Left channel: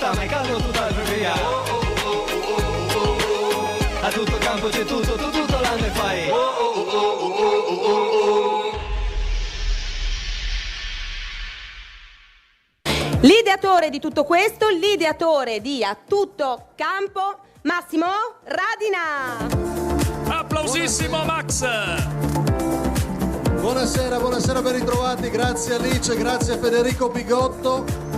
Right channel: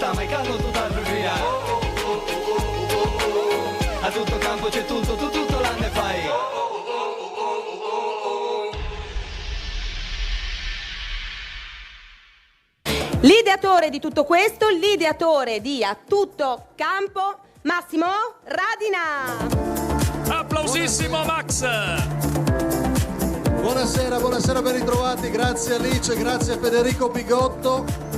sta mai calmo tutt'altro che gara. A tutto campo c'è tutto, tu tutto l'anno e fai. L'ideatore di tutto questo, l'ideatore di A Tutto Campo, Massimo Radina. Applausissimo Max. Buonasera, buonasera, ben ritrovati, grazie Alice, grazie a Federico Bigotto.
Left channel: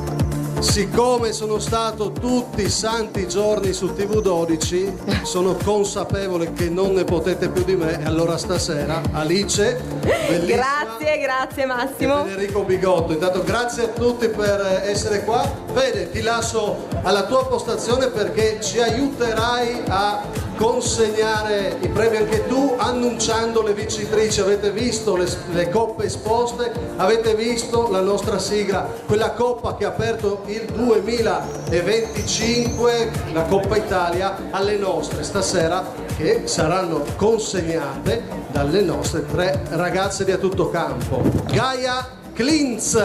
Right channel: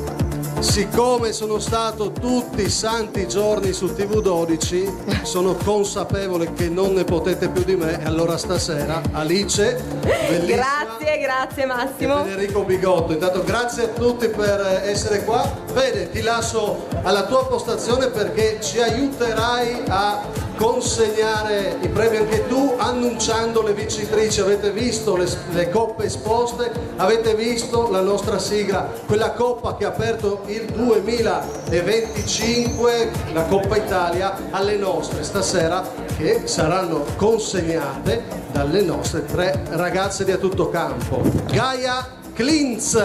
Siccome sono stato tutti i santi giorni su TV12, sono consapevole che non ne potete più di me, e allora stasera Alice, bellissima. Grazie Massimo. E Federico Bigotto, intanto grazie a tutti per essere qua. Fede, ti lascio alla tua postazione perché ci aiuterai a consegnare i premi anche tu, annunciando le vincitrici. Avete visto le coppe esposte, avete visto la nostra sigla, quella coppa che ha aperto il 2025, la Coppa Italia, alle nostre stasera, che saranno consegnate dalle nostre 3 ragazze di A Tutto Campo: Gaia Klintz,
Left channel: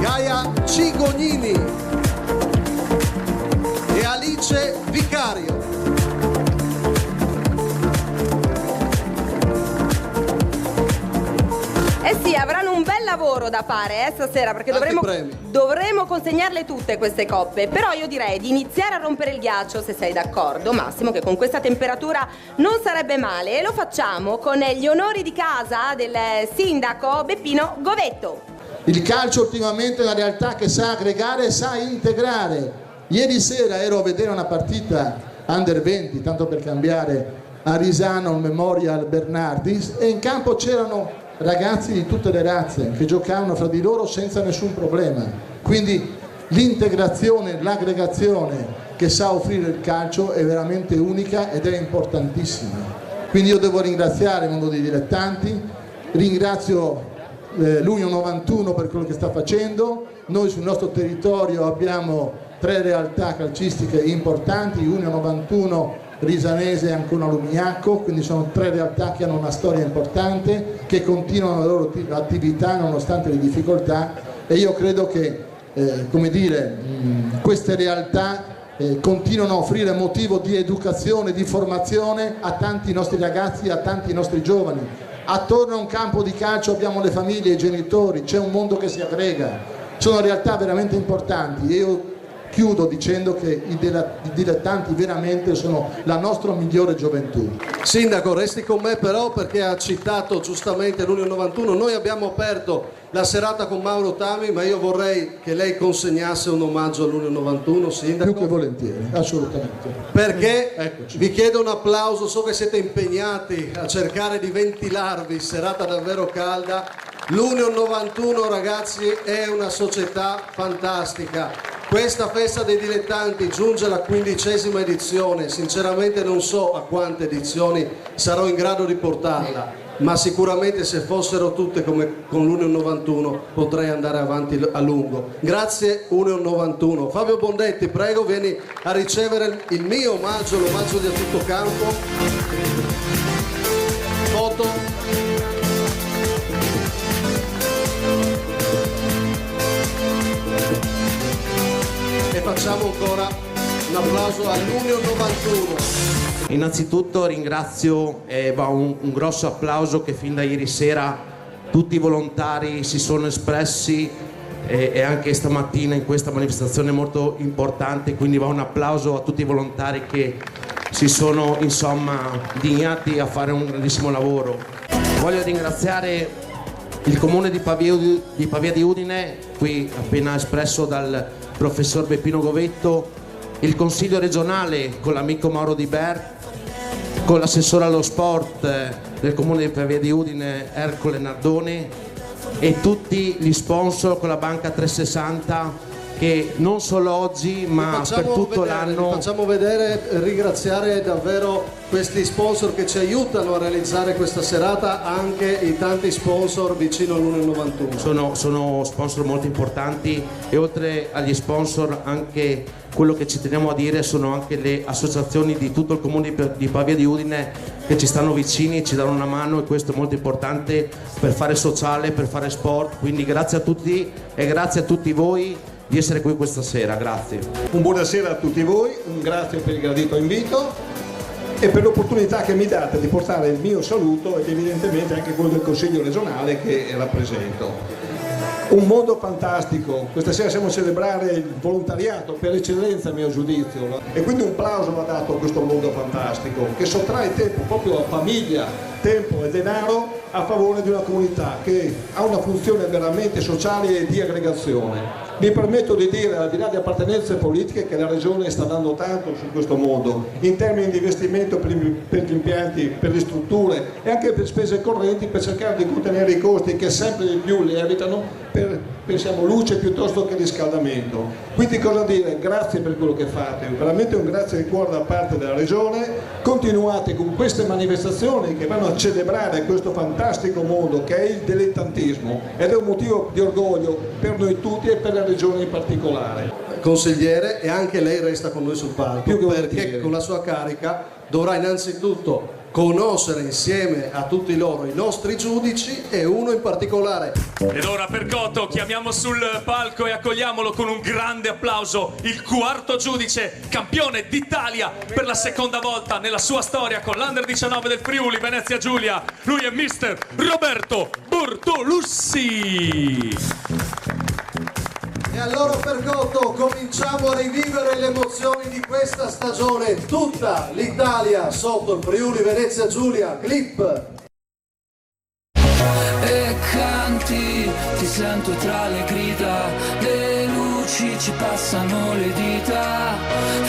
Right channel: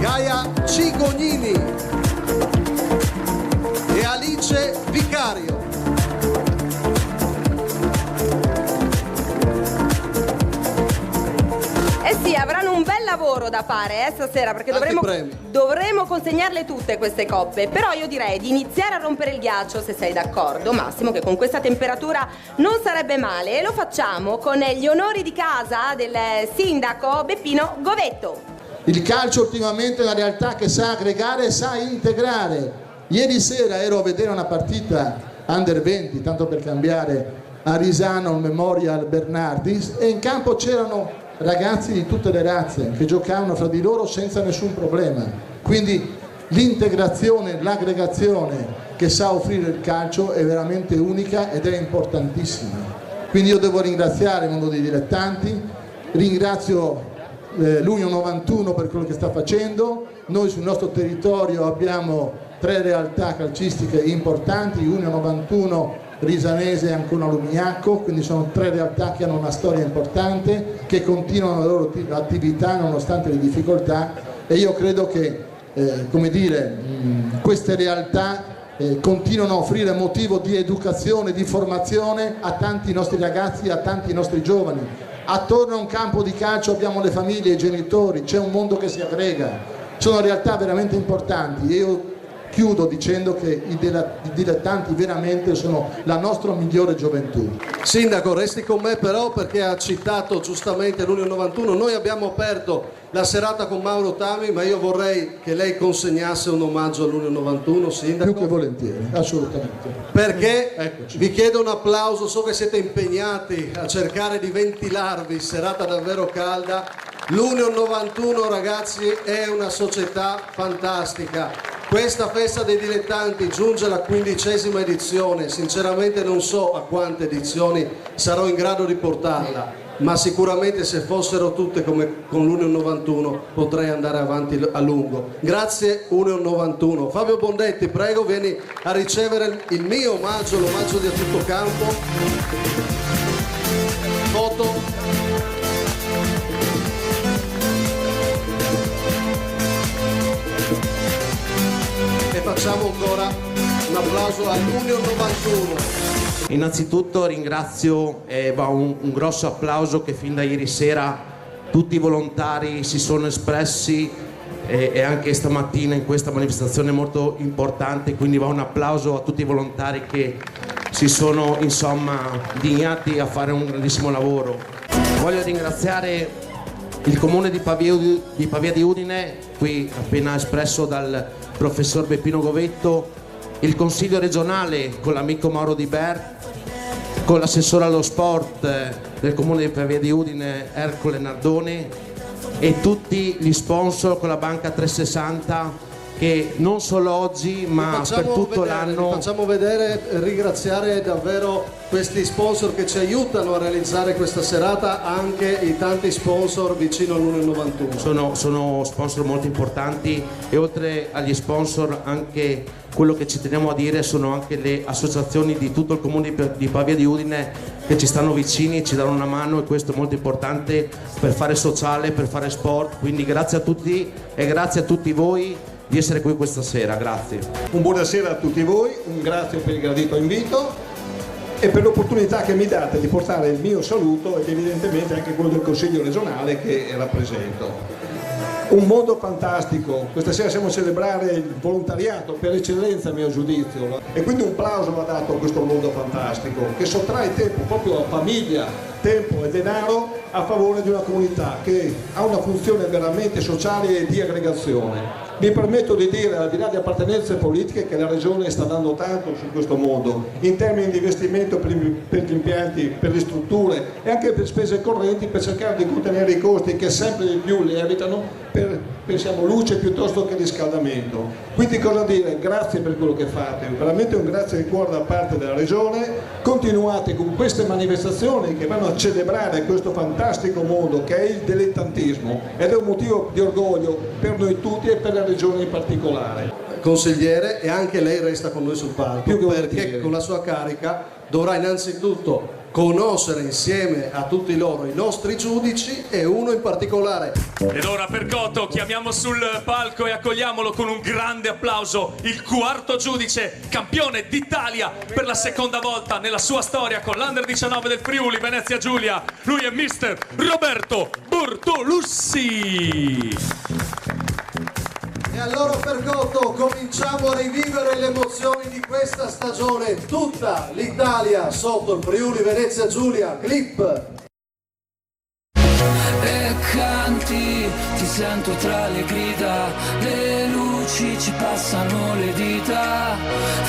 Gaia Cigognini e Alice Vicario. Eh sì, avranno un bel lavoro da fare stasera, perché dovremo consegnarle tutte queste coppe. Però io direi di iniziare a rompere il ghiaccio, se sei d'accordo Massimo, che con questa temperatura non sarebbe male, e lo facciamo con gli onori di casa del sindaco Beppino Govetto. Il calcio ultimamente è una realtà che sa aggregare e sa integrare. Ieri sera ero a vedere una partita Under 20, tanto per cambiare, a Risano, al Memorial Bernardis, e in campo c'erano ragazzi di tutte le razze che giocavano fra di loro senza nessun problema. Quindi l'integrazione, l'aggregazione che sa offrire il calcio è veramente unica ed è importantissima. Quindi io devo ringraziare il mondo dei dilettanti, ringrazio l'Union 91 per quello che sta facendo. Noi sul nostro territorio abbiamo 3 realtà calcistiche importanti, Union 91, Risanese e Ancona Lumignacco, quindi sono 3 realtà che hanno una storia importante, che continuano la loro attività nonostante le difficoltà, e io credo che queste realtà continuano a offrire motivo di educazione, di formazione a tanti nostri ragazzi, a tanti nostri giovani. Attorno a un campo di calcio abbiamo le famiglie, i genitori, c'è un mondo che si aggrega, sono realtà veramente importanti. Io chiudo dicendo che i dilettanti veramente sono la nostra migliore gioventù. Sindaco, resti con me però, perché ha citato giustamente l'Union 91. Noi abbiamo aperto la serata con Mauro Tami, ma io vorrei che lei consegnasse un omaggio all'Union 91, Sindaco. Più che volentieri, assolutamente. Perché Eccoci. vi chiedo un applauso, so che siete impegnati a cercare di ventilarvi, serata davvero calda. L'Union 91, ragazzi, è una società fantastica. Questa festa dei dilettanti giunge alla 15ª edizione, sinceramente non so a quante edizioni sarò in grado di portarla, ma sicuramente se fossero tutte come con l'Union 91 potrei andare avanti a lungo. Grazie Union 91. Fabio Bondetti, prego, vieni a ricevere il mio omaggio, l'omaggio di A Tutto Campo. Foto. E facciamo ancora un applauso all'Union 91. Innanzitutto ringrazio e va un grosso applauso che fin da ieri sera tutti i volontari si sono espressi e anche stamattina in questa manifestazione molto importante, quindi va un applauso a tutti i volontari che si sono dignati a fare un grandissimo lavoro. Voglio ringraziare il comune di Pavia di Udine, qui appena espresso dal professor Beppino Govetto, il consiglio regionale con l'amico Mauro Di Bert, con l'assessore allo sport del comune di Pavia di Udine Ercole Nardoni, e tutti gli sponsor con la banca 360 che non solo oggi ma per tutto l'anno. Facciamo vedere, ringraziare davvero questi sponsor che ci aiutano a realizzare questa serata, anche i tanti sponsor vicino all'1,91. Sono sponsor molto importanti, e oltre agli sponsor anche quello che ci teniamo a dire sono anche le associazioni di tutto il comune di Pavia di Udine che ci stanno vicini, ci danno una mano, e questo è molto importante per fare sociale, per fare sport. Quindi grazie a tutti e grazie a tutti voi di essere qui questa sera, grazie. Un buonasera a tutti voi, un grazie per il gradito invito e per l'opportunità che mi date di portare il mio saluto ed evidentemente anche quello del Consiglio regionale che rappresento. Un mondo fantastico, questa sera siamo a celebrare il volontariato per eccellenza a mio giudizio, e quindi un plauso va dato a questo mondo fantastico che sottrae tempo proprio a famiglia, tempo e denaro a favore di una comunità che ha una funzione veramente sociale e di aggregazione. Mi permetto di dire, al di là di appartenenze politiche, che la Regione sta dando tanto su questo mondo, in termini di investimento per gli impianti, per le strutture e anche per spese correnti, per cercare di contenere i costi che sempre di più lievitano per, pensiamo, luce piuttosto che riscaldamento. Quindi cosa dire? Grazie per quello che fate, veramente un grazie di cuore da parte della Regione. Continuate con queste manifestazioni che vanno a celebrare questo fantastico mondo che è il dilettantismo, ed è un motivo di orgoglio per noi tutti e per la Regione in particolare. Consigliere, e anche lei resta con noi sul palco, Più che perché volentieri. con la sua carica dovrà innanzitutto conoscere insieme a tutti loro i nostri giudici, e uno in particolare. Ed ora per Cotto chiamiamo sul palco e accogliamolo con un grande applauso il quarto giudice, campione d'Italia per la seconda volta nella sua storia con l'Under 19 del Friuli Venezia Giulia. Lui è mister Roberto Bortolussi. E allora per Cotto cominciamo a rivivere le emozioni di questa stagione, tutta l'Italia sotto il Friuli Venezia Giulia. Clip. E canti, ti sento tra le grida, le luci ci passano le dita,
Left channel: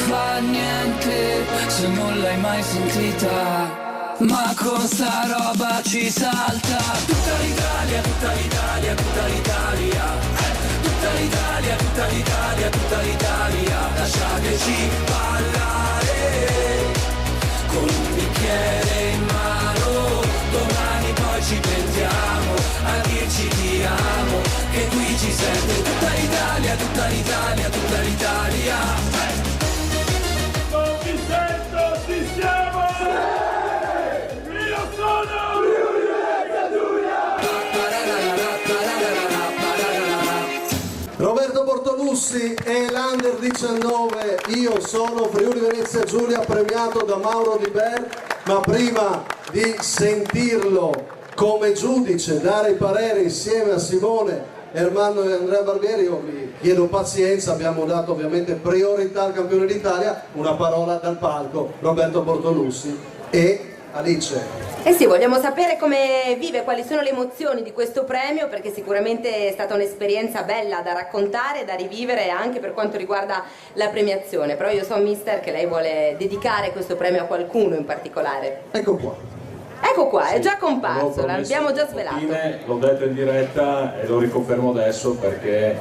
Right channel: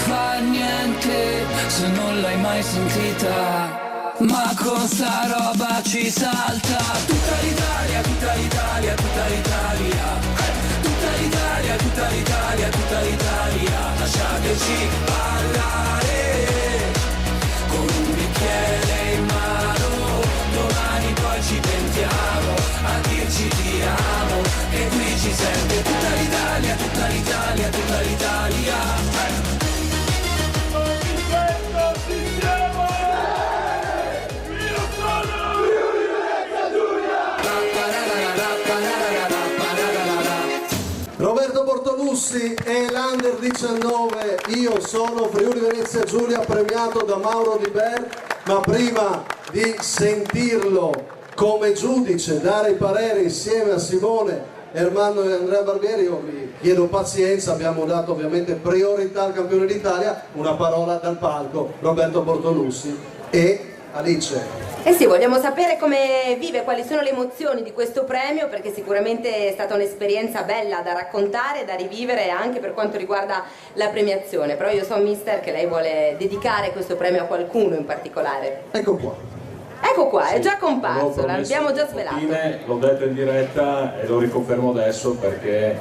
fa niente se non l'hai mai sentita, ma con sta roba ci salta. Tutta l'Italia, tutta l'Italia, tutta l'Italia, tutta l'Italia, tutta l'Italia, tutta l'Italia, lasciateci parlare con un bicchiere in mano, domani poi ci pentiamo a dirci ti amo, e qui ci sente tutta l'Italia, tutta l'Italia, tutta l'Italia. Non ti sento, ci siamo! Io sono Friuli Venezia Giulia! Roberto Bortolussi e l'Under 19, io sono Friuli Venezia Giulia, premiato da Mauro Di Bert. Ma prima di sentirlo come giudice dare i pareri insieme a Simone Ermanno e Andrea Barbieri, io vi chiedo pazienza, abbiamo dato ovviamente priorità al campione d'Italia. Una parola dal palco, Roberto Bortolussi e Alice. Eh sì, vogliamo sapere come vive, quali sono le emozioni di questo premio, perché sicuramente è stata un'esperienza bella da raccontare, da rivivere anche per quanto riguarda la premiazione. Però io so, mister, che lei vuole dedicare questo premio a qualcuno in particolare. Ecco qua. Ecco qua, Sì, è già comparso, l'abbiamo già svelato. L'ho detto in diretta e lo riconfermo adesso perché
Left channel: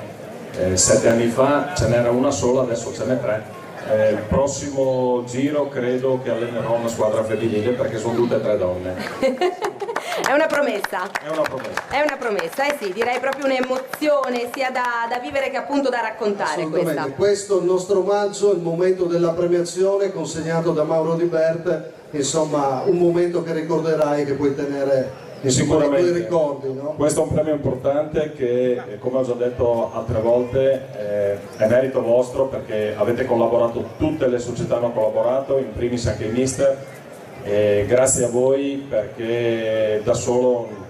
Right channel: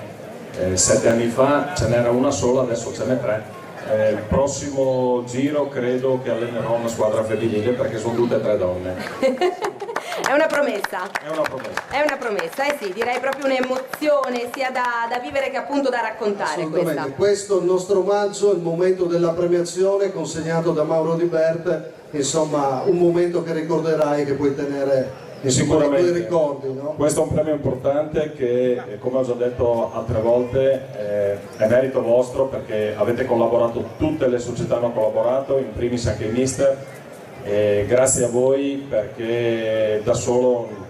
7 anni fa ce n'era una sola, adesso ce n'è 3. Il prossimo giro credo che allenerò una squadra femminile perché sono tutte e 3 donne. È una promessa. È una promessa. È una promessa, eh sì, direi proprio un'emozione sia da vivere che appunto da raccontare questa. Questo è il nostro omaggio, il momento della premiazione consegnato da Mauro Di Bert, insomma un momento che ricorderai, che puoi tenere sicuramente nei tuoi ricordi, no? Questo è un premio importante che, come ho già detto altre volte, è merito vostro perché avete collaborato, tutte le società hanno collaborato, in primis anche il mister, e grazie a voi perché da solo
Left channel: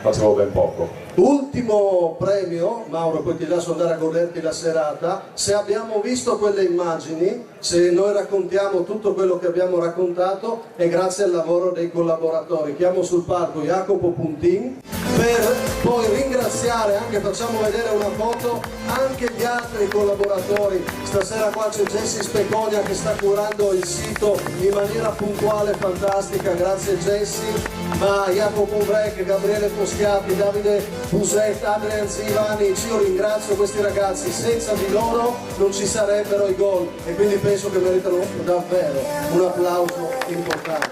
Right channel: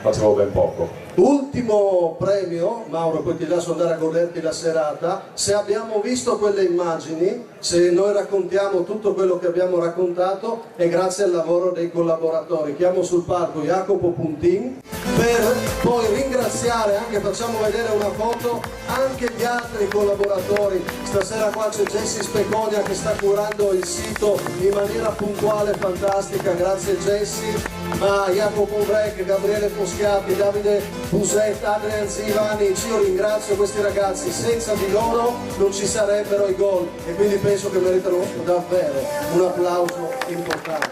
facevo ben poco. Ultimo premio, Mauro, poi ti lascio andare a goderti la serata. Se abbiamo visto quelle immagini, se noi raccontiamo tutto quello che abbiamo raccontato, è grazie al lavoro dei collaboratori. Chiamo sul palco Jacopo Puntin per poi ringraziare, anche facciamo vedere una foto, anche gli altri collaboratori. Stasera qua c'è Jessi Speconia che sta curando il sito in maniera puntuale, fantastica, grazie Jessi. ma Jacopo Breck, Gabriele Poschiati, Davide Buset, Adrian Zivanic, io ringrazio questi ragazzi, senza di loro non ci sarebbero i gol e quindi penso che meritano davvero un applauso importante.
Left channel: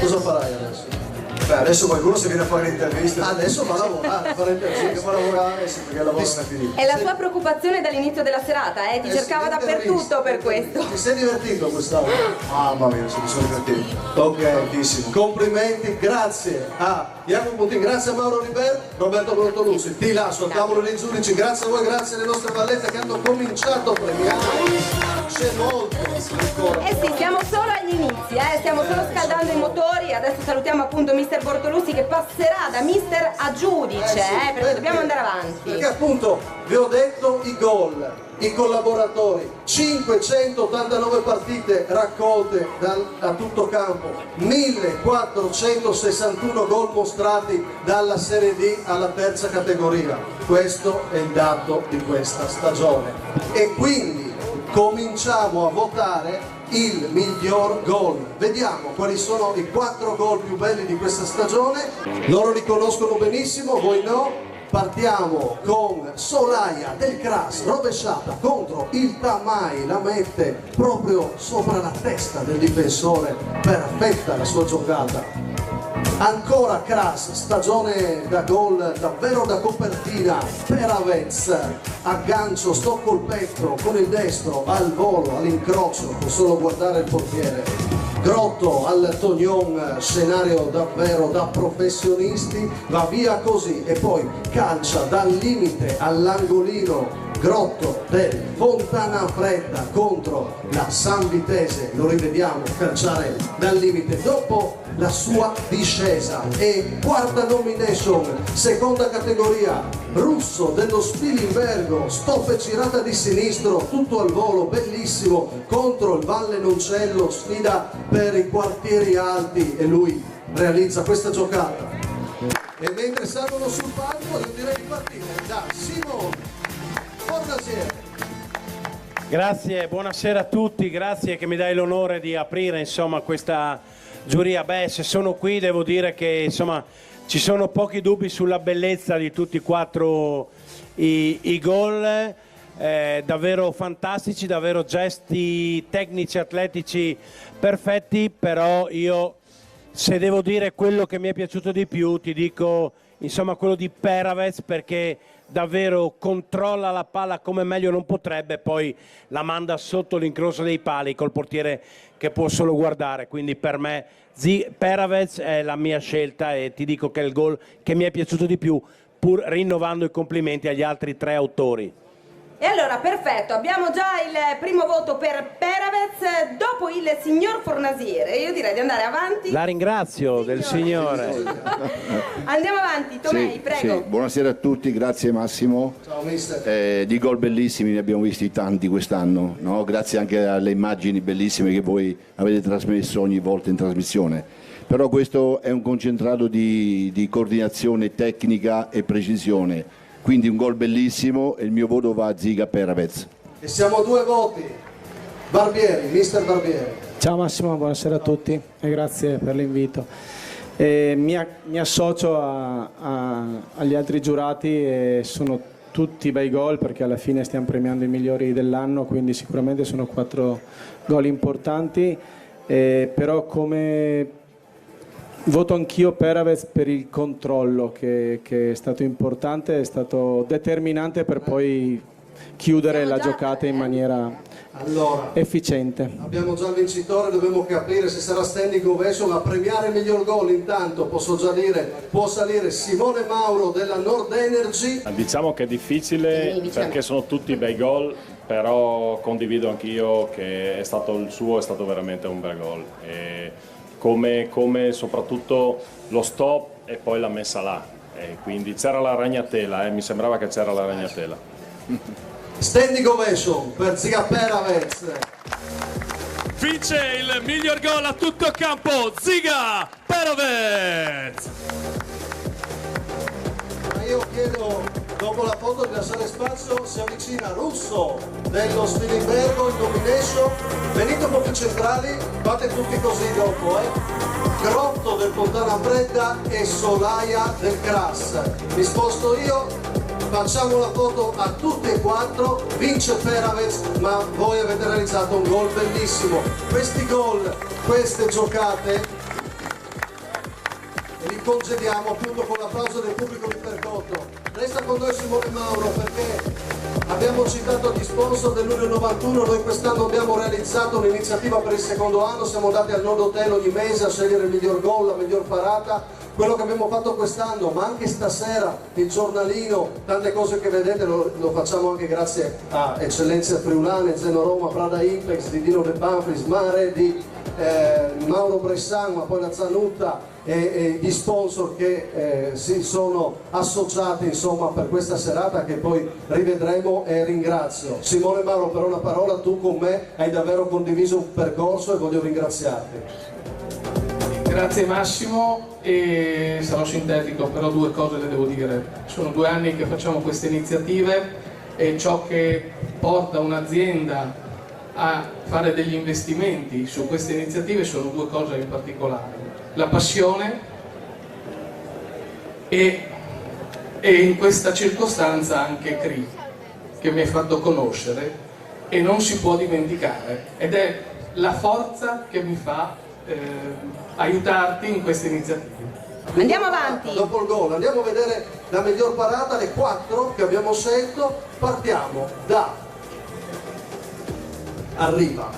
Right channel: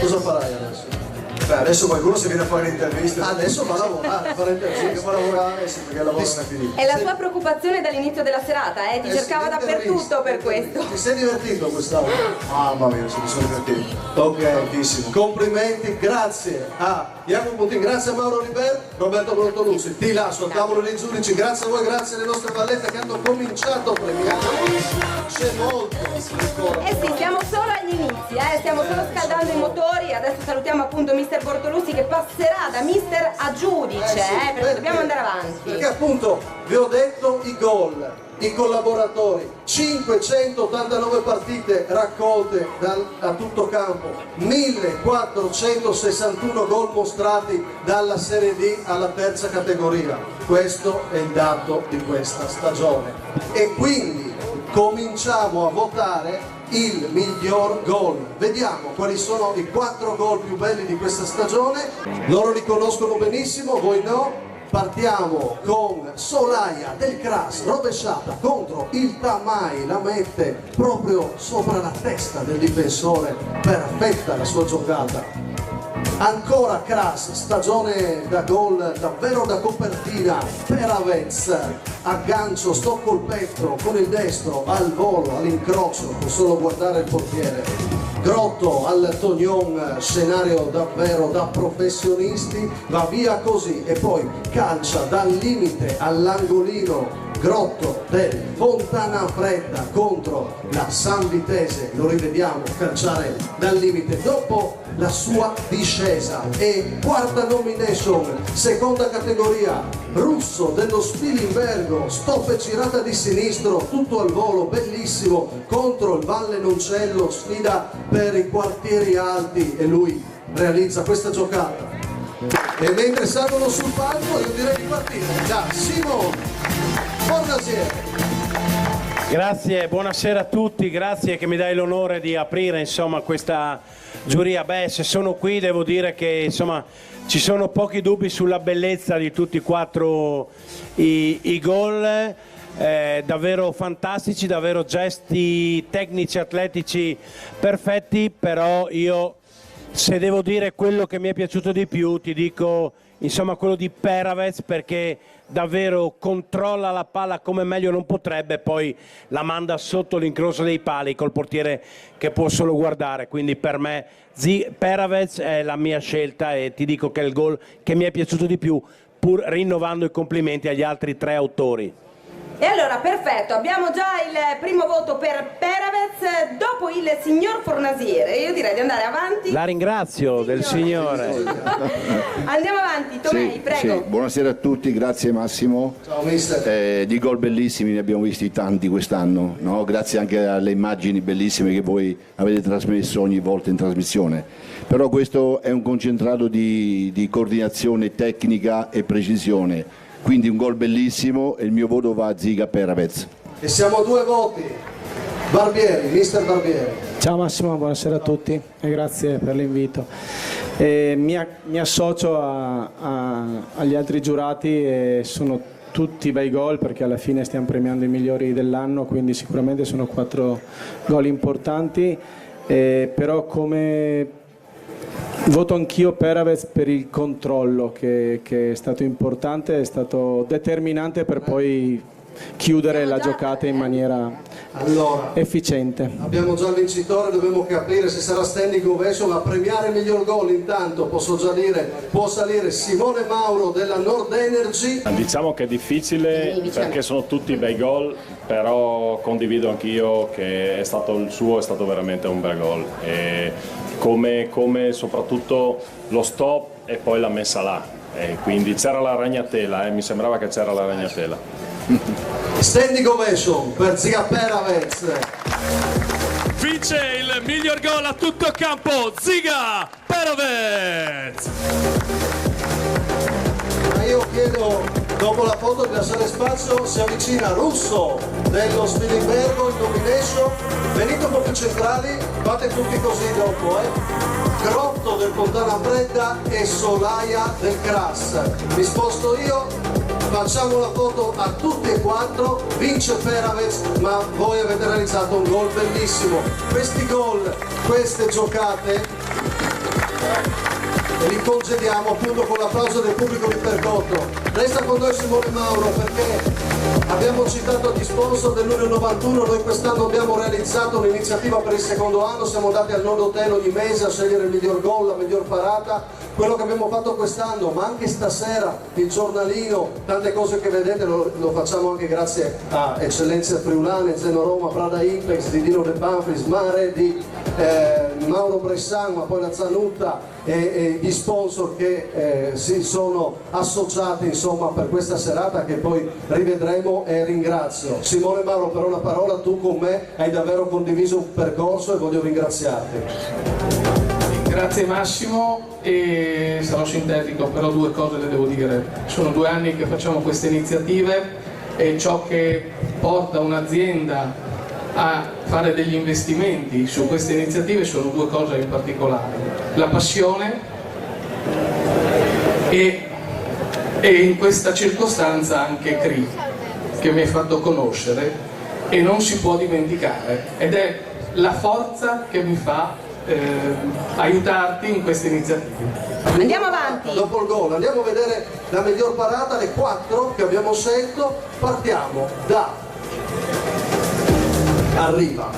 Cosa farai adesso? Beh, adesso qualcuno si viene a fare le interviste. Adesso va a lavorare, fare interviste. Va a lavorare, sì, perché il lavoro non è finito. È la sua preoccupazione dall'inizio della serata, ti cercava dappertutto per questo. Ti sei divertito quest'anno? Mamma mia, mi sono divertito. Ok, tantissimo. Complimenti, grazie a Jacopo Putin, grazie a Mauro Liber, Roberto Bortolucci. Ti lascio al tavolo dei giudici, grazie a voi, grazie alle nostre vallette che hanno cominciato a premiare. C'è molto ancora. Eh sì, siamo solo agli inizi, stiamo solo scaldando i motori. Adesso salutiamo appunto mister Bortolussi che passerà da mister a giudice, Sì, perché dobbiamo andare avanti. Perché appunto vi ho detto i gol, i collaboratori, 589 partite raccolte a tutto campo, 1461 gol mostrati dalla Serie D alla terza categoria. Questo è il dato di questa stagione. E quindi cominciamo a votare il miglior gol. Vediamo quali sono i 4 gol più belli di questa stagione. Loro li conoscono benissimo, voi no. Partiamo con Solaia del Cras, rovesciata contro il Tamai, la mette proprio sopra la testa del difensore, perfetta la sua giocata. Ancora Cras, stagione da gol davvero da copertina, Peravez, aggancio, sto col petto, con il destro, al volo, all'incrocio, può solo guardare il portiere. Grotto al Tognon, scenario davvero da professionisti, va via così e poi calcia dal limite all'angolino. Grotto del Fontana Fredda contro la San Vitese, lo rivediamo calciare dal limite dopo la sua discesa. E quarta nomination, seconda categoria, Russo dello Spilimbergo, stop girata di sinistro, tutto al volo, bellissimo, contro il Valle Noncello, sfida per i quartieri alti e lui realizza questa giocata. E mentre salgono sul palco io direi di partire da Simone Fornasiere. Grazie, buonasera a tutti, grazie che mi dai l'onore di aprire insomma questa giuria. Beh, se sono qui devo dire che insomma ci sono pochi dubbi sulla bellezza di tutti e 4 i gol, davvero fantastici, davvero gesti tecnici, atletici perfetti, però io se devo dire quello che mi è piaciuto di più ti dico insomma quello di Peravez, perché davvero controlla la palla come meglio non potrebbe, poi la manda sotto l'incrocio dei pali col portiere che può solo guardare, quindi per me Peravez è la mia scelta e ti dico che è il gol che mi è piaciuto di più, pur rinnovando i complimenti agli altri 3 autori. E allora, perfetto, abbiamo già il primo voto per Peravez, dopo il signor Fornasiere. Io direi di andare avanti. La ringrazio del signore. Andiamo avanti, Tomei, sì, prego. Sì. Buonasera a tutti, grazie Massimo. Ciao mister. Di gol bellissimi ne abbiamo visti tanti quest'anno, no? Grazie anche alle immagini bellissime che voi avete trasmesso ogni volta in trasmissione. Però questo è un concentrato di coordinazione tecnica e precisione. Quindi un gol bellissimo e il mio voto va a Ziga Peravez. E siamo 2 voti. Barbieri, mister Barbieri. Ciao Massimo, buonasera a tutti e grazie per l'invito. Mi associo agli altri giurati e sono tutti bei gol perché alla fine stiamo premiando i migliori dell'anno, quindi sicuramente sono 4 gol importanti, però come voto anch'io Peravez per il controllo che è stato importante, è stato determinante per poi chiudere la giocata in maniera efficiente. Abbiamo già il vincitore, dobbiamo capire se sarà standing ovation a premiare il miglior gol. Intanto posso già dire, può salire Simone Mauro della Nord Energy. Diciamo che è difficile perché sono tutti bei gol, però condivido anch'io che il suo è stato veramente un bel gol. E come soprattutto lo stop e poi la messa là, quindi c'era la ragnatela, mi sembrava che c'era la ragnatela. Standing ovation per Ziga Peravez. Vince il miglior gol a tutto campo, Ziga Peravez. Io chiedo, dopo la foto di lasciare spazio, si avvicina Russo dello Spilimbergo in nomination. Venite un po' più centrali, fate tutti così dopo, Grotto del Fontana Fredda e Solaia del Cras. Mi sposto io, facciamo una foto a tutti e quattro, vince Peravez, ma voi avete realizzato un gol bellissimo. Questi gol, queste giocate, li congediamo appunto con l'applauso del pubblico di Percotto. Resta con noi Simone Mauro perché abbiamo citato gli sponsor dell'Unione 91, noi quest'anno abbiamo realizzato un'iniziativa per il secondo anno, siamo andati al Nodo Hotel ogni mese a scegliere il miglior gol, la miglior parata, quello che abbiamo fatto quest'anno, ma anche stasera il giornalino, tante cose che vedete lo facciamo anche grazie a eccellenze friulane, Zeno Roma, Prada Impex, di Dino De Banfris, Mare, di Mauro Bressan, ma poi la Zanutta e gli sponsor che si sono associati insomma per questa serata che poi rivedremo, e ringrazio. Simone Mauro, per una parola, tu con me hai davvero condiviso un percorso e voglio ringraziarti. Grazie Massimo, e sarò sintetico, però due cose le devo dire. Sono 2 anni che facciamo queste iniziative e ciò che porta un'azienda a fare degli investimenti su queste iniziative sono 2 cose in particolare: la passione e in questa circostanza anche CRI, che mi hai fatto conoscere e non si può dimenticare, ed è la forza che mi fa aiutarti in queste iniziative. Andiamo avanti. Dopo il gol andiamo a vedere la miglior parata, le 4 che abbiamo scelto. Partiamo da Arriva.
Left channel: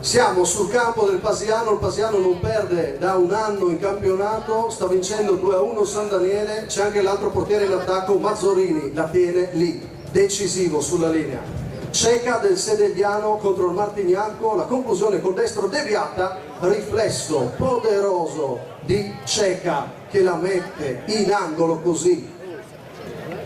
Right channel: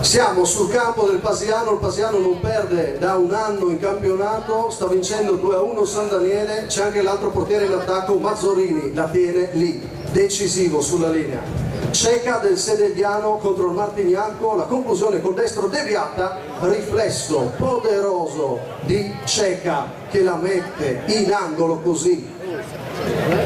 Siamo sul campo del Pasiano, il Pasiano non perde da 1 anno in campionato, sta vincendo 2-1 San Daniele, c'è anche l'altro portiere in attacco, Mazzorini, la tiene lì, decisivo sulla linea. Ceca del Sedegliano contro il Martignanco, la conclusione col destro deviata, riflesso poderoso di Ceca che la mette in angolo così.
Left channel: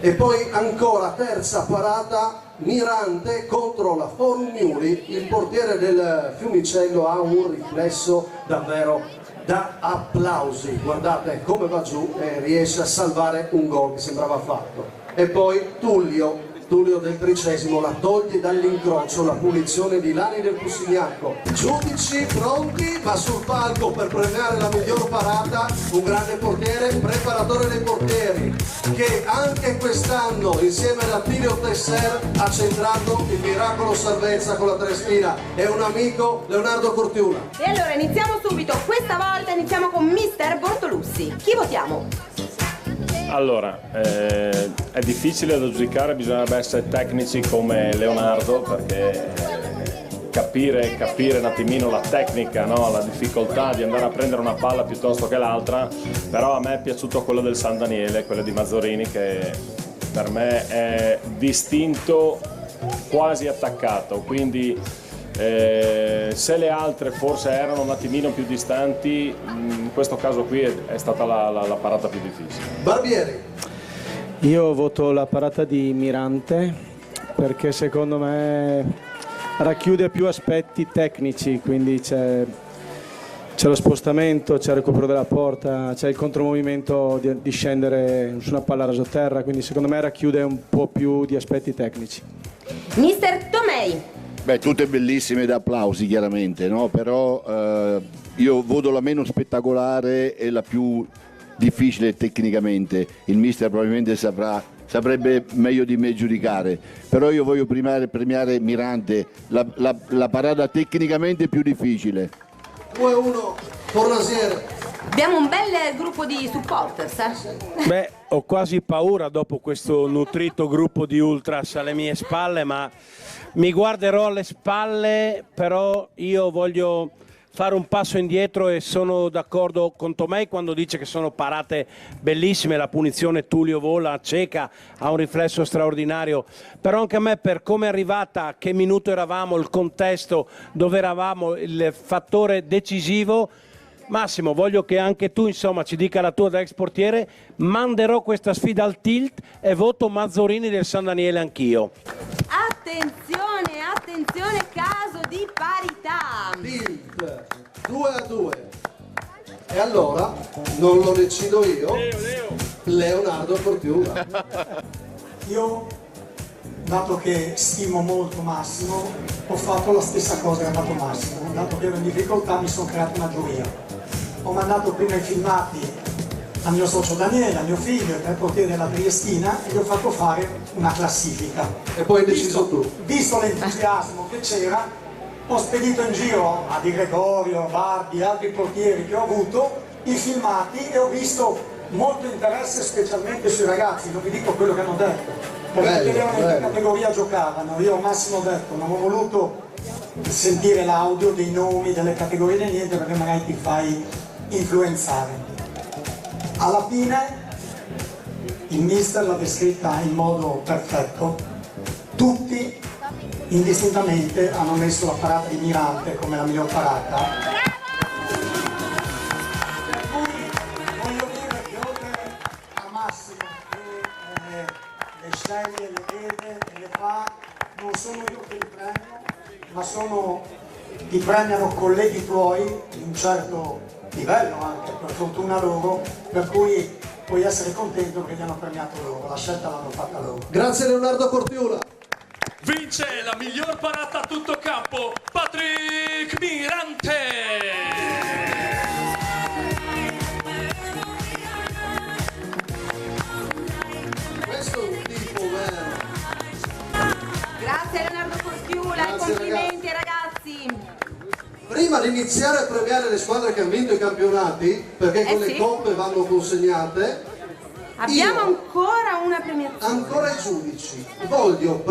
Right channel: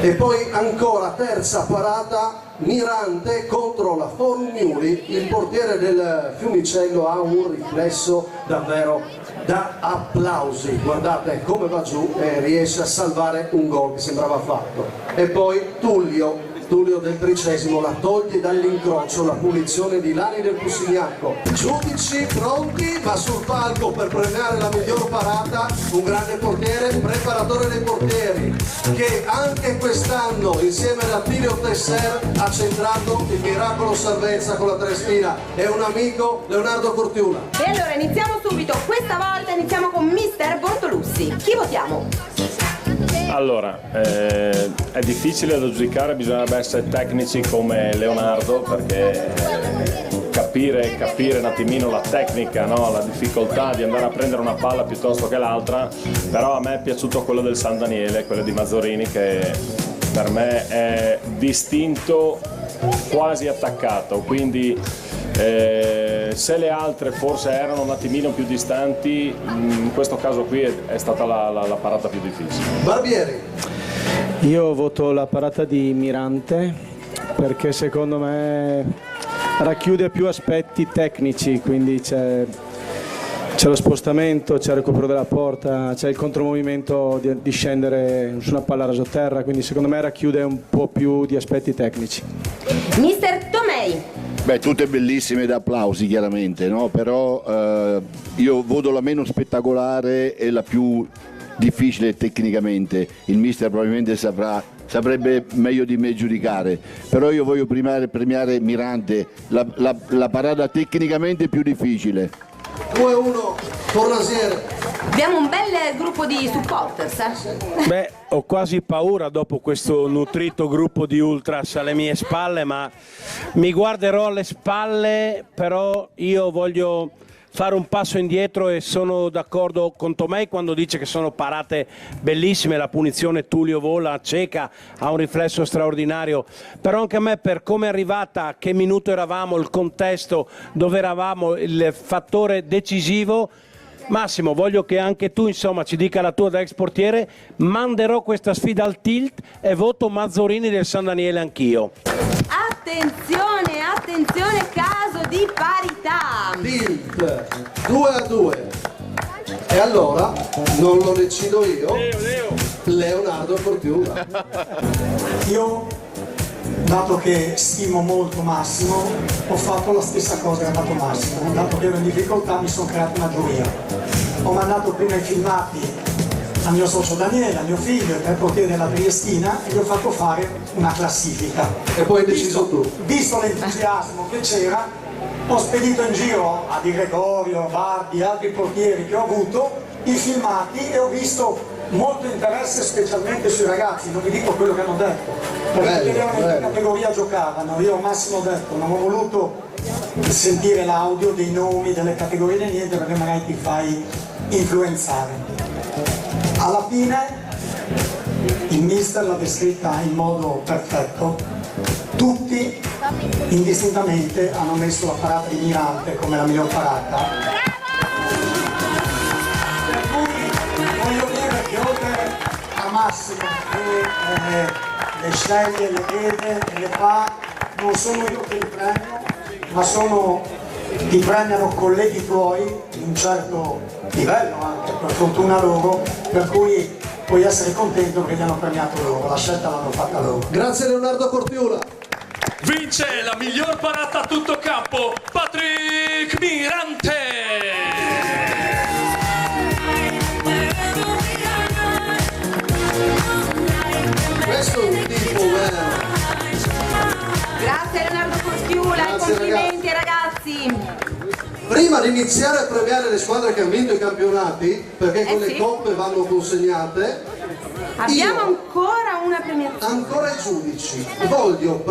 E poi ancora terza parata, Mirante contro la Formiuli, il portiere del Fiumicello ha un riflesso davvero da applausi, guardate come va giù e riesce a salvare un gol che sembrava fatto. E poi Tullio del 30° la toglie dall'incrocio, la punizione di Lani del Pusignacco. Giudici pronti, ma sul palco per premiare la miglior parata un grande portiere, un preparatore dei portieri, che anche quest'anno insieme ad Attilio Tesser ha centrato il miracolo salvezza con la Tresfina, è un amico, Leonardo Cortiuna. E allora iniziamo subito, questa volta iniziamo con Mister Bortolussi. Chi votiamo? Allora, è difficile da giudicare, bisognerebbe essere tecnici come Leonardo, perché capire un attimino la tecnica, no? La difficoltà di andare a prendere una palla piuttosto che l'altra, però a me è piaciuto quello del San Daniele, quello di Mazzorini, che per me è distinto, quasi attaccato, quindi se le altre forse erano un attimino più distanti, in questo caso qui è stata la parata più difficile. Barbieri. Io voto la parata di Mirante perché secondo me racchiude più aspetti tecnici, quindi c'è lo spostamento, c'è il recupero della porta, c'è il contromovimento di scendere su una palla rasoterra, quindi secondo me racchiude un po' più di aspetti tecnici. Mister Tomei. Beh, tutte bellissime da applausi chiaramente, no? Però io voto la meno spettacolare e la più difficile tecnicamente. Il mister probabilmente saprebbe meglio di me giudicare, però io voglio premiare Mirante, la parata tecnicamente più difficile. 2-1, Fornasiere. Abbiamo un bel gruppo di supporters. Beh, ho quasi paura dopo questo nutrito gruppo di ultras alle mie spalle, ma mi guarderò alle spalle, però io voglio fare un passo indietro e sono d'accordo con Tomei quando dice che sono parate bellissime, la punizione Tullio vola, Ceca ha un riflesso straordinario, però anche a me per come è arrivata, che minuto eravamo, il contesto dove eravamo, il fattore decisivo. Massimo, voglio che anche tu insomma ci dica la tua da ex portiere, manderò questa sfida al tilt e voto Mazzorini del San Daniele anch'io. Attenzione, attenzione, caso di parità. Tilt 2-2. E allora non lo decido io, Leonardo Cortiuna. Io dato che stimo molto Massimo, ho fatto la stessa cosa che ha fatto Massimo. Dato che ero in difficoltà mi sono creato una giuria. Ho mandato prima i filmati al mio socio Daniele, al mio figlio, per portiere della Triestina, e gli ho fatto fare una classifica. E poi hai deciso tu. Visto l'entusiasmo che c'era, ho spedito in giro a Di Gregorio, Bardi, altri portieri che ho avuto, i filmati, e ho visto molto interesse specialmente sui ragazzi. Non vi dico quello che hanno detto, perché in categoria giocavano. Io Massimo ho detto, non ho voluto sentire l'audio dei nomi, delle categorie, di niente, perché magari ti fai influenzare. Alla fine il mister l'ha descritta in modo perfetto. Tutti indistintamente hanno messo la parata di Mirante come la miglior parata. Per cui voglio dire che oltre a Massimo che le sceglie, le vede e le fa, non sono io che li premio, ma ti premiano colleghi tuoi di un certo livello anche, per fortuna loro, per cui puoi essere contento perché ti hanno premiato loro, la scelta l'hanno fatta loro. Grazie Leonardo Cortiula. Vince la miglior parata a tutto campo, Patrick Mirante! Questo è un tipo vero. Grazie Leonardo Cortiula, complimenti ragazzi. Prima di iniziare a premiare le squadre che hanno vinto i campionati, perché quelle coppe vanno consegnate, abbiamo ancora una premiazione. Ancora i giudici. Voglio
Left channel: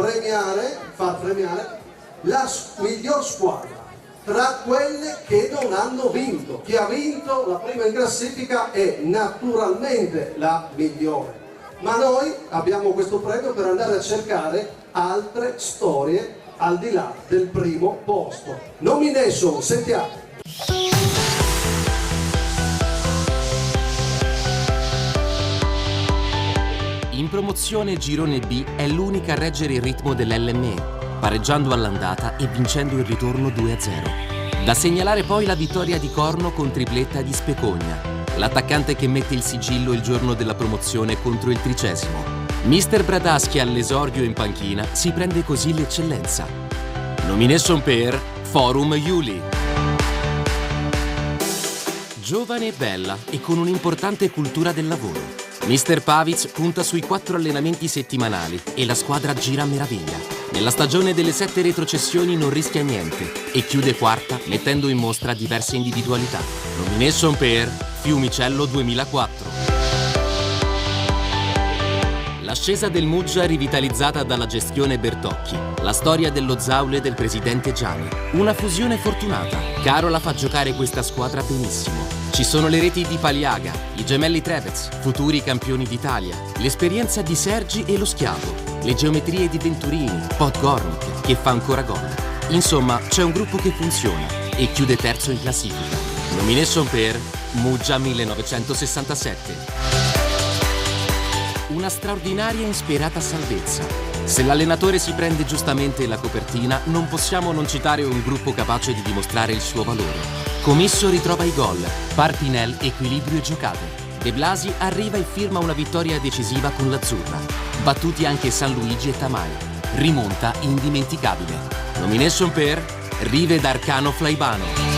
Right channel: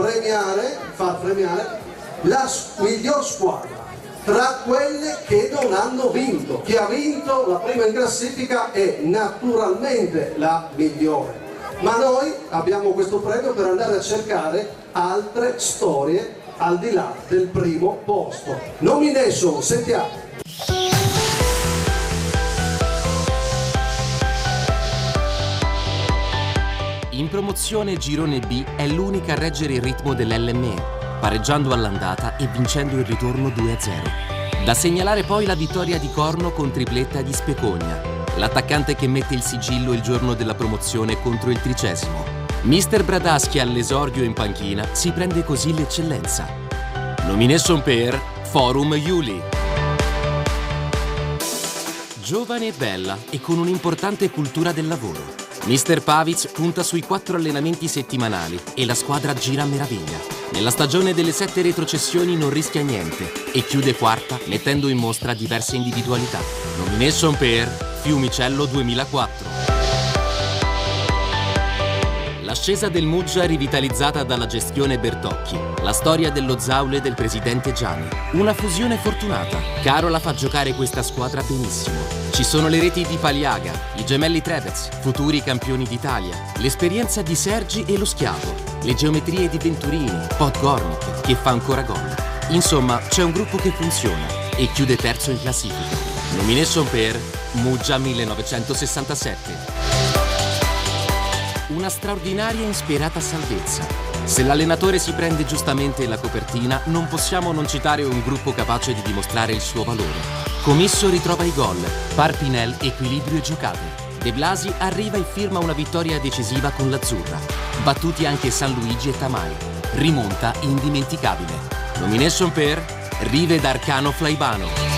far premiare la miglior squadra tra quelle che non hanno vinto. Chi ha vinto la prima in classifica è naturalmente la migliore. Ma noi abbiamo questo premio per andare a cercare altre storie al di là del primo posto. Nomination, sentiamo. In promozione Girone B è l'unica a reggere il ritmo dell'LME, pareggiando all'andata e vincendo il ritorno 2-0. Da segnalare poi la vittoria di Corno con tripletta di Specogna, l'attaccante che mette il sigillo il giorno della promozione contro il 30°. Mister Bradaschi all'esordio in panchina si prende così l'eccellenza. Nomination per Forum Juli. Giovane e bella e con un'importante cultura del lavoro. Mister Pavic punta sui 4 allenamenti settimanali e la squadra gira a meraviglia. Nella stagione delle 7 retrocessioni non rischia niente e chiude quarta mettendo in mostra diverse individualità. Nomination per Fiumicello 2004. L'ascesa del Muggia rivitalizzata dalla gestione Bertocchi. La storia dello Zaule del presidente Gianni. Una fusione fortunata. Carola fa giocare questa squadra benissimo. Ci sono le reti di Paliaga, i gemelli Trevez, futuri campioni d'Italia, l'esperienza di Sergi e lo Schiavo, le geometrie di Venturini, Podgornik, che fa ancora gol. Insomma, c'è un gruppo che funziona e chiude terzo in classifica. Nomination per Muggia 1967. Una straordinaria e insperata salvezza. Se l'allenatore si prende giustamente la copertina, non possiamo non citare un gruppo capace di dimostrare il suo valore. Comisso ritrova i gol, Parpinel equilibrio e giocate. De Blasi arriva e firma una vittoria decisiva con l'Azzurra. Battuti anche San Luigi e Tamai. Rimonta indimenticabile. Nomination per Rive d'Arcano Flaibano.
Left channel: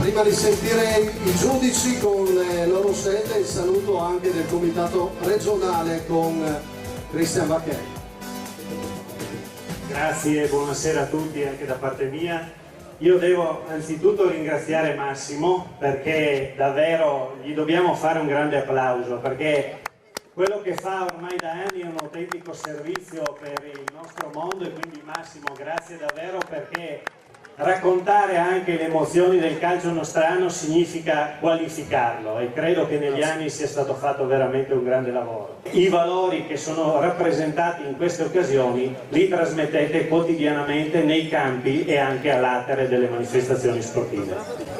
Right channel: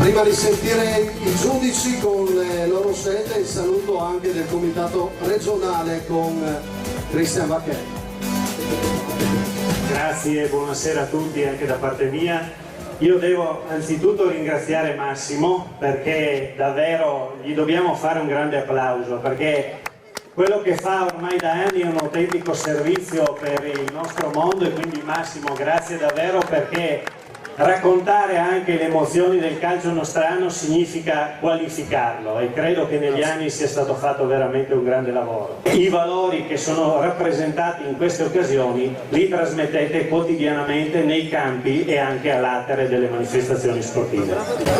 Prima di sentire i giudici con le loro scelte, il saluto anche del comitato regionale con Cristian Vacchelli. Grazie, buonasera a tutti anche da parte mia. Io devo anzitutto ringraziare Massimo perché davvero gli dobbiamo fare un grande applauso, perché quello che fa ormai da anni è un autentico servizio per il nostro mondo, e quindi Massimo, grazie davvero, perché raccontare anche le emozioni del calcio nostrano significa qualificarlo, e credo che negli anni sia stato fatto veramente un grande lavoro. I valori che sono rappresentati in queste occasioni li trasmettete quotidianamente nei campi e anche all'atere delle manifestazioni sportive.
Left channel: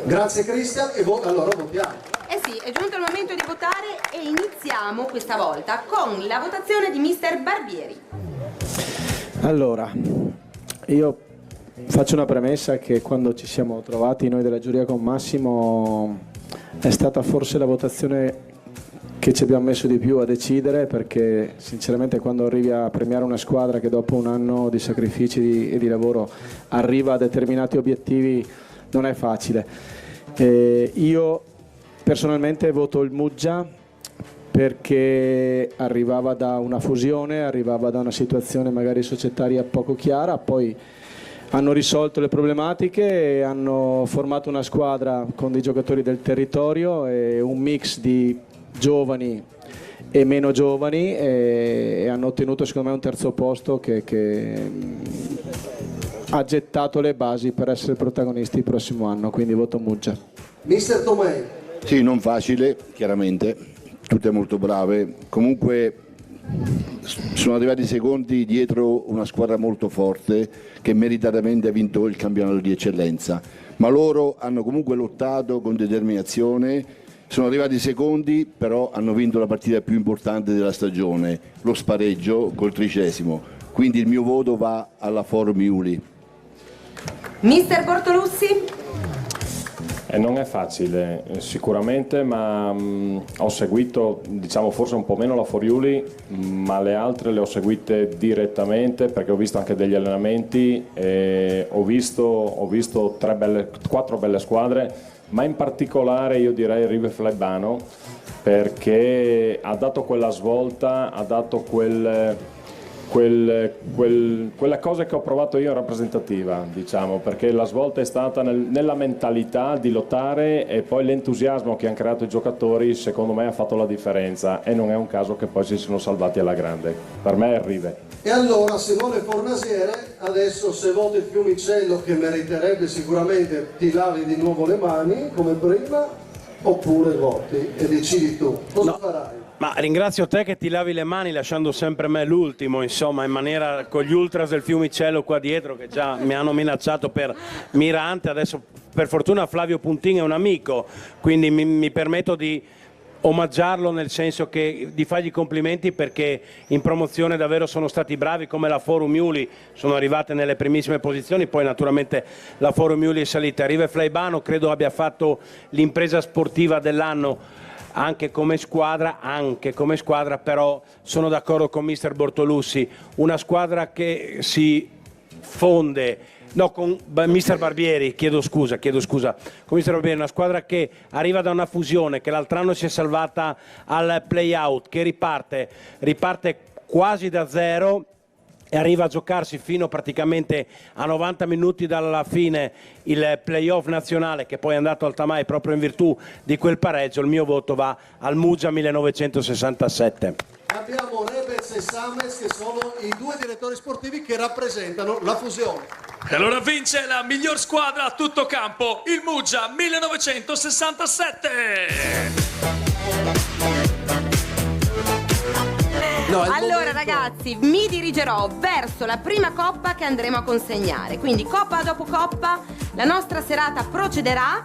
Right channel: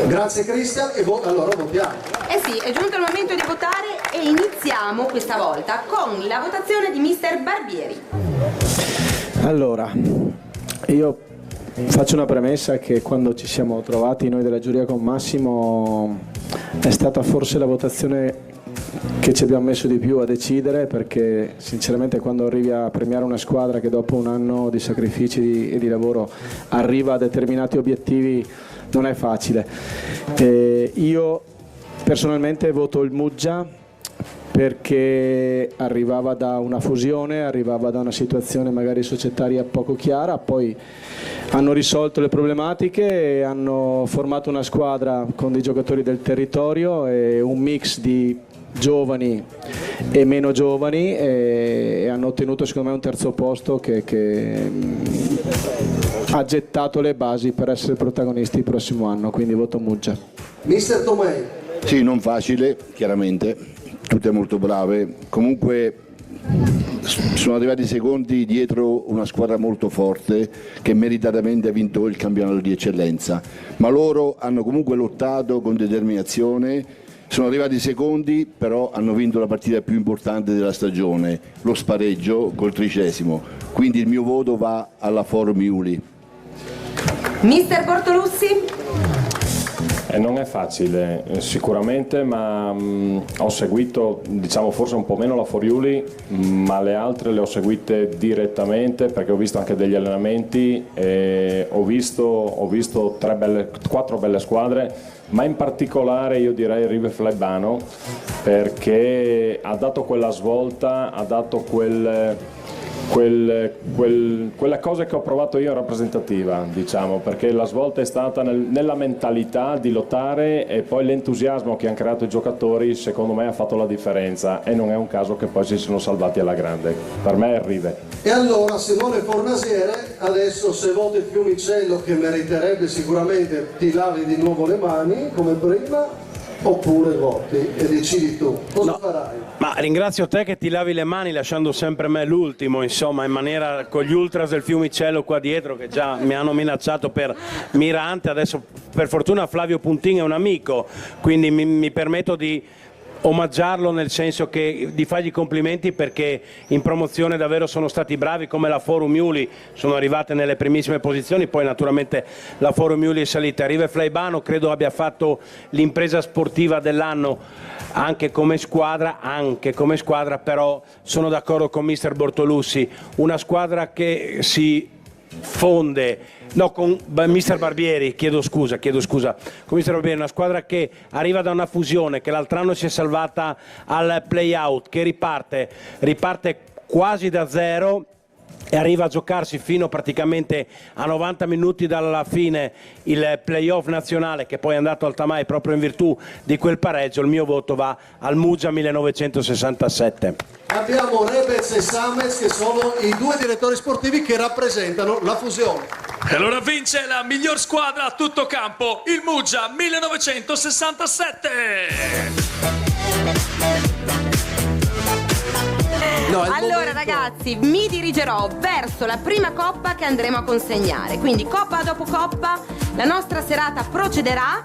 Grazie Cristian, e allora votiamo. Eh sì, è giunto il momento di votare e iniziamo questa volta con la votazione di Mister Barbieri. Allora, io faccio una premessa che quando ci siamo trovati noi della giuria con Massimo è stata forse la votazione che ci abbiamo messo di più a decidere, perché sinceramente quando arrivi a premiare una squadra che dopo un anno di sacrifici e di lavoro arriva a determinati obiettivi non è facile. Io personalmente voto il Muggia perché arrivava da una fusione, arrivava da una situazione magari societaria poco chiara, poi hanno risolto le problematiche e hanno formato una squadra con dei giocatori del territorio e un mix di giovani e meno giovani e hanno ottenuto secondo me un terzo posto che ha gettato le basi per essere protagonisti il prossimo anno, quindi voto Muggia. Mister Tomei. Sì, non facile, chiaramente, tutte molto brave, comunque sono arrivati secondi dietro una squadra molto forte che meritatamente ha vinto il campionato di eccellenza, ma loro hanno comunque lottato con determinazione, sono arrivati secondi, però hanno vinto la partita più importante della stagione, lo spareggio col 30°, quindi il mio voto va alla Foro Miuli. Mister Bortolussi? Non è facile sicuramente, ma ho seguito, diciamo, forse un po' meno la Foriuli, ma le altre le ho seguite direttamente perché ho visto anche degli allenamenti e ho visto 4 belle squadre, ma in particolare io direi River Flaibano, perché ha dato quella svolta, ha dato quella cosa che ho provato io rappresentativa, diciamo, perché la svolta è stata nella mentalità di lottare e poi l'entusiasmo che hanno creato i giocatori secondo me ha fatto la differenza e non è un caso che poi si sono salvati alla grande. Per me è Rive. E allora Simone Fornasiere, adesso se voti il Fiumicello, che meriterebbe sicuramente, ti lavi di nuovo le mani come prima oppure voti e decidi tu cosa farai? Ma ringrazio te che ti lavi le mani lasciando sempre me l'ultimo, insomma, in maniera con gli ultras del Fiumicello qua dietro che già mi hanno minacciato per Mirante, adesso per fortuna Flavio Puntin è un amico, quindi mi permetto di omaggiarlo, nel senso che di fargli complimenti perché in promozione davvero sono stati bravi, come la Foro Miuli sono arrivate nelle primissime posizioni, poi naturalmente la Foro Miuli è salita. Rive Flaibano credo abbia fatto l'impresa sportiva dell'anno anche come squadra, però sono d'accordo con mister Bortolussi, una squadra che si fonde, no, con mister Barbieri, chiedo scusa, con mister Barbieri, una squadra che arriva da una fusione, che l'altro anno si è salvata al play-out, che riparte quasi da zero e arriva a giocarsi fino praticamente a 90 minuti dalla fine il playoff nazionale, che poi è andato al Tamai proprio in virtù di quel pareggio. Il mio voto va al Muggia 1967. Abbiamo Rebez e Samez che sono i 2 direttori sportivi che rappresentano la fusione. E allora vince la miglior squadra a tutto campo, il Muggia 1967. Allora ragazzi, mi dirigerò verso la prima coppa che andremo a consegnare, quindi coppa dopo coppa la nostra serata procederà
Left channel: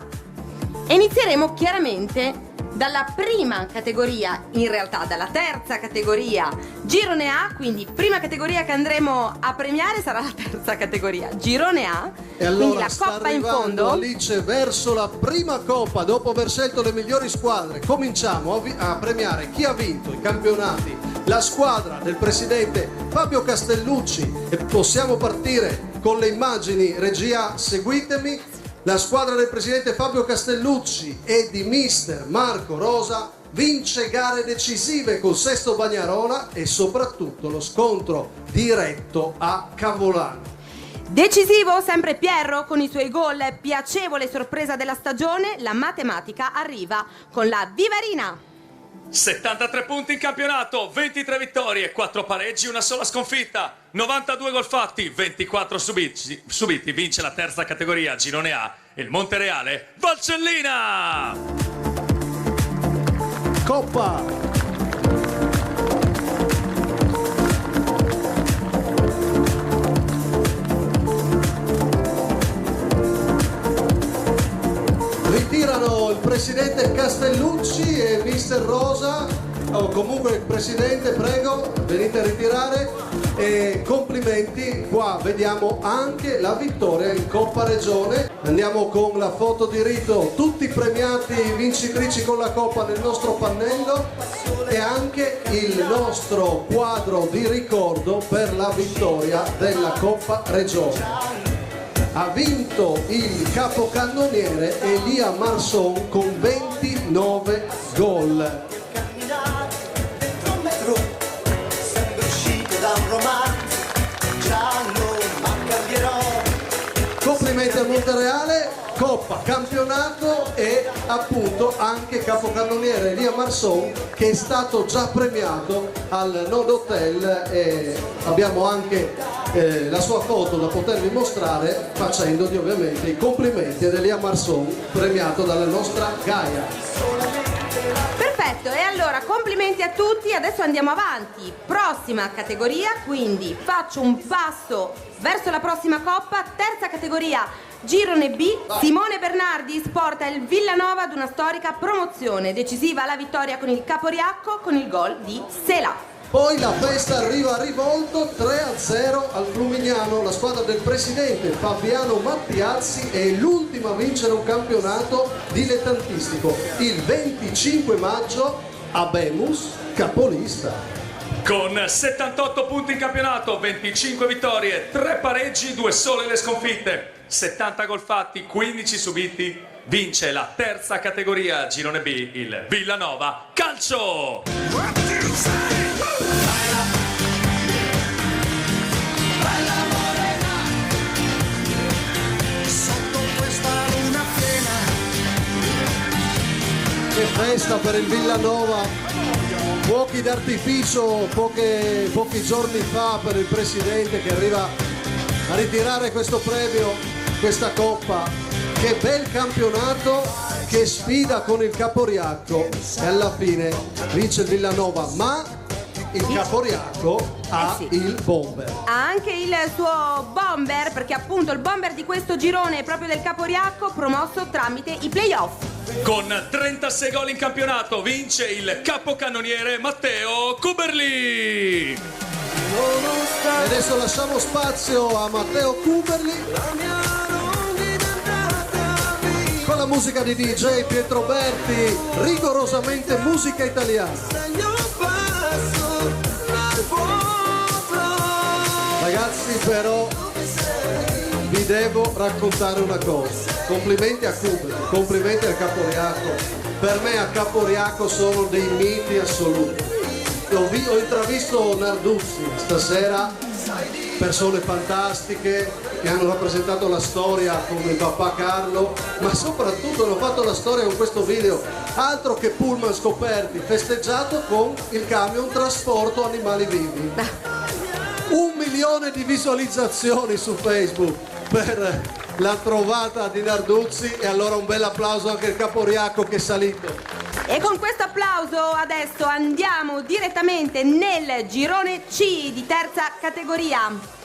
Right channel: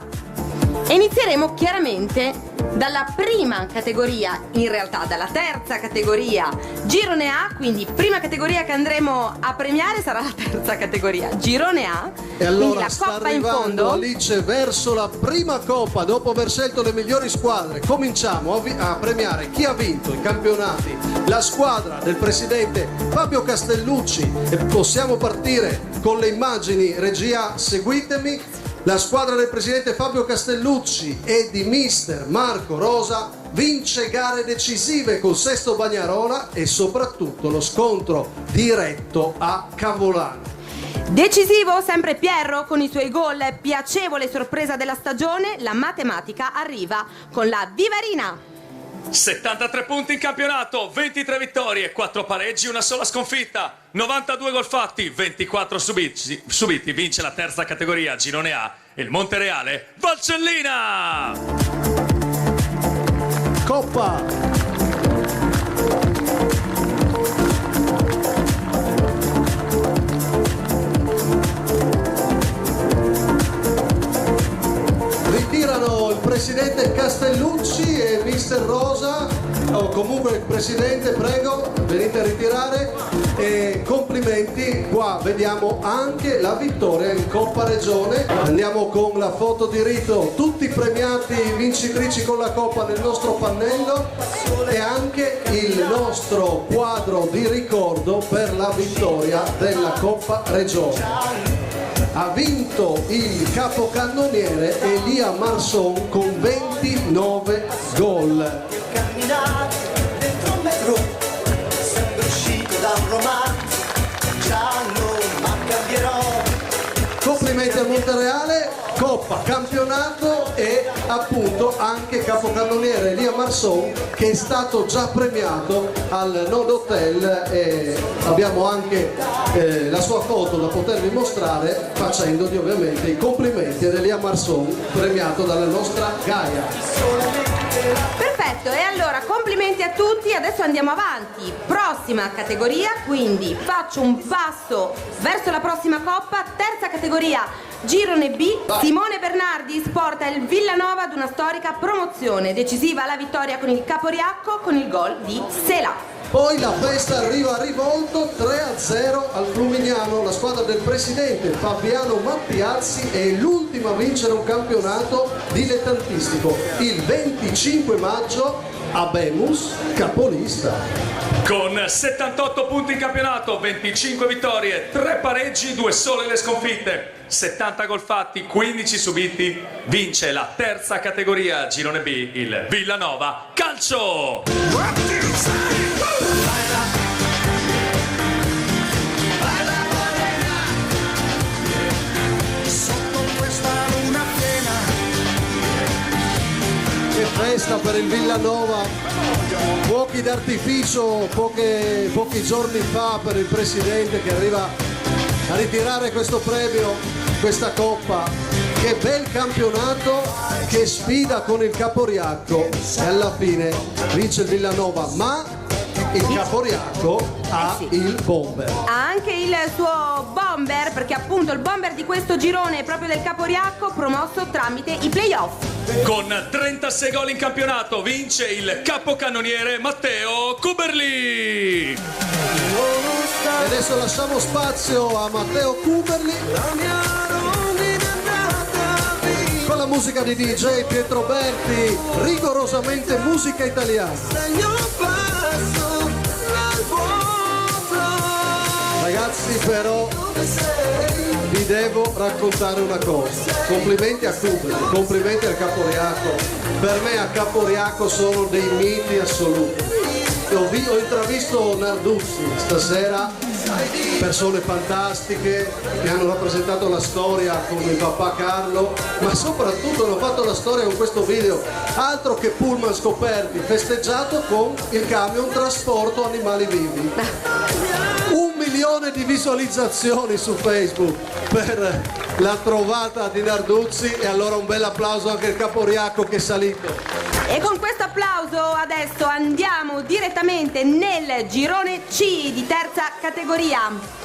e inizieremo chiaramente dalla prima categoria, in realtà dalla terza categoria Girone A, quindi prima categoria che andremo a premiare sarà la terza categoria Girone A, e allora quindi la coppa in fondo. Alice verso la prima coppa, dopo aver scelto le migliori squadre cominciamo a premiare chi ha vinto i campionati, la squadra del presidente Fabio Castellucci, e possiamo partire con le immagini, regia seguitemi. La squadra del presidente Fabio Castellucci e di mister Marco Rosa vince gare decisive con Sesto Bagnarola e soprattutto lo scontro diretto a Cavolano. Decisivo sempre Pierro con i suoi gol, piacevole sorpresa della stagione, la matematica arriva con la Vivarina. 73 punti in campionato, 23 vittorie, 4 pareggi, una sola sconfitta, 92 gol fatti, 24 subiti, vince la terza categoria Girone A, il Montereale Valcellina. Coppa. Ritirano il presidente Castellucci e il mister Rosa, o comunque il presidente, prego, venite a ritirare e complimenti. Qua vediamo anche la vittoria in Coppa Regione. Andiamo con la foto di rito, tutti premiati vincitrici con la coppa nel nostro pannello e anche il nostro quadro di ricordo per la vittoria della Coppa Regione. Ha vinto il capocannoniere Elia Marson con 29 gol. Complimenti a Montereale, Coppa, campionato e appunto anche capocannoniere Elia Marson, che è stato già premiato al Nodo Hotel, e abbiamo anche la sua foto da potervi mostrare, facendogli ovviamente i complimenti ad Elia Marson, premiato dalla nostra Gaia. Perfetto, e allora complimenti a tutti, adesso andiamo avanti. Prossima categoria, quindi faccio un passo verso la prossima coppa, terza categoria, Girone B. Simone Bernardi porta il Villanova ad una storica promozione, decisiva la vittoria con il Caporiacco con il gol di Sela. Poi la festa arriva a rivolto, 3-0 al Flumignano, la squadra del presidente Fabiano Mattiazzi è l'ultima a vincere un campionato dilettantistico. Il 25 maggio Abemus, capolista. Con 78 punti in campionato, 25 vittorie, 3 pareggi, 2 sole le sconfitte, 70 gol fatti, 15 subiti, vince la terza categoria Girone B, il Villanova Calcio! Che festa per il Villanova, fuochi d'artificio pochi giorni fa per il presidente che arriva a ritirare questo premio, questa coppa. Che bel campionato, che sfida con il Caporiacco, e alla fine vince il Villanova, ma il Caporiacco ha il bomber. Ha anche il suo bomber, perché appunto il bomber di questo girone è proprio del Caporiacco, promosso tramite i playoff. Con 36 gol in campionato vince il capocannoniere Matteo Kuberli. Adesso lasciamo spazio a Matteo Kuberli con la musica di DJ Pietro Berti, rigorosamente musica italiana. Ragazzi, però vi devo raccontare una cosa. Complimenti a Kuberli, complimenti al Caporiacco. Per me a Caporiacco sono dei miti assoluti. Ho intravisto Narduzzi stasera, persone fantastiche che hanno rappresentato la storia come il papà Carlo, ma soprattutto hanno fatto la storia con questo video, altro che pullman scoperti, festeggiato con il camion trasporto animali vivi. 1 milione di visualizzazioni su Facebook per la trovata di Narduzzi, e allora un bel applauso anche al Caporiacco che è salito. E con questo applauso adesso andiamo direttamente nel girone C di terza categoria.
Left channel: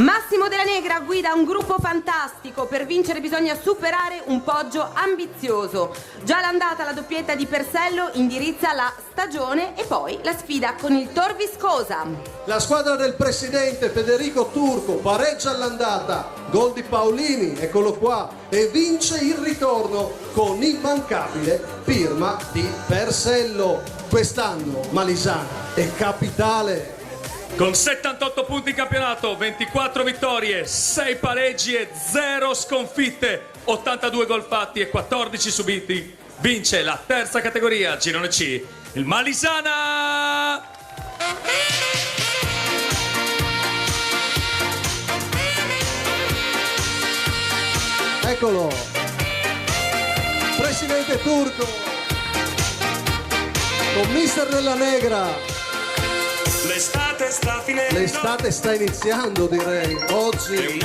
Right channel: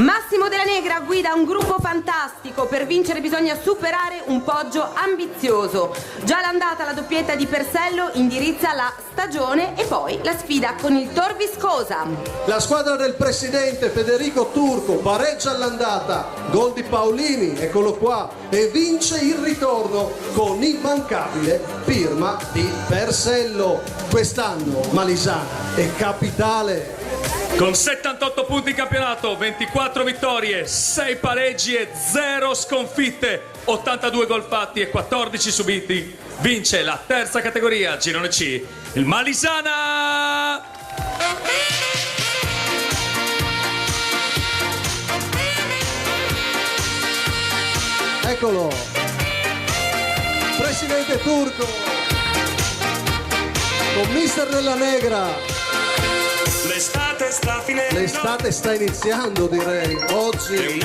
Massimo Della Negra guida un gruppo fantastico, per vincere bisogna superare un poggio ambizioso. Già l'andata la doppietta di Persello indirizza la stagione e poi la sfida con il Tor Viscosa. La squadra del presidente Federico Turco pareggia all'andata, gol di Paolini, eccolo qua, e vince il ritorno con l'immancabile firma di Persello. Quest'anno Malisana è capitale. Con 78 punti in campionato, 24 vittorie, 6 pareggi e 0 sconfitte, 82 gol fatti e 14 subiti, vince la terza categoria Girone C, il Malisana! Eccolo, presidente Turco, con mister Della Negra. L'estate sta iniziando, direi, oggi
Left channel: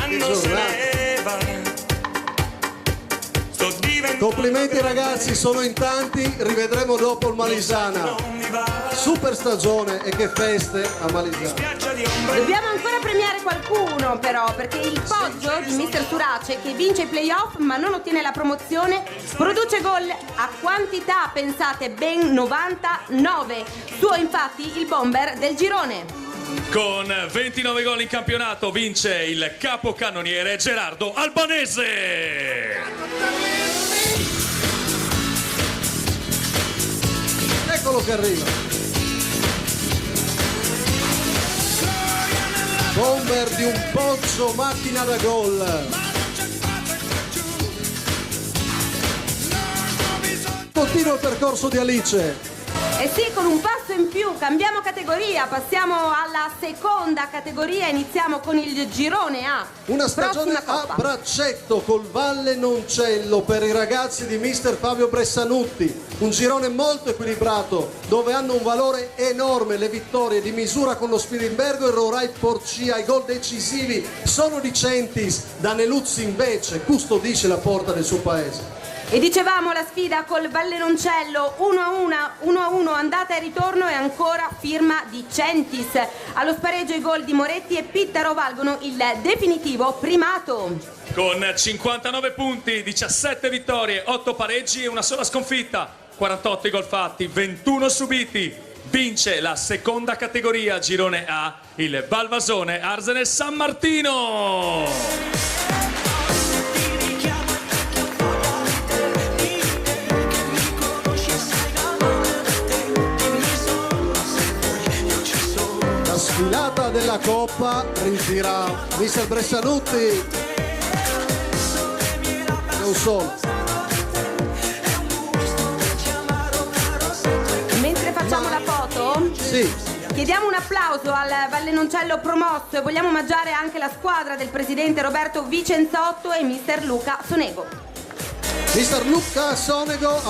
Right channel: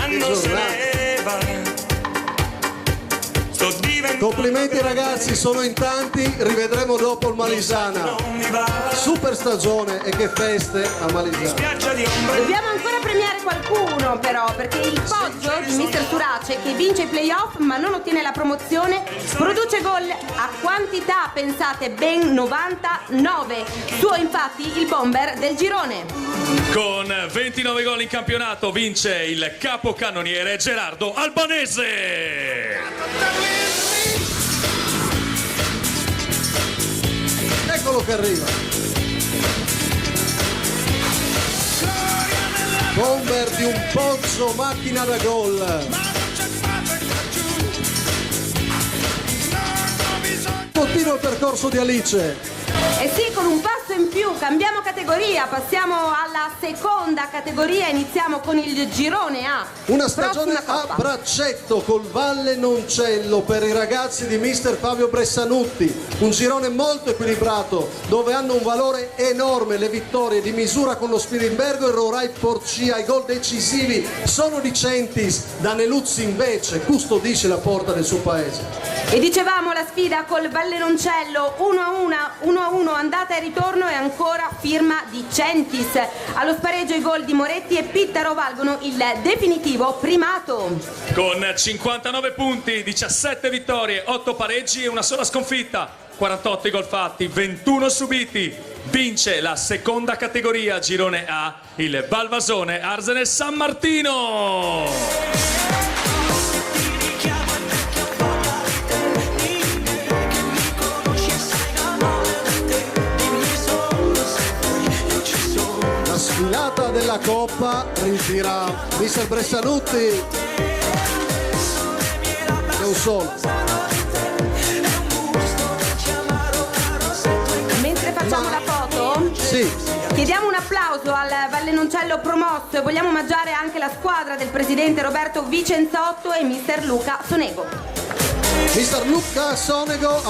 complimenti ragazzi, sono in tanti, rivedremo dopo il Malisana. Super stagione e che feste a Malisana. Dobbiamo ancora premiare qualcuno però, perché il poggio di mister Turace, che vince i playoff ma non ottiene la promozione, produce gol a quantità, pensate, ben 99. Suo infatti il bomber del girone. Con 29 gol in campionato vince il capocannoniere Gerardo Albanese. eccolo che arriva. Bomber di un Pozzo, macchina da gol. Continua il percorso di Alice. E sì, con un passo in più, cambiamo categoria, passiamo alla seconda categoria, iniziamo con il girone A. Una stagione a braccetto col Valle Noncello per i ragazzi di mister Fabio Bressanutti, un girone molto equilibrato dove hanno un valore enorme le vittorie di misura con lo Spilimbergo e Rorai Porcia. I gol decisivi sono di Centis, Daneluzzi invece custodisce la porta del suo paese. E dicevamo la sfida col Valle Noncello 1-1 andata e ritorno e ancora firma di Centis. Allo spareggio i gol di Moretti e Pittaro valgono il definitivo primato. Con 59 punti, 17 vittorie, 8 pareggi e una sola sconfitta, 48 i gol fatti, 21 subiti. Vince la seconda categoria girone A il Valvasone Arsenal San Martino. Sfilata della Coppa ritira mister Bressanutti. Non solo. Mentre facciamo la foto, chiediamo un applauso al Valle Noncello promosso e vogliamo omaggiare anche la squadra del presidente Roberto Vicenzotto e mister Luca Sonego. Mister Luca Sonego,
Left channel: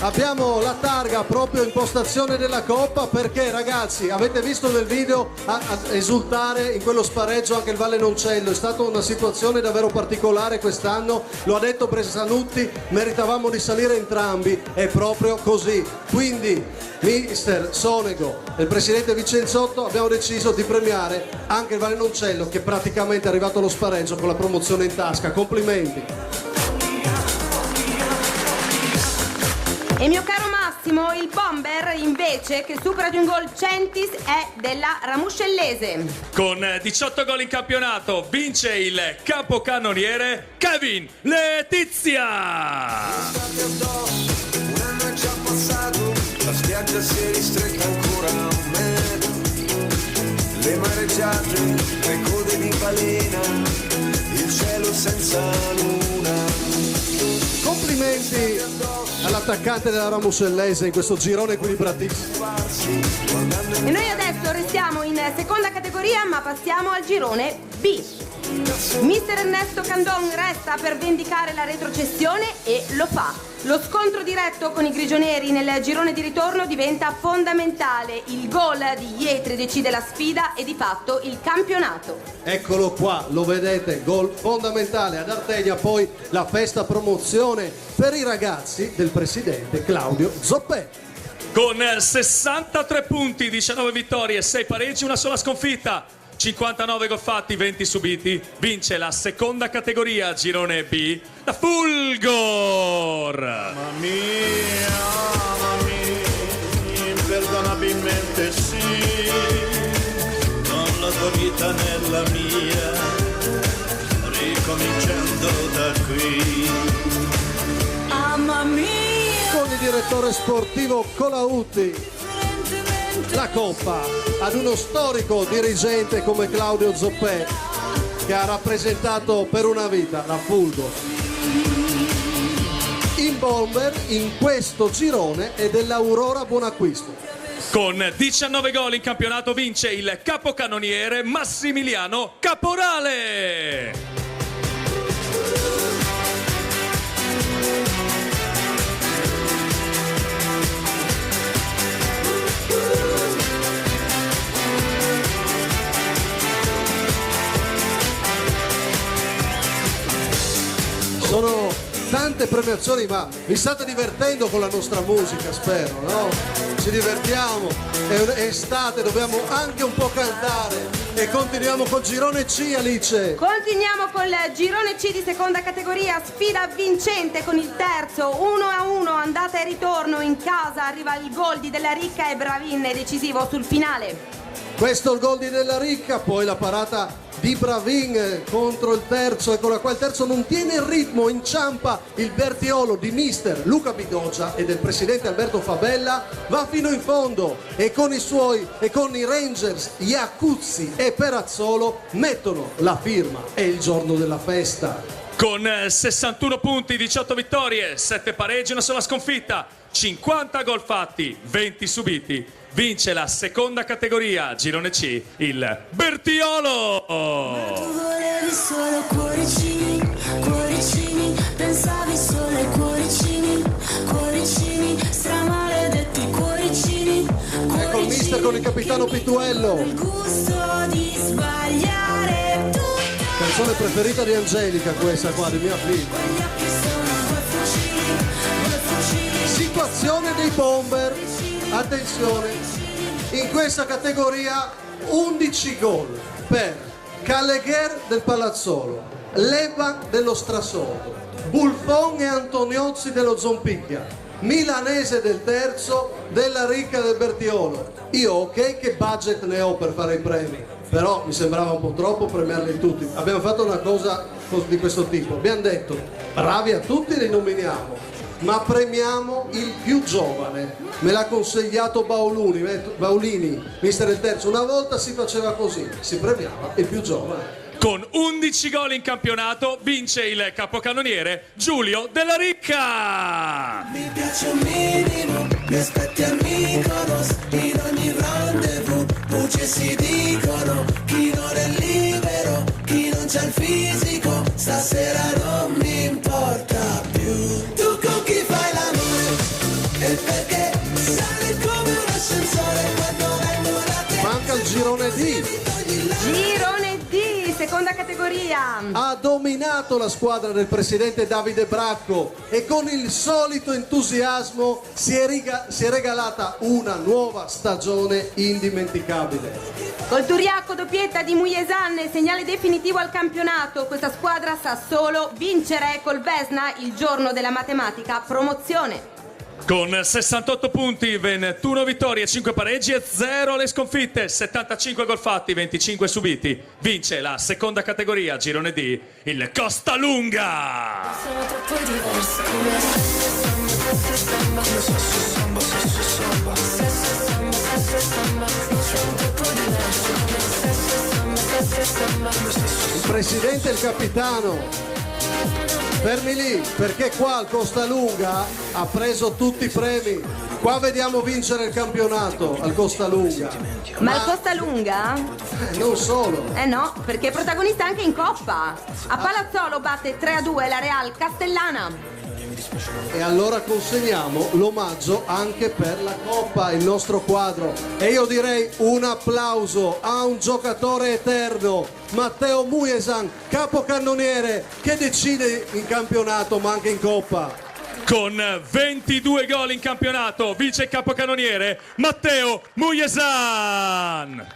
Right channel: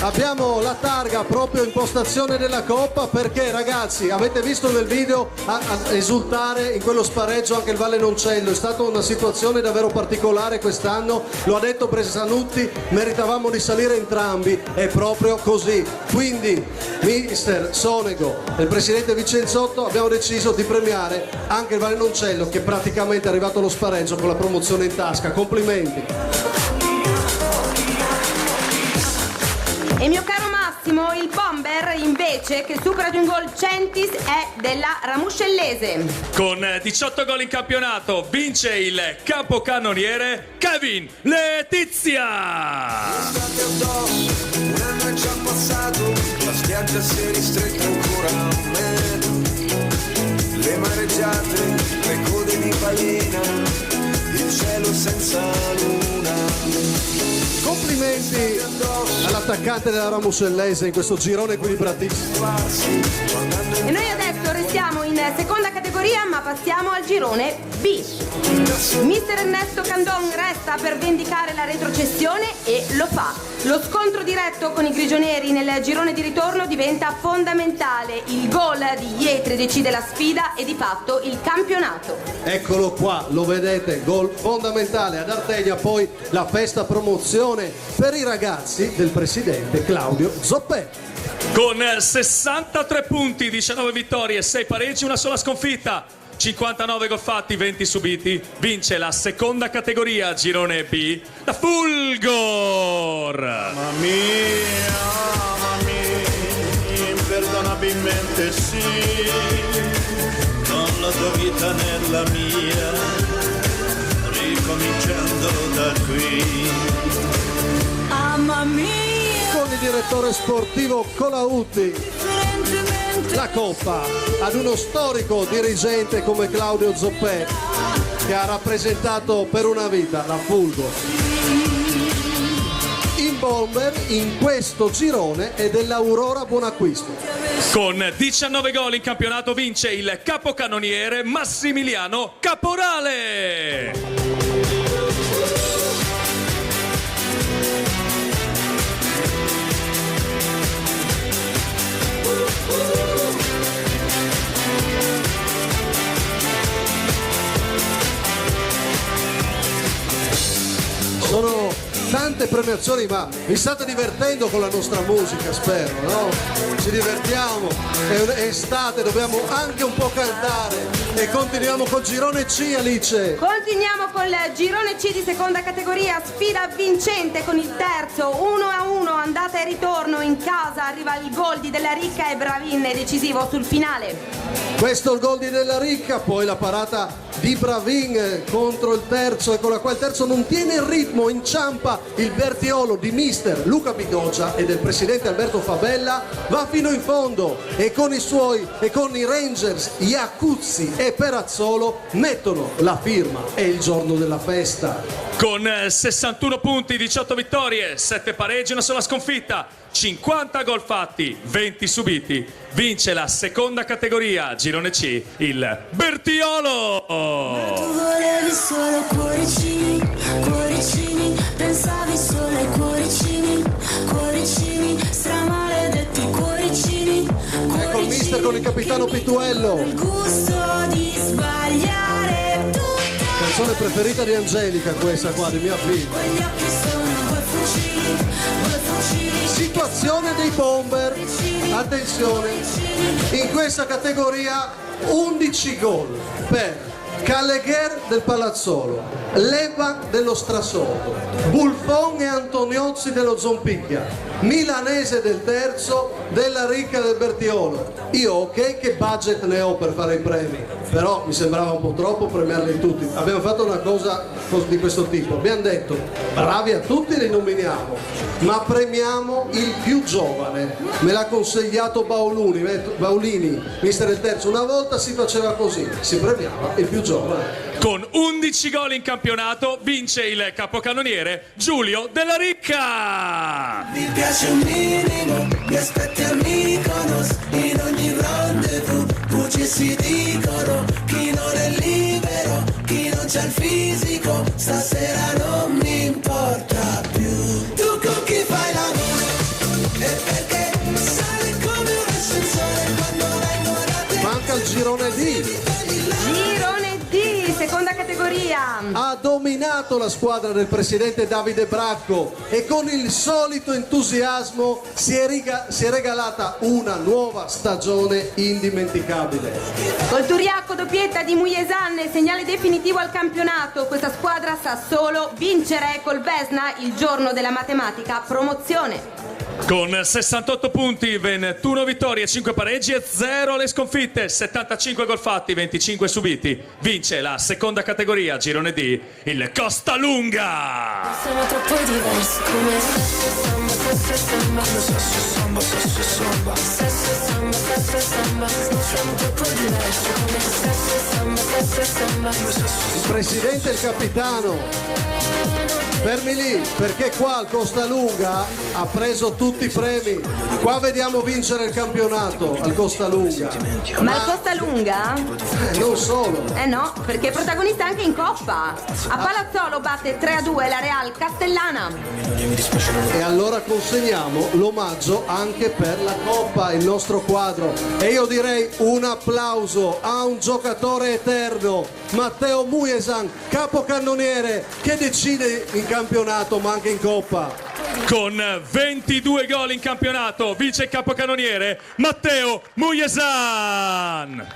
abbiamo la targa proprio in postazione della Coppa perché ragazzi avete visto nel video a esultare in quello spareggio anche il Valle Noncello, è stata una situazione davvero particolare quest'anno, lo ha detto Bressanutti, meritavamo di salire entrambi, è proprio così, quindi mister Sonego e il presidente Vicenzotto abbiamo deciso di premiare anche il Valle Noncello che praticamente è arrivato allo spareggio con la promozione in tasca, complimenti. E mio caro Massimo, il bomber invece che supera di un gol Centis è della Ramuscellese. Con 18 gol in campionato vince il capocannoniere Kevin Letizia. Un anno è già passato, la spiaggia si è ristretta ancora a me. Le mareggiate, le code di balena, il cielo senza luna. Complimenti all'attaccante della Ramuscellese in questo girone equilibratissimo. E noi adesso restiamo in seconda categoria ma passiamo al girone B. Mister Ernesto Candon resta per vendicare la retrocessione e lo fa. Lo scontro diretto con i grigioneri nel girone di ritorno diventa fondamentale. Il gol di Ietri decide la sfida e di fatto il campionato. Eccolo qua, lo vedete, gol fondamentale ad Ardegna, poi la festa promozione per i ragazzi del presidente Claudio Zoppè. Con 63 punti, 19 vittorie, 6 pareggi, una sola sconfitta, 59 gol fatti, 20 subiti, vince la seconda categoria girone B, la Fulgor. Mamma mia, imperdonabilmente sì, non la tua vita nella mia, ricominciando da qui. Mamma mia. Con il direttore sportivo Colautti. La Coppa ad uno storico dirigente come Claudio Zoppè che ha rappresentato per una vita la Fulgor. Il bomber in questo girone è dell'Aurora Buonacquisto. Con 19 gol in campionato vince il capocannoniere Massimiliano Caporale. Sono tante premiazioni, ma vi state divertendo con la nostra musica, spero, no? Ci divertiamo, è estate, dobbiamo anche un po' cantare e continuiamo col girone C, Alice. Continuiamo col girone C di seconda categoria, sfida vincente con il terzo 1-1, andata e ritorno in casa, arriva il gol di Della Ricca e Bravin è decisivo sul finale. Questo è il gol di Della Ricca, poi la parata di Bravin contro il terzo, eccola qua, il terzo non tiene il ritmo, inciampa il Bertiolo di mister Luca Bigoggia e del presidente Alberto Fabella va fino in fondo e con i Rangers Iacuzzi e Perazzolo mettono la firma. È il giorno della festa. Con 61 punti, 18 vittorie, 7 pareggi, una sola sconfitta, 50 gol fatti, 20 subiti, vince la seconda categoria, girone C, il Bertiolo! Tu volevi solo cuoricini, cuoricini, pensavi solo ai cuoricini, cuoricini, stramaledetti cuoricini, Ecco il mister con il capitano Pituello. il gusto di sbagliare tutto. Canzone preferita di Angelica questa qua, di mia figlia. Gli occhi sono due fucili, Situazione dei bomber, attenzione, in questa categoria 11 gol per Callegher del Palazzolo, Leva dello Strasotto, Buffon e Antoniozzi dello Zompicchia, Milanese del terzo, Della Ricca del Bertiolo. Io ok che budget ne ho per fare i premi, però mi sembrava un po' troppo premiarli tutti. Abbiamo fatto una cosa di questo tipo, abbiamo detto bravi a tutti li nominiamo, ma premiamo il più giovane. Me l'ha consigliato Baulini, mister del terzo. Una volta si faceva così, si premiava il più giovane. Con 11 gol in campionato vince il capocannoniere Giulio Della Ricca! Mi piace un minimo, mi aspetti a Mykonos, in ogni rendezvous, voci si dicono, chi non è libero, chi non c'ha il fisico, stasera non mi importa più. Tu con chi fai l'amore? E perché sali come un ascensore quando vengo da te? Manca il girone D. Girone D, seconda categoria. Ha dominato la squadra del presidente Davide Bracco e con il solito entusiasmo si è regalata una nuova stagione indimenticabile. Col Turiacco doppietta di Mujesan nel segnale definitivo al campionato, questa squadra sa solo vincere col Vesna il giorno della matematica promozione. Con 68 punti, 21 vittorie, 5 pareggi e 0 le sconfitte, 75 gol fatti, 25 subiti. Vince la seconda categoria, girone D, il Costalunga! Siamo troppo diversi. Il presidente e il capitano. Fermi lì, perché qua al Costalunga ha preso tutti i premi. Qua vediamo vincere il campionato al Costalunga. Ma il Costalunga? Non solo. Eh no, perché è protagonista anche in Coppa. A Palazzolo batte 3-2 la Real Castellana. E allora consegniamo l'omaggio anche per la Coppa, il nostro quadro. E io direi un applauso a un giocatore eterno, Matteo Mujesan, capocannoniere, che decide in campionato ma anche in Coppa. Con 22 gol in campionato vince il capocannoniere Matteo Mujesan!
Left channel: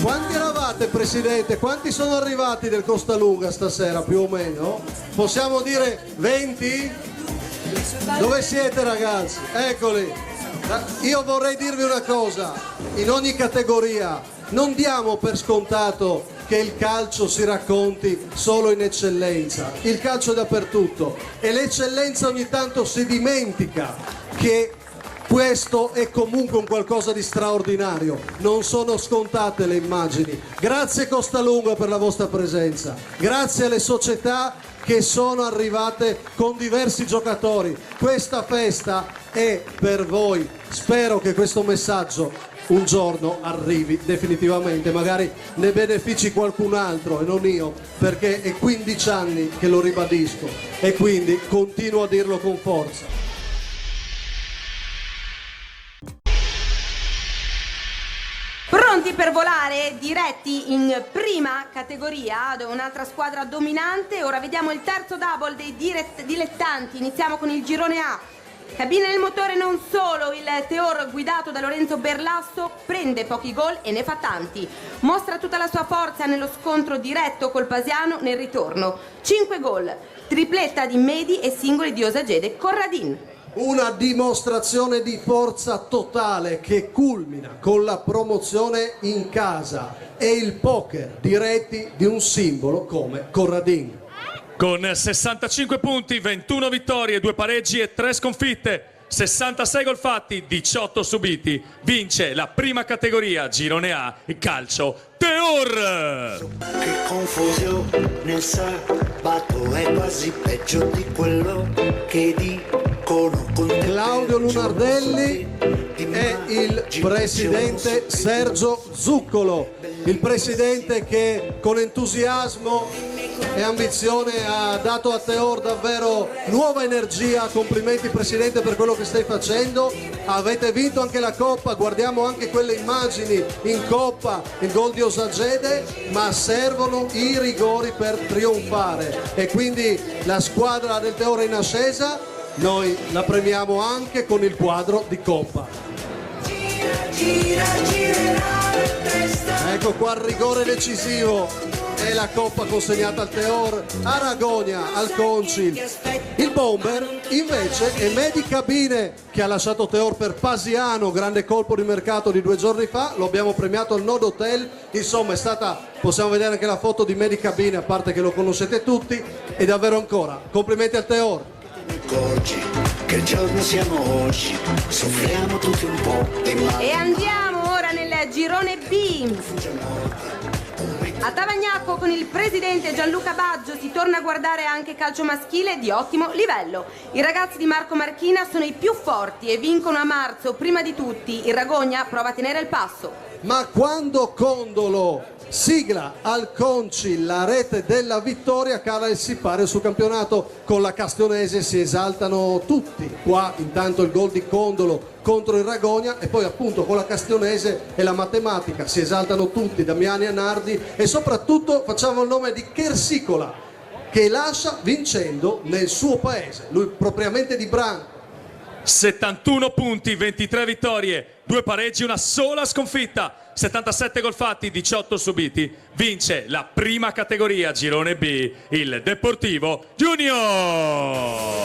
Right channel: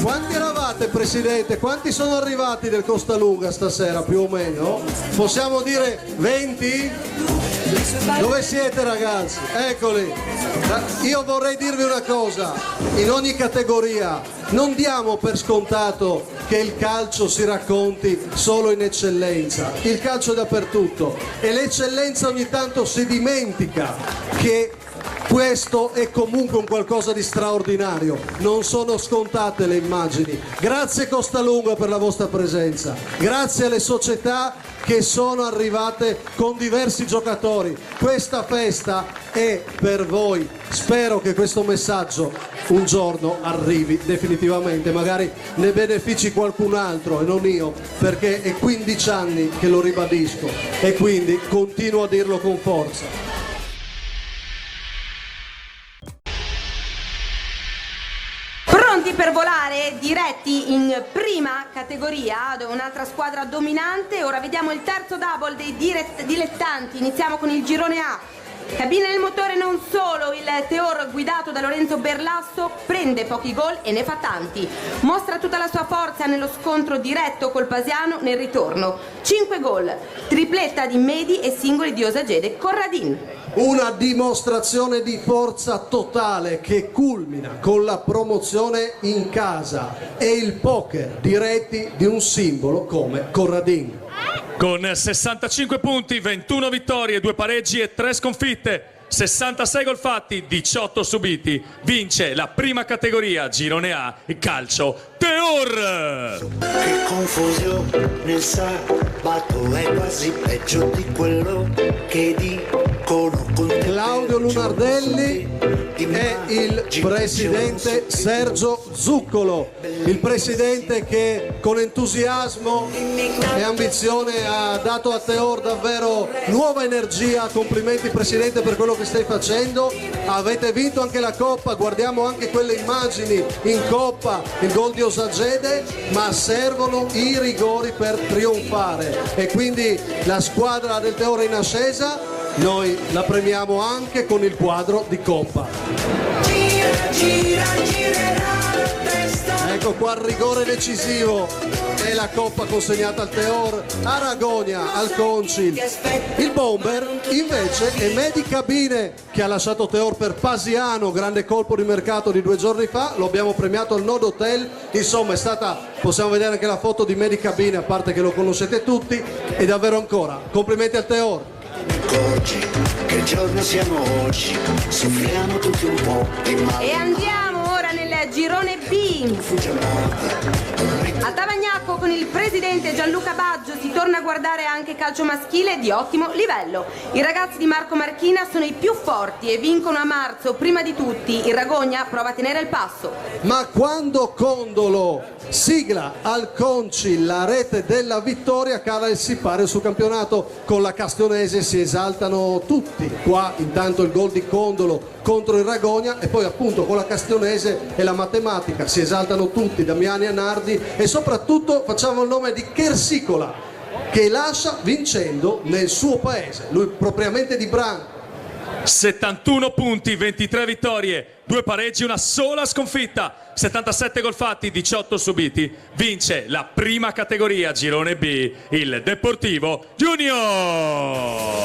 Quanti eravate, presidente? Quanti sono arrivati del Costalunga stasera, più o meno? Possiamo dire 20? Dove siete, ragazzi? Eccoli. Io vorrei dirvi una cosa, in ogni categoria non diamo per scontato che il calcio si racconti solo in eccellenza, il calcio è dappertutto e l'eccellenza ogni tanto si dimentica che questo è comunque un qualcosa di straordinario, non sono scontate le immagini. Grazie Costalunga per la vostra presenza, grazie alle società che sono arrivate con diversi giocatori. Questa festa è per voi, spero che questo messaggio un giorno arrivi definitivamente, magari ne benefici qualcun altro e non io, perché è 15 anni che lo ribadisco e quindi continuo a dirlo con forza. Pronti per volare, diretti in prima categoria, dove un'altra squadra dominante. Ora vediamo il terzo double dei dilettanti. Iniziamo con il girone A. Cabina del motore non solo, il Teor guidato da Lorenzo Berlasso prende pochi gol e ne fa tanti. Mostra tutta la sua forza nello scontro diretto col Pasiano nel ritorno. 5 gol, tripletta di Medi e singoli di Osagede Corradin. Una dimostrazione di forza totale che culmina con la promozione in casa e il poker diretti di un simbolo come Corradin. Con 65 punti, 21 vittorie, 2 pareggi e 3 sconfitte, 66 gol fatti, 18 subiti, vince la prima categoria Girone A, il calcio Teor. Che confusione nel sabato è quasi peggio di quello che dicono con Claudio Lunardelli e il presidente Sergio Zuccolo, il presidente che con entusiasmo e ambizione ha dato a Teor davvero nuova energia. Complimenti presidente per quello che stai facendo, avete vinto anche la Coppa, guardiamo anche quelle immagini in Coppa, il gol di Osagede, ma servono i rigori per trionfare e quindi la squadra del Teor è in ascesa, noi la premiamo anche con il quadro di Coppa. Ecco qua il rigore decisivo e la Coppa consegnata al Teor, a Ragonia, al Concil. Il bomber invece è Medi Cabine che ha lasciato Teor per Pasiano, grande colpo di mercato di 2 giorni fa, lo abbiamo premiato al Nord Hotel, insomma è stata, possiamo vedere anche la foto di Medi Cabine, a parte che lo conoscete tutti, e davvero ancora, complimenti al Teor. Che giorno siamo oggi, soffriamo tutti un po' di male. E andiamo ora nel girone B. A Tavagnacco con il presidente Gianluca Baggio si torna a guardare anche calcio maschile di ottimo livello. I ragazzi di Marco Marchina sono i più forti e vincono a marzo prima di tutti. Il Ragogna prova a tenere il passo. Ma quando Condolo sigla al Concil la rete della vittoria, cala il sipario sul campionato. Con la Castionese si esaltano tutti, qua intanto il gol di Condolo contro il Ragogna e poi appunto con la Castionese e la matematica si esaltano tutti, Damiani e Nardi, e soprattutto facciamo il nome di Chersicola che lascia vincendo nel suo paese, lui propriamente di Branco. 71 punti, 23 vittorie, 2 pareggi, una sola sconfitta, 77 gol fatti, 18 subiti, vince la prima categoria Girone B, il Deportivo Junior.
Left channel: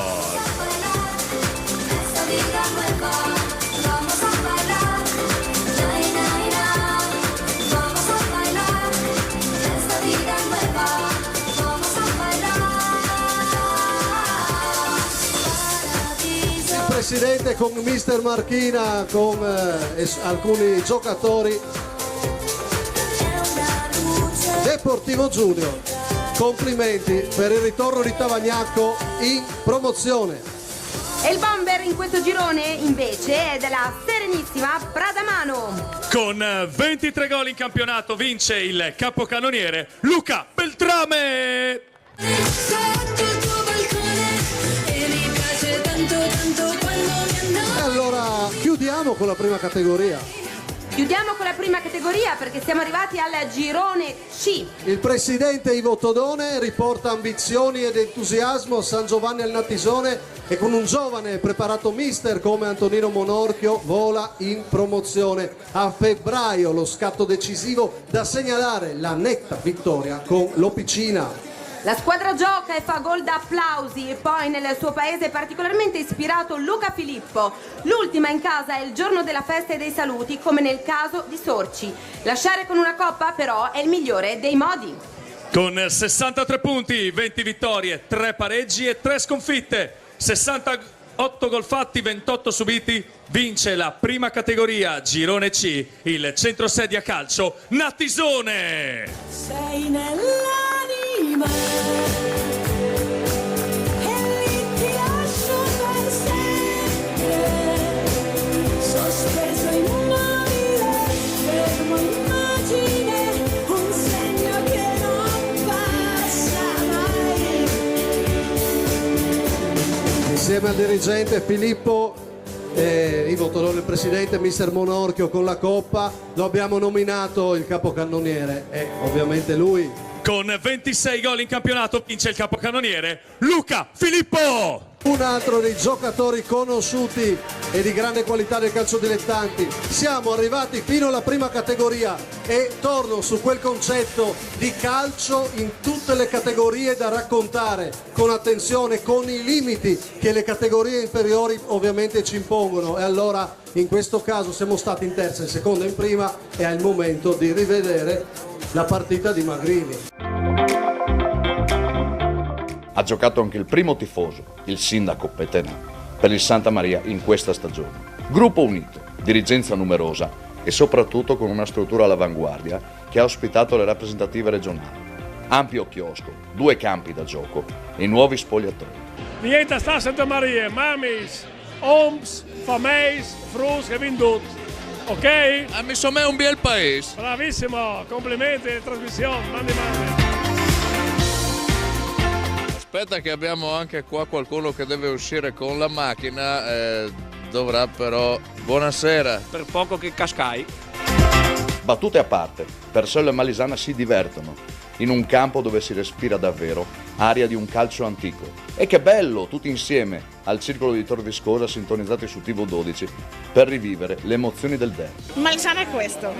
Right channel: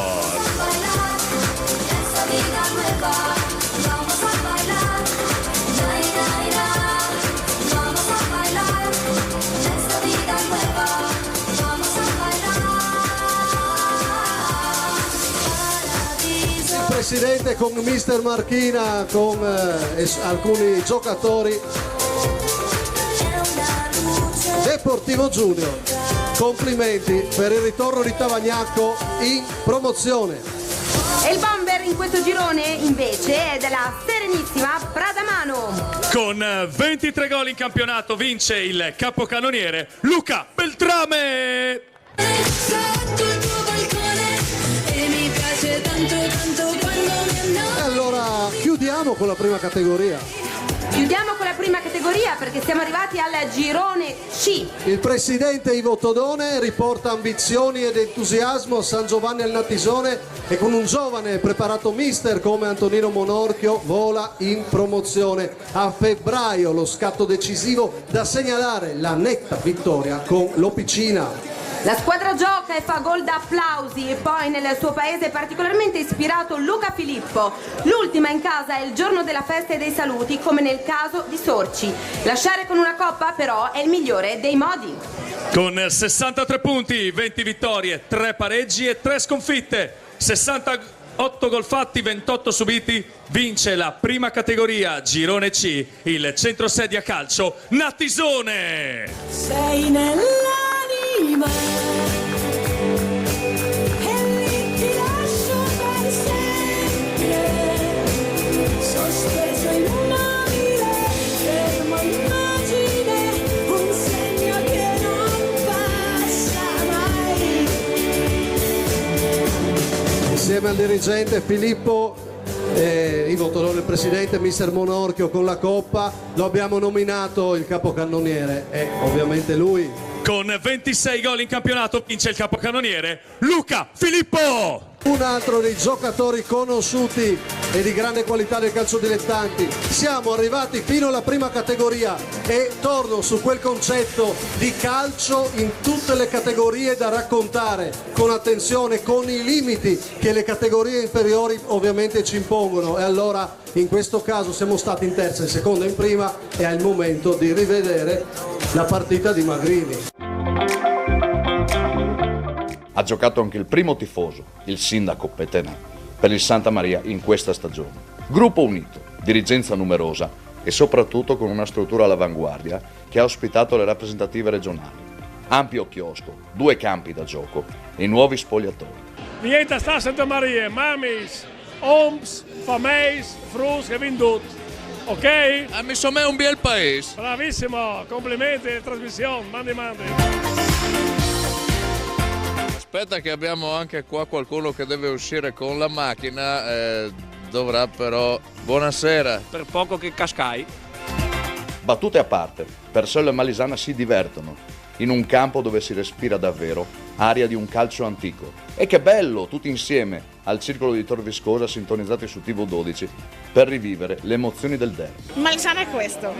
Presidente con mister Marchina, con alcuni giocatori. Deportivo Junior, complimenti per il ritorno di Tavagnacco in promozione. E il bomber in questo girone invece è della serenissima Pradamano. Con 23 gol in campionato vince il capocannoniere Luca Beltrame. Allora chiudiamo con la prima categoria. Chiudiamo con la prima categoria perché siamo arrivati al girone C. Il presidente Ivo Todone riporta ambizioni ed entusiasmo a San Giovanni al Natisone e con un giovane preparato mister come Antonino Monorchio vola in promozione. A febbraio lo scatto decisivo da segnalare, la netta vittoria con l'Opicina. La squadra gioca e fa gol da applausi e poi nel suo paese è particolarmente ispirato Luca Filippo. L'ultima in casa è il giorno della festa e dei saluti come nel caso di Sorci. Lasciare con una coppa però è il migliore dei modi. Con 63 punti, 20 vittorie, 3 pareggi e 3 sconfitte, 68 gol fatti, 28 subiti, vince la prima categoria Girone C, il centrosedia calcio Natisone. Sei nell'anima e lì ti lascio per sempre, sospeso in un aria, fermo immagine, un segno che non passa mai. Insieme al dirigente Filippo Ivo Todone, il presidente, mister Monorchio con la Coppa, lo abbiamo nominato il capocannoniere e ovviamente lui. Con 26 gol in campionato vince il capocannoniere Luca Filippo. Un altro dei giocatori conosciuti e di grande qualità del calcio dilettanti. Siamo arrivati fino alla prima categoria e torno su quel concetto di calcio in tutte le categorie da raccontare con attenzione, con i limiti che le categorie inferiori ovviamente ci impongono, e allora in questo caso siamo stati in terza, in seconda e in prima e è il momento di rivedere la partita di Magrini. Ha giocato anche il primo tifoso, il sindaco Petenà, per il Santa Maria in questa stagione. Gruppo unito, dirigenza numerosa e soprattutto con una struttura all'avanguardia che ha ospitato le rappresentative regionali. Ampio chiosco, 2 campi da gioco e nuovi spogliatoi. Niente sta Santa Maria, mamis, oms, fameis, frus che venduto. Ok? Insomma è un bel paese. Bravissimo, complimenti, trasmissione, mandi. Aspetta che abbiamo anche qua qualcuno che deve uscire con la macchina, dovrà però... Buonasera. Per poco che cascai. Battute a parte, Persello e Malisana si divertono in un campo dove si respira davvero aria di un calcio antico. E che bello, tutti insieme, al circolo di Tor Viscosa sintonizzati su TV12 per rivivere le emozioni del derby. Malisana è questo.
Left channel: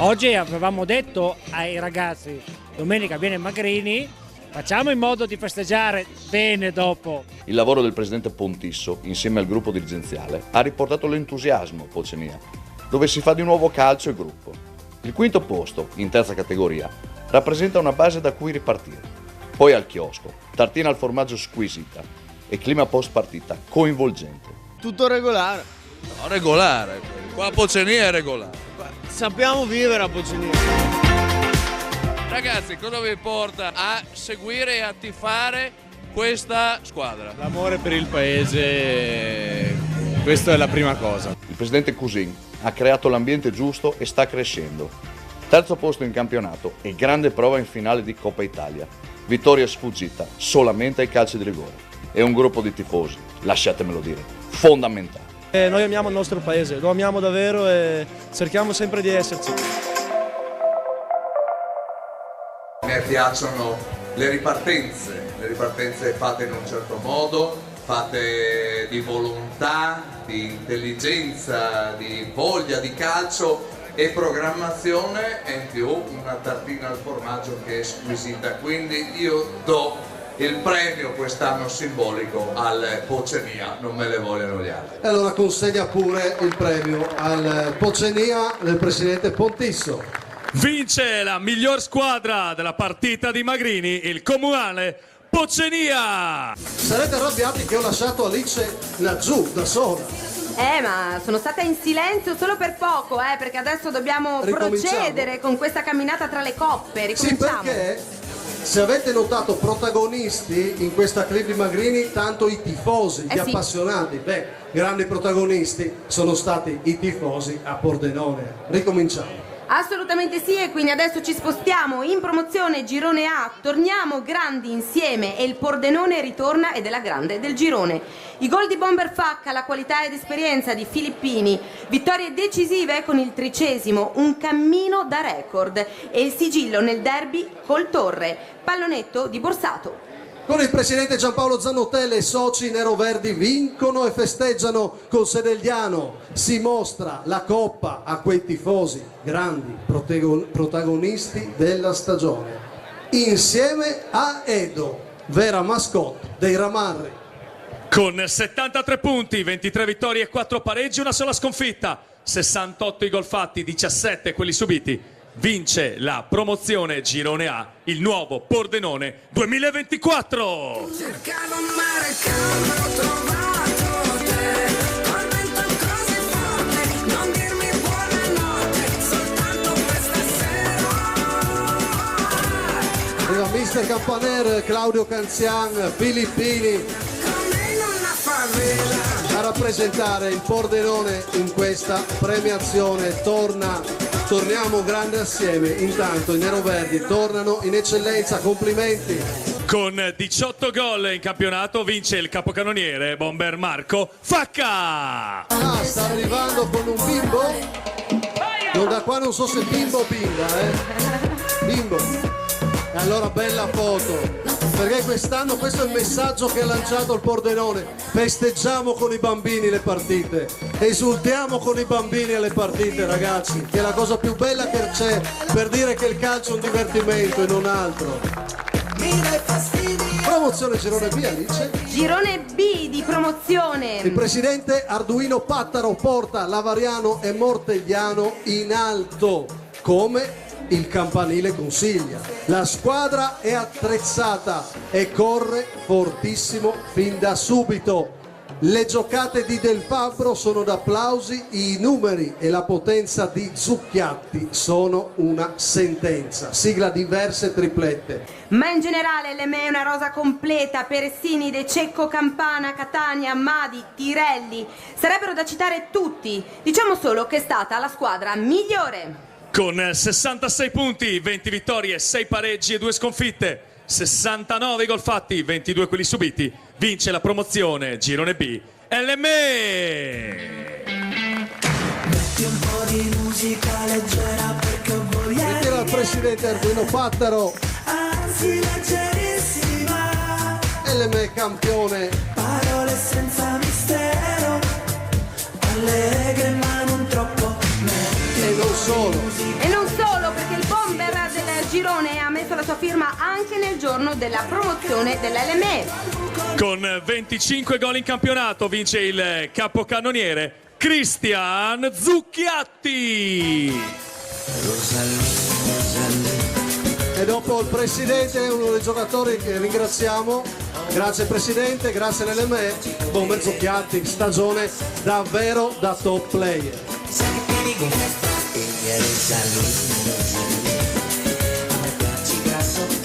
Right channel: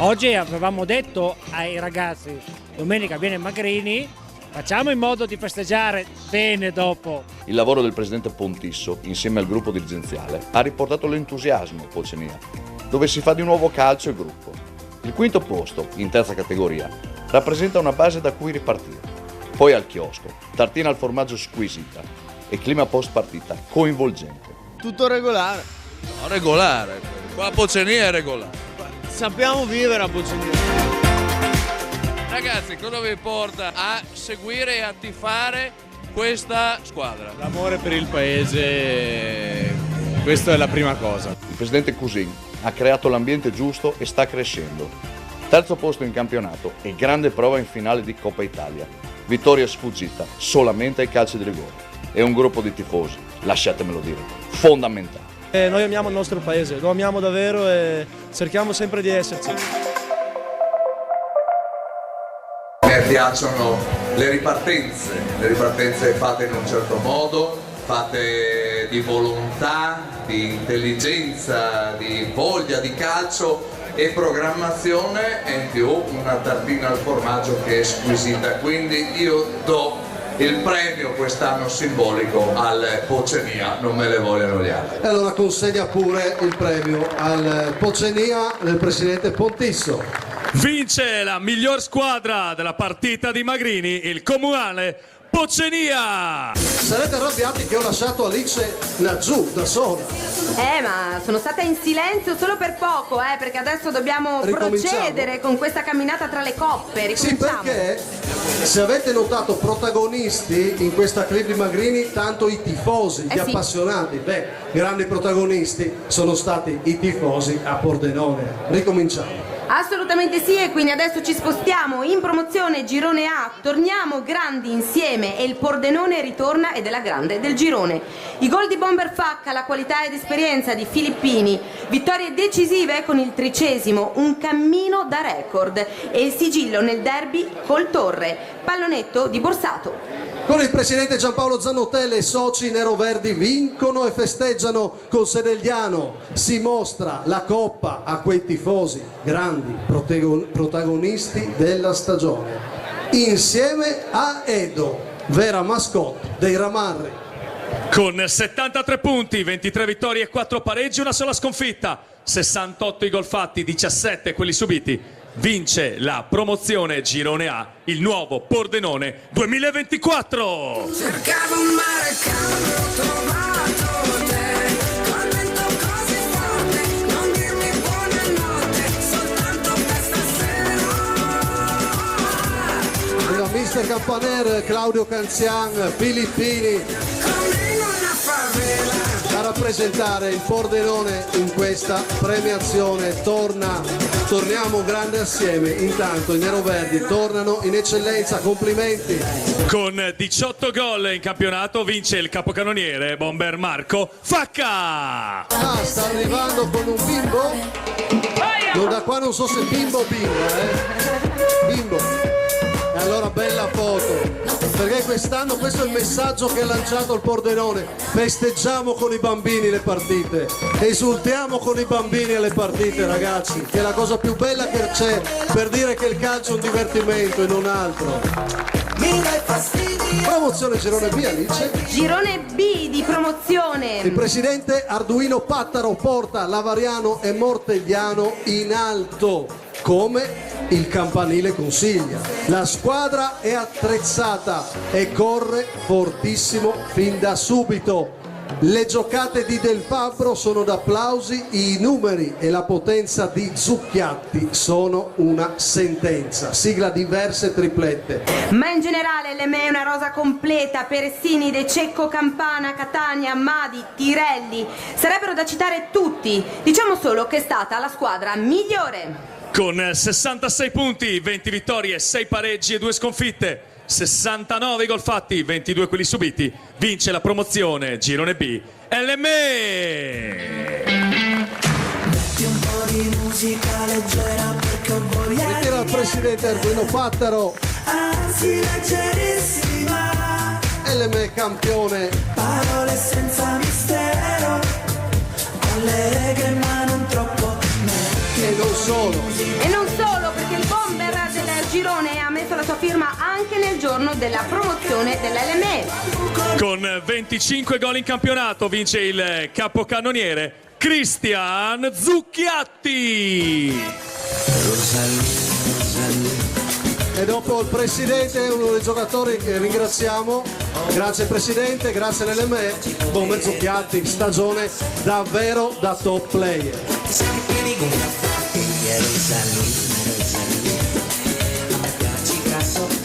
Oggi avevamo detto ai ragazzi, domenica viene Magrini, facciamo in modo di festeggiare bene dopo. Il lavoro del presidente Pontisso, insieme al gruppo dirigenziale, ha riportato l'entusiasmo a Pocenia, dove si fa di nuovo calcio e gruppo. Il quinto posto, in terza categoria, rappresenta una base da cui ripartire. Poi al chiosco, tartina al formaggio squisita e clima post partita coinvolgente. Tutto regolare. No, regolare. Qua a Pocenia è regolare. Sappiamo vivere a Pocenia. Ragazzi, cosa vi porta a seguire e a tifare questa squadra? L'amore per il paese, questa è la prima cosa. Il presidente Cusin ha creato l'ambiente giusto e sta crescendo. Terzo posto in campionato e grande prova in finale di Coppa Italia. Vittoria sfuggita solamente ai calci di rigore. E un gruppo di tifosi, lasciatemelo dire, fondamentale. Noi amiamo il nostro paese, lo amiamo davvero e cerchiamo sempre di esserci. Mi piacciono le ripartenze fatte in un certo modo, fatte di volontà, di intelligenza, di voglia di calcio e programmazione e in più una tartina al formaggio che è squisita, quindi io do il premio quest'anno simbolico al Pocenia, non me le vogliono gli altri. E allora consegna pure il premio al Pocenia del presidente Pontisso. Vince la miglior squadra della partita di Magrini, il Comunale Pocenia! Sarete arrabbiati che ho lasciato Alice laggiù da sola. Ma sono stata in silenzio solo per poco, perché adesso dobbiamo procedere con questa camminata tra le coppe. Sì, perché se avete notato protagonisti in questa clip di Magrini, tanto i tifosi, gli appassionati, grandi protagonisti sono stati i tifosi a Pordenone. Ricominciamo. Assolutamente sì, e quindi adesso ci spostiamo in promozione Girone A, torniamo grandi insieme e il Pordenone ritorna ed è la grande del girone. I gol di Bomber Facca, la qualità ed esperienza di Filippini, vittorie decisive con il 30°, un cammino da record e il sigillo nel derby col Torre, pallonetto di Borsato. Con il presidente Giampaolo Zanotella e soci neroverdi vincono e festeggiano con Senegliano. Si mostra la coppa a quei tifosi, grandi protagonisti della stagione. Insieme a Edo, vera mascotte dei Ramarri. Con 73 punti, 23 vittorie e 4 pareggi, una sola sconfitta, 68 i gol fatti, 17 quelli subiti. Vince la promozione Girone A, il nuovo Pordenone 2024. Cercavo un mare caldo, ho trovato te, col vento così forte, non dirmi buonanotte, soltanto questa sera. Il mister Campanere, Claudio Canzian, Filippini a rappresentare il Pordenone in questa premiazione. Torniamo grande assieme. Intanto i neroverdi tornano in eccellenza, complimenti. Con 18 gol in campionato vince il capocannoniere Bomber Marco Facca. Sta arrivando con un bimbo. Da qua non so se bimbo o bimba, Bimbo. E allora bella foto, perché quest'anno questo è il messaggio che ha lanciato il Pordenone: festeggiamo con i bambini le partite, esultiamo con i bambini alle partite, ragazzi, che è la cosa più bella che c'è per dire che il calcio è un divertimento e non altro. mi dai fastidio. Promozione Girone B, Alice. Girone B di promozione. Il presidente Arduino Pattaro porta Lavariano e Mortegliano in alto, come il campanile consiglia. La squadra è attrezzata e corre fortissimo fin da subito. Le giocate di Del Fabbro sono d'applausi, i numeri e la potenza di Zucchiatti sono una sentenza. Sigla diverse triplette. Ma in generale l'ME è una rosa completa, Persini, De Cecco, Campana, Catania, Madi, Tirelli. Sarebbero da citare tutti. Diciamo solo che è stata la squadra migliore. Con 66 punti, 20 vittorie, 6 pareggi e 2 sconfitte. 69 gol fatti, 22 quelli subiti, vince la promozione Girone B LME. Metti un po' di musica leggera perché ho voglia. Ritira il presidente Arduino Pattaro. Anzi leggerissima. LME campione. Parole senza mistero, allegre ma non troppo. E non solo. E non solo, perché il bomber del girone ha messo la sua firma anche nel giorno della promozione dell'LME. Con 25 gol in campionato vince il capocannoniere Cristian Zucchiatti. E dopo il presidente è uno dei giocatori che ringraziamo. Grazie presidente, grazie all'LME. Bomber Zucchiatti, stagione davvero da top player.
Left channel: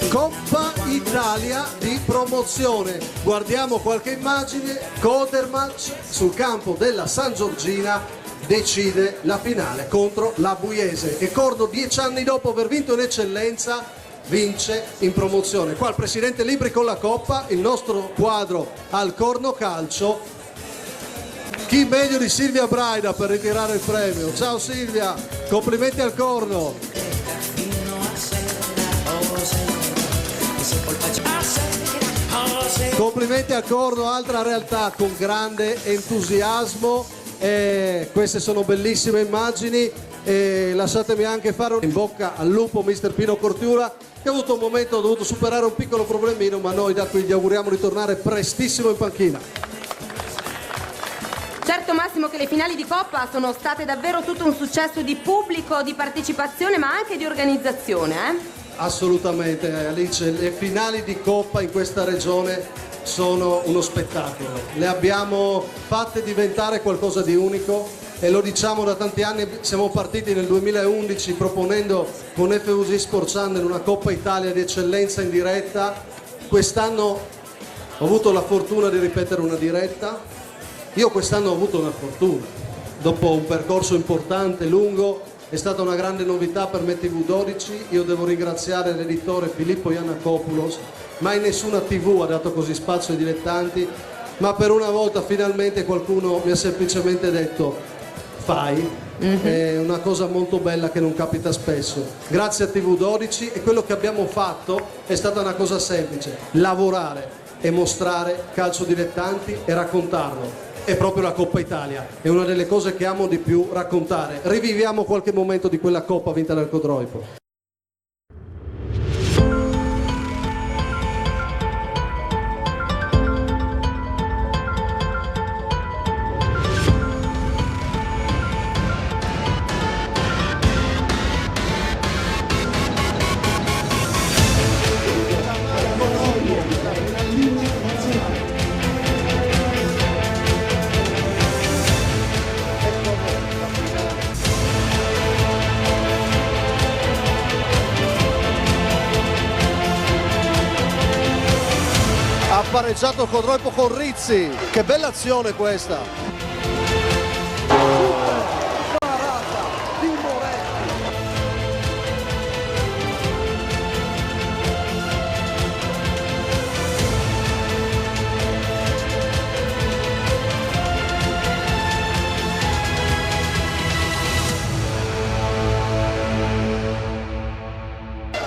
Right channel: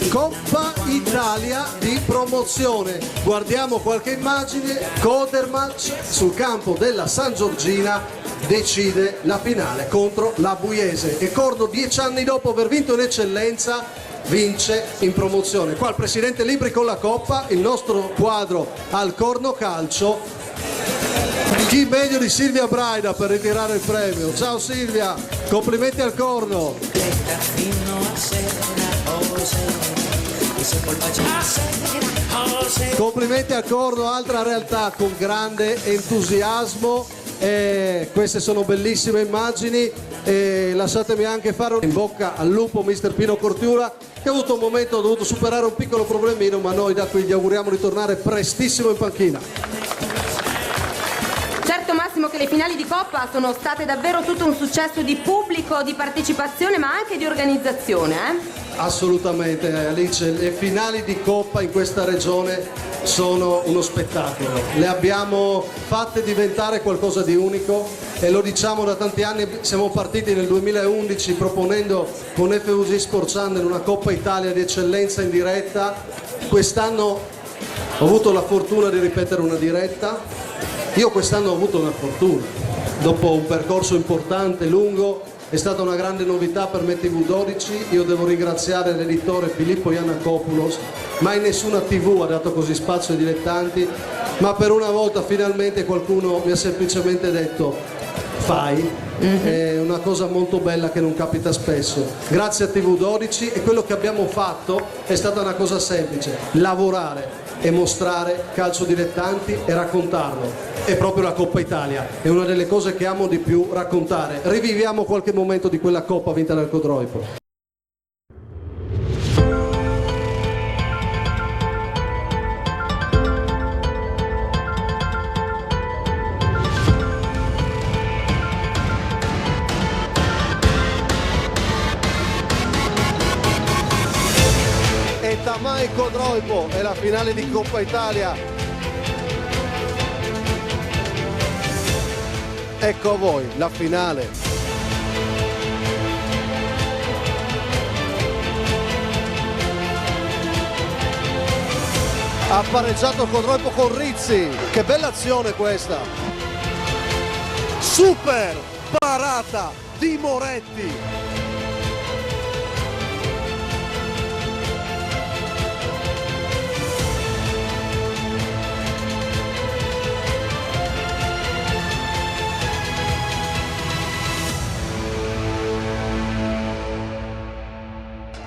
Coppa Italia di promozione. Guardiamo qualche immagine. Codermatch sul campo della San Giorgina decide la finale contro la Buiese, che Cordo 10 anni dopo aver vinto in eccellenza vince in promozione. Qua il presidente Libri con la coppa, il nostro quadro al Corno Calcio. Chi meglio di Silvia Braida per ritirare il premio? Ciao Silvia, complimenti al Corno. Complimenti al Corno, altra realtà con grande entusiasmo. E queste sono bellissime immagini e lasciatemi anche fare un in bocca al lupo mister Pino Cortiura, che ha avuto un momento, ha dovuto superare un piccolo problemino, ma noi da qui gli auguriamo di tornare prestissimo in panchina. Certo Massimo che le finali di Coppa sono state davvero tutto un successo di pubblico, di partecipazione ma anche di organizzazione, Assolutamente Alice, le finali di Coppa in questa regione sono uno spettacolo, le abbiamo fatte diventare qualcosa di unico e lo diciamo da tanti anni. Siamo partiti nel 2011 proponendo con FUG Sport Channel una Coppa Italia di eccellenza in diretta. Quest'anno ho avuto la fortuna di ripetere una diretta. Io quest'anno ho avuto una fortuna, dopo un percorso importante, lungo, è stata una grande novità per me TV12, io devo ringraziare l'editore Filippo Iannakopoulos, mai nessuna TV ha dato così spazio ai dilettanti, ma per una volta finalmente qualcuno mi ha semplicemente detto fai, è una cosa molto bella che non capita spesso. Grazie a TV12 e quello che abbiamo fatto è stata una cosa semplice, lavorare e mostrare calcio dilettanti e raccontarlo. È proprio la Coppa Italia, è una delle cose che amo di più, raccontare. Riviviamo qualche momento di quella Coppa vinta dal Codroipo. Ha pareggiato Codroipo con Rizzi, che bella azione questa! Super parata di Moretti.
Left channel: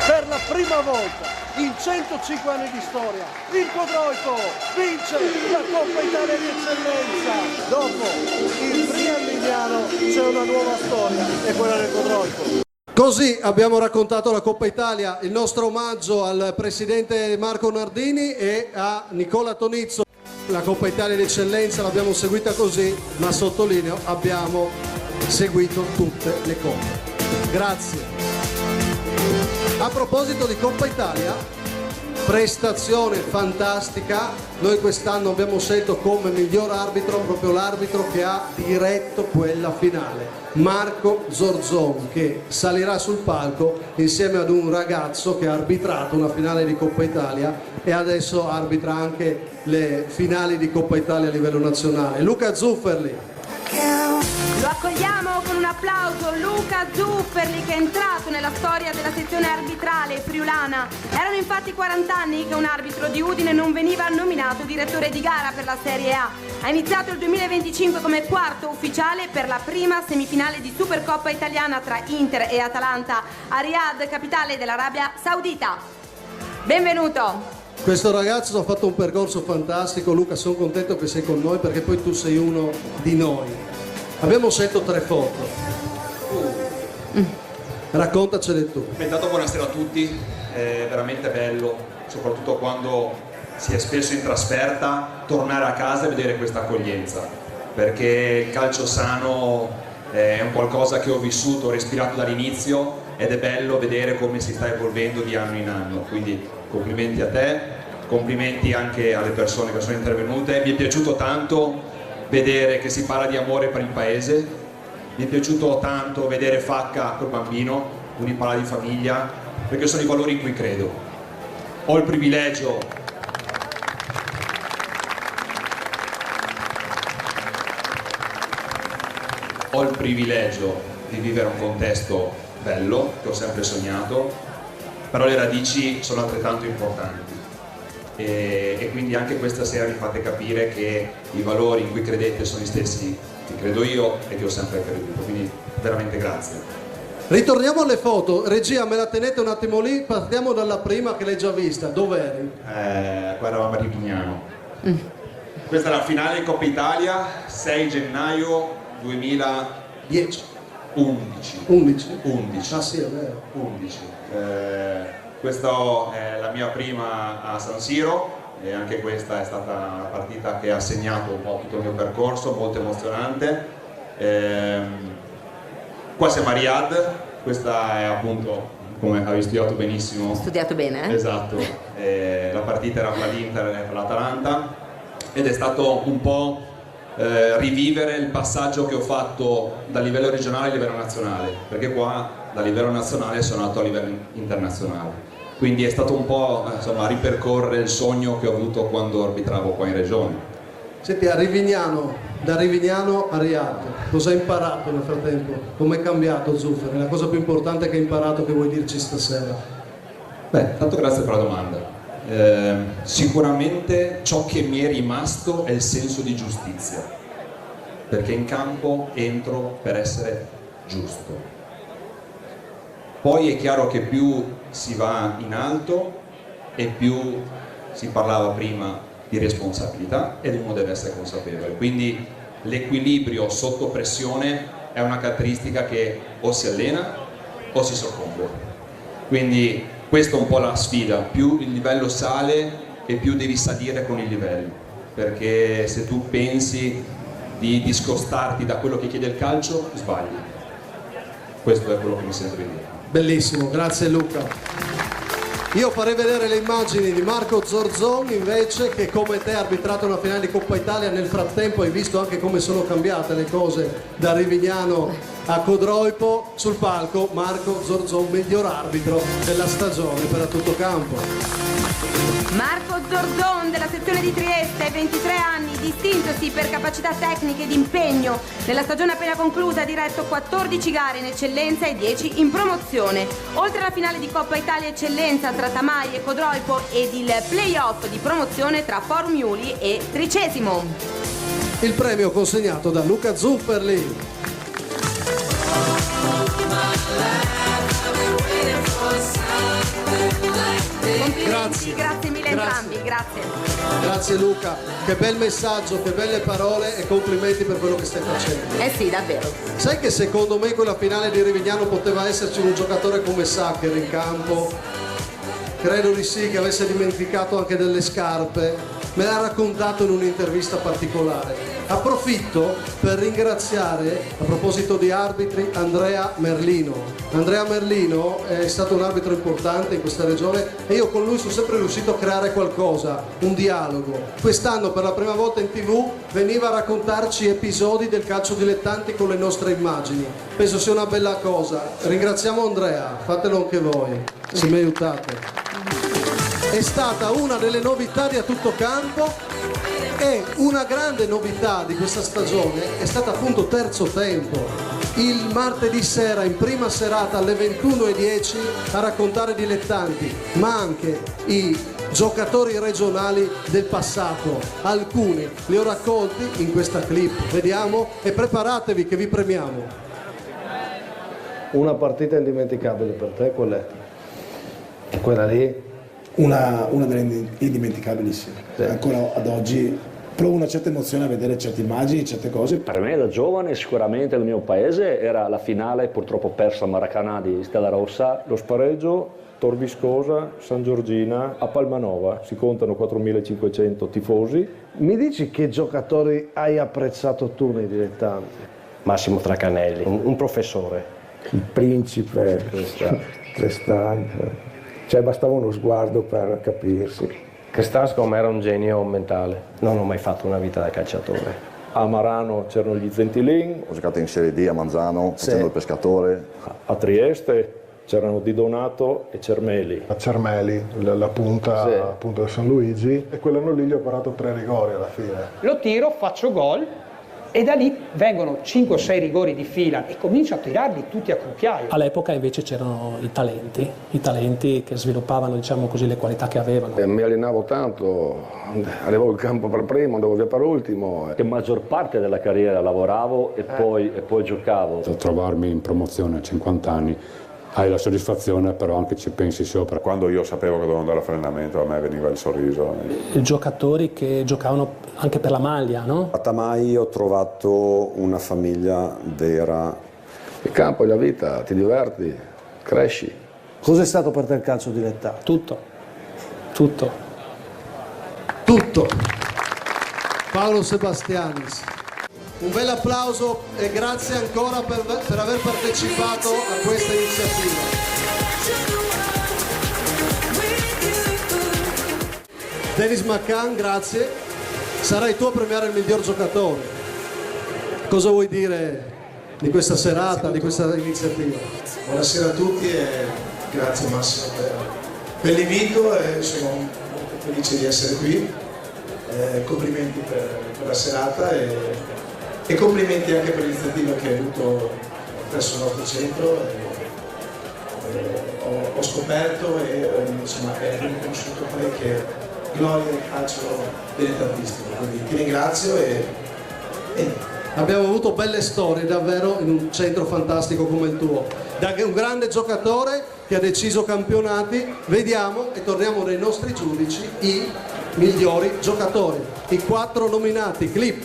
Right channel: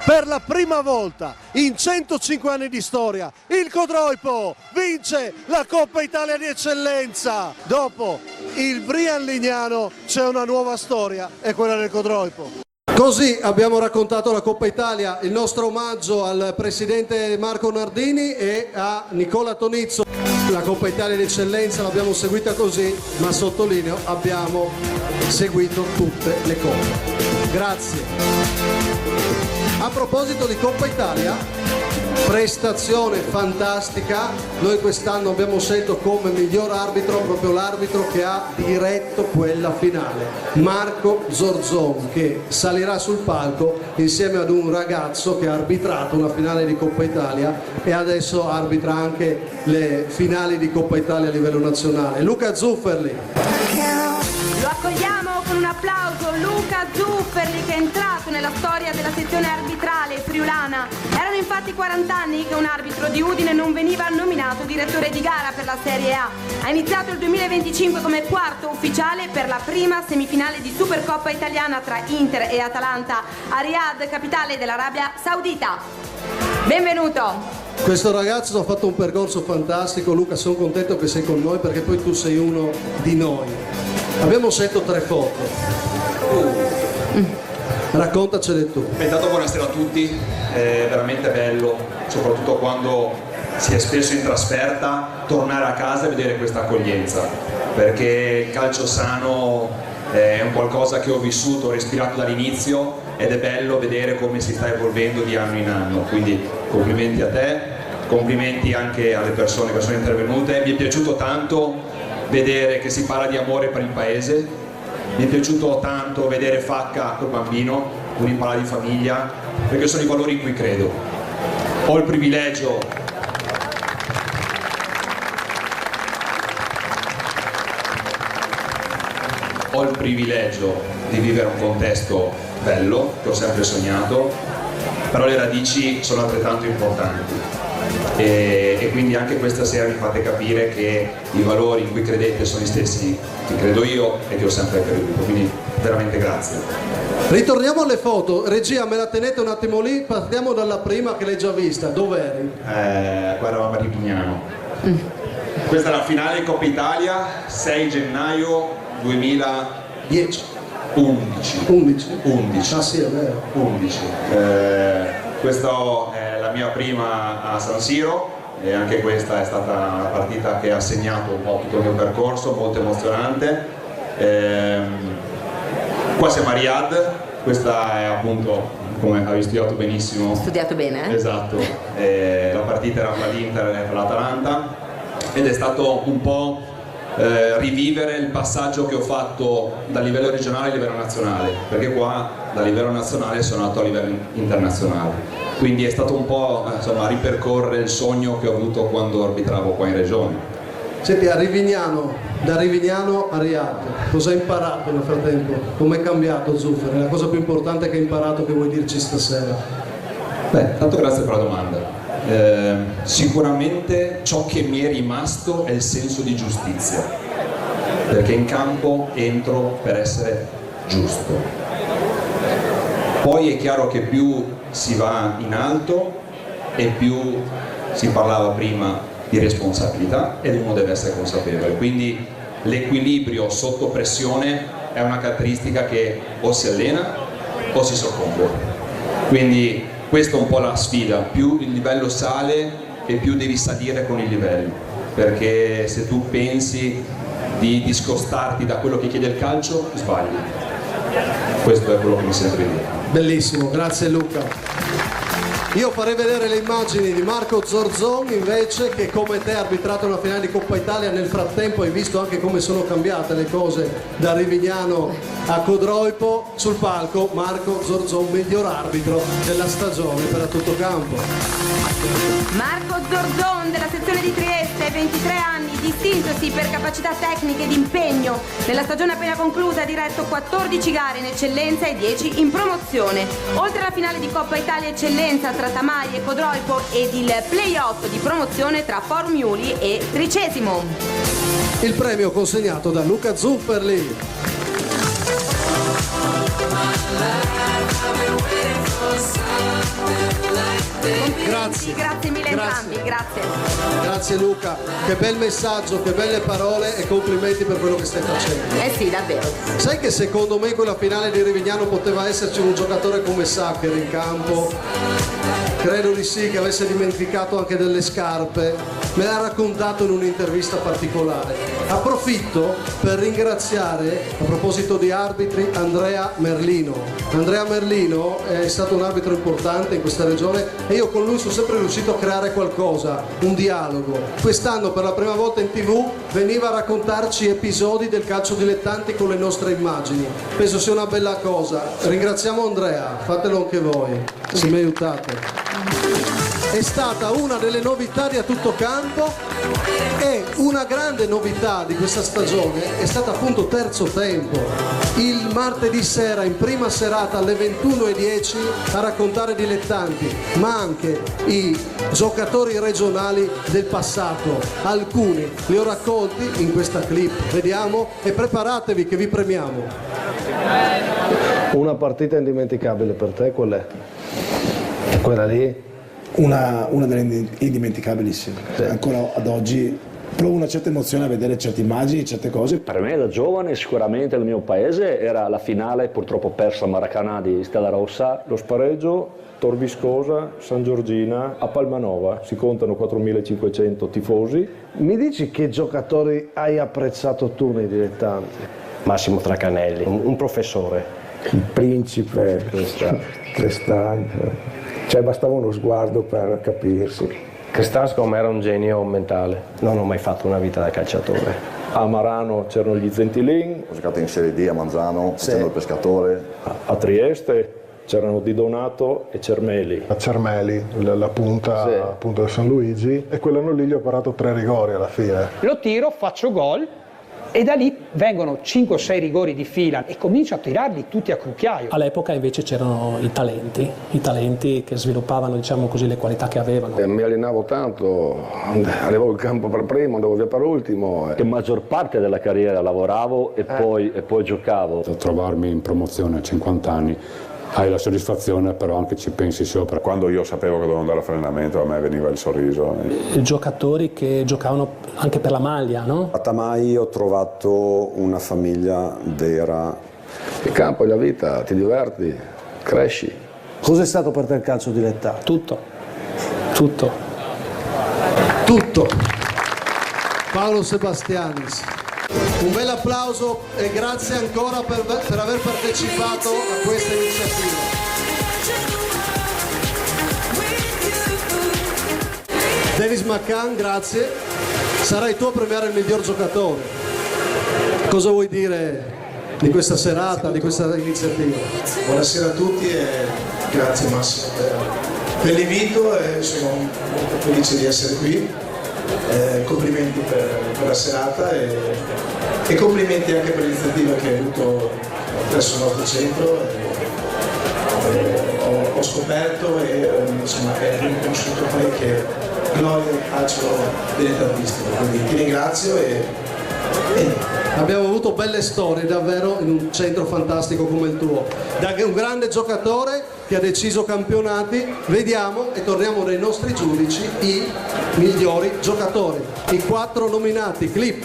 Per la prima volta in 105 anni di storia il Codroipo vince la Coppa Italia di eccellenza. Dopo il Brian Lignano c'è una nuova storia, è quella del Codroipo. Così abbiamo raccontato la Coppa Italia, il nostro omaggio al presidente Marco Nardini e a Nicola Tonizzo. La Coppa Italia di eccellenza l'abbiamo seguita così, ma sottolineo abbiamo seguito tutte le coppe. Grazie. A proposito di Coppa Italia, prestazione fantastica, noi quest'anno abbiamo scelto come miglior arbitro proprio l'arbitro che ha diretto quella finale, Marco Zorzon, che salirà sul palco insieme ad un ragazzo che ha arbitrato una finale di Coppa Italia e adesso arbitra anche le finali di Coppa Italia a livello nazionale. Luca Zufferli. Lo accogliamo con un applauso, Luca Zufferli, che è entrato nella storia della sezione arbitrale friulana. Erano infatti 40 anni che un arbitro di Udine non veniva nominato direttore di gara per la Serie A. Ha iniziato il 2025 come quarto ufficiale per la prima semifinale di Supercoppa italiana tra Inter e Atalanta a Riyadh, capitale dell'Arabia Saudita. Benvenuto! Questo ragazzo ha fatto un percorso fantastico. Luca, sono contento che sei con noi perché poi tu sei uno di noi. Abbiamo scelto 3 foto. Raccontacele tu. Intanto buonasera a tutti, è veramente bello, soprattutto quando si è spesso in trasferta, tornare a casa e vedere questa accoglienza, perché il calcio sano è un qualcosa che ho vissuto, ho respirato dall'inizio ed è bello vedere come si sta evolvendo di anno in anno, quindi complimenti a te, complimenti anche alle persone che sono intervenute. Mi è piaciuto tanto vedere che si parla di amore per il paese, mi è piaciuto tanto vedere Facca col bambino, lui parla di famiglia, perché sono i valori in cui credo. Ho il privilegio di vivere un contesto bello, che ho sempre sognato, però le radici sono altrettanto importanti. E quindi anche questa sera mi fate capire che i valori in cui credete sono gli stessi che credo io e che ho sempre creduto, quindi veramente grazie. Ritorniamo alle foto, regia me la tenete un attimo lì, partiamo dalla prima che l'hai già vista, dov'eri? Qua eravamo a Rivignano. Questa è la finale di Coppa Italia, 6 gennaio 2010. 11. Ah sì, è vero. 11. Questa è la mia prima a San Siro e anche questa è stata una partita che ha segnato un po' tutto il mio percorso, molto emozionante. Qua siamo a Riyadh, questa è appunto, come avevi studiato benissimo. Studiato bene, eh? Esatto, la partita era fra l'Inter e l'Atalanta ed è stato un po' rivivere il passaggio che ho fatto dal livello regionale a livello nazionale, perché qua da livello nazionale sono andato a livello internazionale, quindi è stato un po' insomma ripercorrere il sogno che ho avuto quando arbitravo qua in regione. Senti, da Rivignano a Riyadh, cosa hai imparato nel frattempo? Come è cambiato Zufferli? La cosa più importante che hai imparato che vuoi dirci stasera? Beh, tanto grazie per la domanda. Sicuramente ciò che mi è rimasto è il senso di giustizia, perché in campo entro per essere giusto. Poi è chiaro che più si va in alto e più si parlava prima di responsabilità ed uno deve essere consapevole, quindi l'equilibrio sotto pressione è una caratteristica che o si allena o si soccombe, quindi questa è un po' la sfida, più il livello sale e più devi salire con il livello, perché se tu pensi di discostarti da quello che chiede il calcio, sbagli. Questo è quello che mi sento di dire. Bellissimo, grazie Luca. Io farei vedere le immagini di Marco Zorzon invece, che come te ha arbitrato una finale di Coppa Italia. Nel frattempo hai visto anche come sono cambiate le cose da Rivignano a Codroipo. Sul palco Marco Zorzon, miglior arbitro della stagione per a tutto campo. Marco Zorzon della sezione di Trieste, 23 anni, distintosi per capacità tecniche ed impegno. Nella stagione appena conclusa ha diretto 14 gare in eccellenza e 10 in promozione. Oltre alla finale di Coppa Italia Eccellenza tra Tamai e Codroipo ed il play-off di promozione tra Formiuli e Tricesimo. Il premio consegnato da Luca Zufferli. Grazie mille entrambi, grazie. Grazie Luca, che bel messaggio, che belle parole e complimenti per quello che stai facendo. Eh sì, davvero. Sai che secondo me quella finale di Rivignano poteva essere esserci un giocatore come Sacher in campo, credo di sì, che avesse dimenticato anche delle scarpe, me l'ha raccontato in un'intervista particolare. Approfitto per ringraziare, a proposito di arbitri, Andrea Merlino. Andrea Merlino è stato un arbitro importante in questa regione e io con lui sono sempre riuscito a creare qualcosa, un dialogo. Quest'anno per la prima volta in TV veniva a raccontarci episodi del calcio dilettanti con le nostre immagini. Penso sia una bella cosa. Ringraziamo Andrea, fatelo anche voi, se mi aiutate. È stata una delle novità di A Tutto Campo e una grande novità di questa stagione è stata appunto Terzo Tempo, il martedì sera in prima serata alle 21:10 a raccontare dilettanti, ma anche i giocatori regionali del passato. Alcuni li ho raccolti in questa clip, vediamo e preparatevi che vi premiamo. Una partita indimenticabile per te qual è? Quella lì? Una delle indimenticabilissime. Sì. Ancora ad oggi provo una certa emozione a vedere certe immagini, certe cose. Per me da giovane sicuramente il mio paese era la finale purtroppo persa a Maracanã di Stella Rossa. Lo spareggio Tor Viscosa, San Giorgina, a Palmanova, si contano 4.500 tifosi. Mi dici che giocatori hai apprezzato tu nei dilettanti? Massimo Tracanelli, un professore. Il principe, Crestante. Cioè bastava uno sguardo per capirsi. Crestante secondo me era un genio mentale, non ho mai fatto una vita da calciatore. A Marano c'erano gli Zentilin. Ho giocato in Serie D a Manzano, facendo il pescatore. A Trieste c'erano Di Donato e Cermeli. A Cermeli, la punta, sì. Appunto del San Luigi, e quell'anno lì gli ho parato 3 rigori alla fine. Lo tiro, faccio gol. E da lì vengono 5 o 6 rigori di fila e comincio a tirarli tutti a cucchiaio. All'epoca invece c'erano i talenti che sviluppavano, diciamo così, le qualità che avevano. Mi allenavo tanto, arrivavo in campo per primo, andavo via per ultimo. La maggior parte della carriera lavoravo e poi giocavo. Trovarmi in promozione a 50 anni. Hai la soddisfazione, però anche ci pensi sopra. Quando io sapevo che dovevo andare a fare allenamento, a me veniva il sorriso. I giocatori che giocavano anche per la maglia, no? A Tamai ho trovato una famiglia vera. Il campo è la vita, ti diverti, cresci. Cos'è stato per te il calcio dilettante? Tutto. Paolo Sebastianis. Un bel applauso e grazie ancora per aver partecipato a questa iniziativa. Dennis McCann, grazie. Sarai tu a premiare il miglior giocatore. Cosa vuoi dire di questa serata, di questa iniziativa? Buonasera a tutti e grazie Massimo per l'invito, sono molto felice di essere qui. Complimenti per la serata e complimenti anche per l'iniziativa che hai avuto presso il nostro centro. Ho scoperto e insomma è riconosciuto parecchie glorie del calcio dilettantistico, quindi ti ringrazio e abbiamo avuto belle storie davvero in un centro fantastico come il tuo. Da un grande giocatore che ha deciso campionati, vediamo e torniamo nei nostri giudici i migliori giocatori, i 4 nominati. Clip.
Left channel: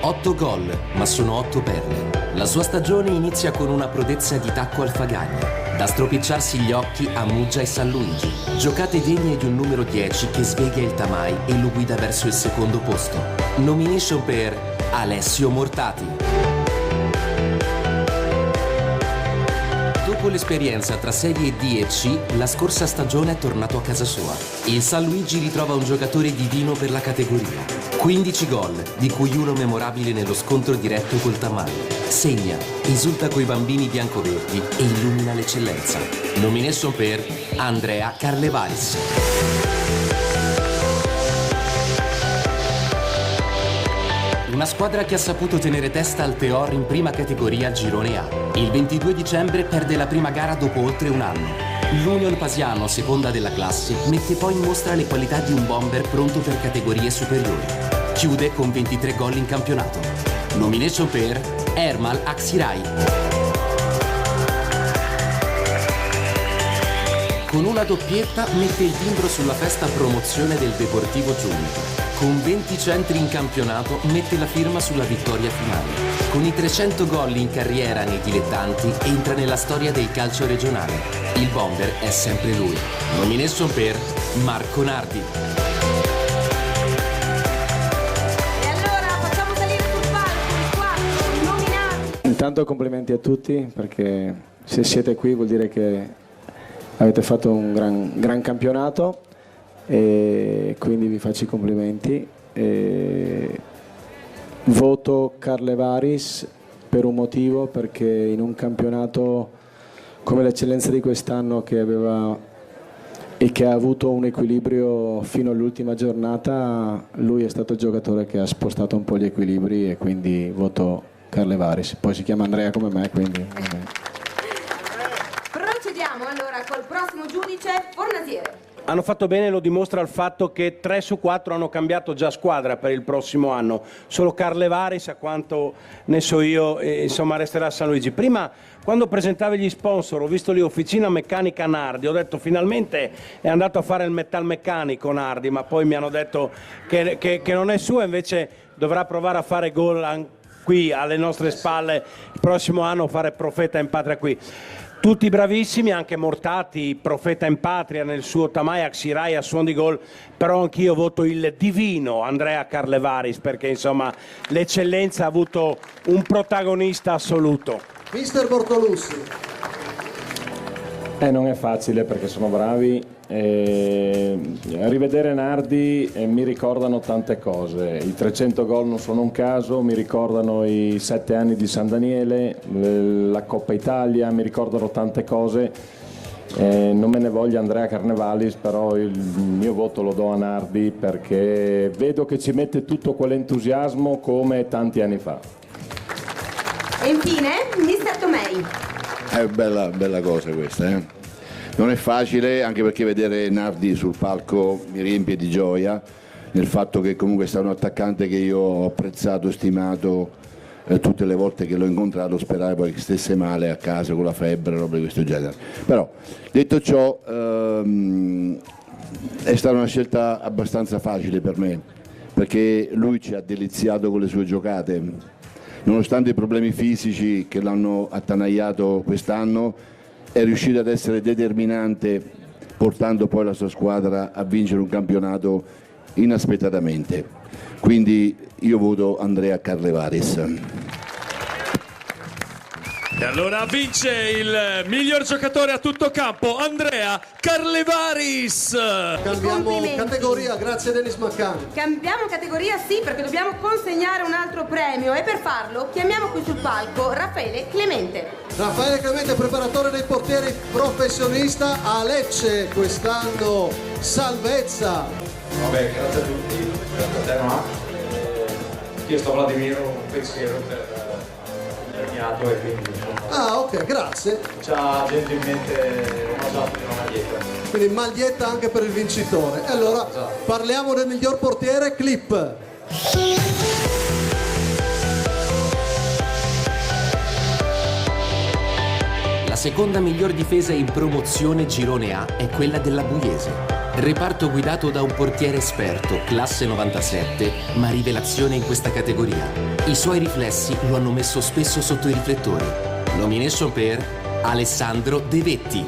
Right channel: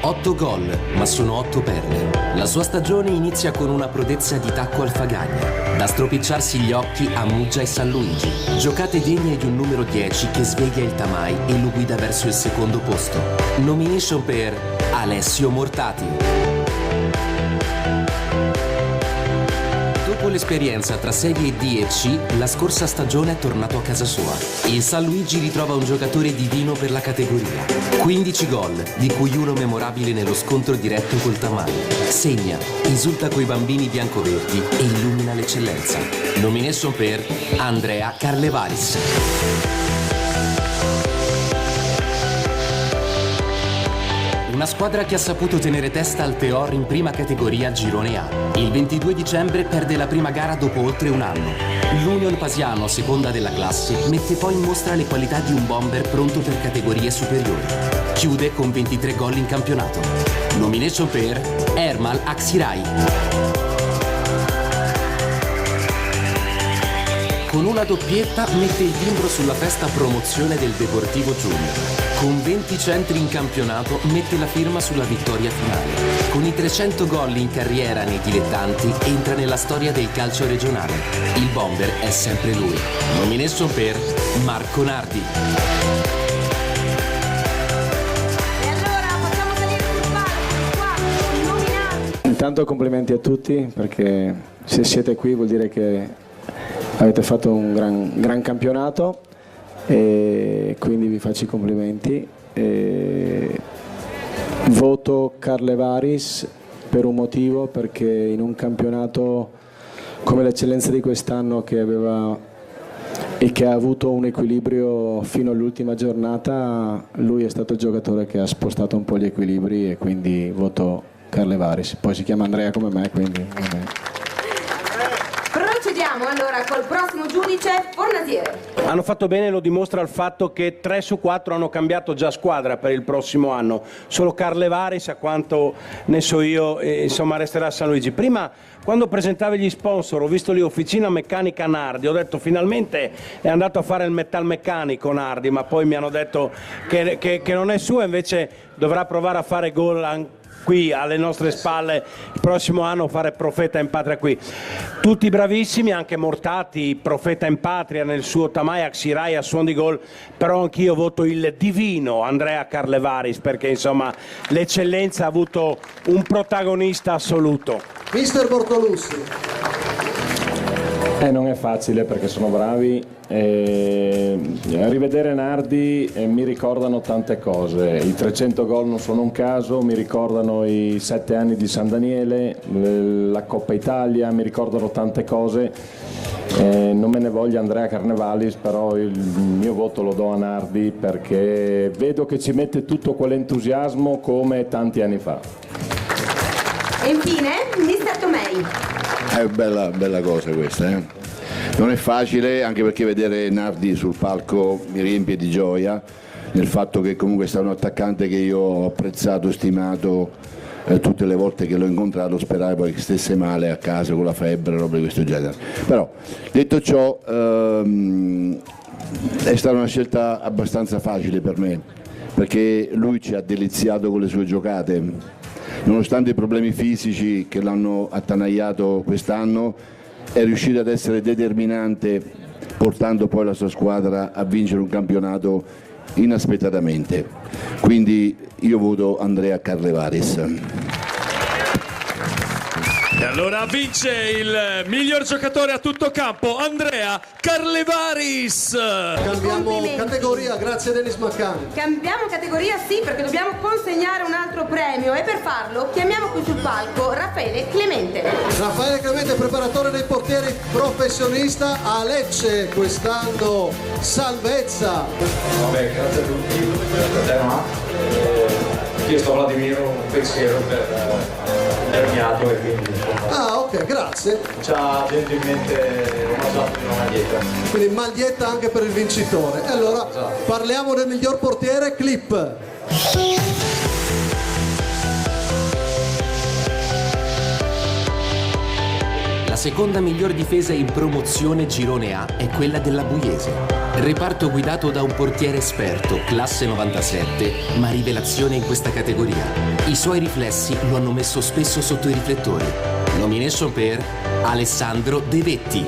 8 gol, ma sono 8 perle. La sua stagione inizia con una prodezza di tacco al Fagagna, da stropicciarsi gli occhi a Muggia e San Luigi. Giocate degne di un numero 10 che sveglia il Tamai e lo guida verso il secondo posto. Nomination per Alessio Mortati. Dopo l'esperienza tra Serie D e C, la scorsa stagione è tornato a casa sua. Il San Luigi ritrova un giocatore divino per la categoria. 15 gol, di cui uno memorabile nello scontro diretto col Tamai. Segna, esulta coi bambini biancoverdi e illumina l'eccellenza. Nomination per Andrea Carlevalis. Una squadra che ha saputo tenere testa al Teor in prima categoria Girone A. Il 22 dicembre perde la prima gara dopo oltre un anno. L'Union Pasiano, seconda della classe, mette poi in mostra le qualità di un bomber pronto per categorie superiori. Chiude con 23 gol in campionato. Nomination per Ermal Aksirai. con una doppietta mette il timbro sulla festa promozione del Deportivo Junior. Con 20 centri in campionato mette la firma sulla vittoria finale. Con i 300 gol in carriera nei dilettanti entra nella storia del calcio regionale. Il bomber è sempre lui. Nomination per Marco Nardi. E allora facciamo salire sul palco qua i nominati. Intanto complimenti a tutti, perché se siete qui vuol dire che avete fatto un gran campionato, e quindi vi faccio i complimenti. Voto Carlevaris per un motivo, perché in un campionato come l'eccellenza di quest'anno, che aveva e che ha avuto un equilibrio fino all'ultima giornata, lui è stato il giocatore che ha spostato un po' gli equilibri, e quindi voto Carlevaris. Poi si chiama Andrea come me, quindi Procediamo allora col prossimo giudice, Fornasiere. Hanno fatto bene, lo dimostra il fatto che 3 su 4 hanno cambiato già squadra per il prossimo anno. Solo Carlevaris, a quanto ne so io, insomma resterà a San Luigi. Prima, quando presentavi gli sponsor, ho visto lì Officina Meccanica Nardi, ho detto finalmente è andato a fare il metalmeccanico Nardi, ma poi mi hanno detto che non è suo, invece dovrà provare a fare gol qui alle nostre spalle il prossimo anno, fare profeta in patria qui. Tutti bravissimi, anche Mortati, profeta in patria nel suo Tamaya Xirai a suon di gol, però anch'io voto il divino Andrea Carlevaris, perché insomma l'eccellenza ha avuto un protagonista assoluto. Mister Bortolussi. Non è facile, perché sono bravi. Rivedere Nardi mi ricordano tante cose. I 300 gol non sono un caso, mi ricordano i 7 anni di San Daniele, la Coppa Italia, mi ricordano tante cose. Non me ne voglia Andrea Carlevaris, però il mio voto lo do a Nardi, perché vedo che ci mette tutto quell'entusiasmo come tanti anni fa. E infine, Mister Tomei. È bella cosa questa, Non è facile, anche perché vedere Nardi sul palco mi riempie di gioia, nel fatto che comunque è stato un attaccante che io ho apprezzato, stimato, tutte le volte che l'ho incontrato speravo poi che stesse male a casa con la febbre, roba di questo genere. Però, detto ciò, è stata una scelta abbastanza facile per me, perché lui ci ha deliziato con le sue giocate. Nonostante i problemi fisici che l'hanno attanagliato quest'anno, è riuscito ad essere determinante, portando poi la sua squadra a vincere un campionato inaspettatamente. Quindi io voto Andrea Carlevaris. E allora vince il miglior giocatore a tutto campo, Andrea Carlevaris. Cambiamo categoria, grazie Dennis Maccan. Cambiamo categoria, sì, perché dobbiamo consegnare un altro premio, e per farlo chiamiamo qui sul palco Raffaele Clemente. Raffaele Clemente, preparatore dei portieri professionista a Lecce, quest'anno salvezza. Vabbè, grazie a tutti. Io sto a Vladimiro un pensiero per Ermiato, e quindi Ah, ok, grazie. ci ha gentilmente passato una maglietta. Quindi maglietta anche per il vincitore. E allora parliamo del miglior portiere, clip. La seconda miglior difesa in promozione Girone A è quella della Buiese. Reparto guidato da un portiere esperto, classe 97, ma rivelazione in questa categoria. I suoi riflessi lo hanno messo spesso sotto i riflettori. Nomination per Alessandro De Vetti.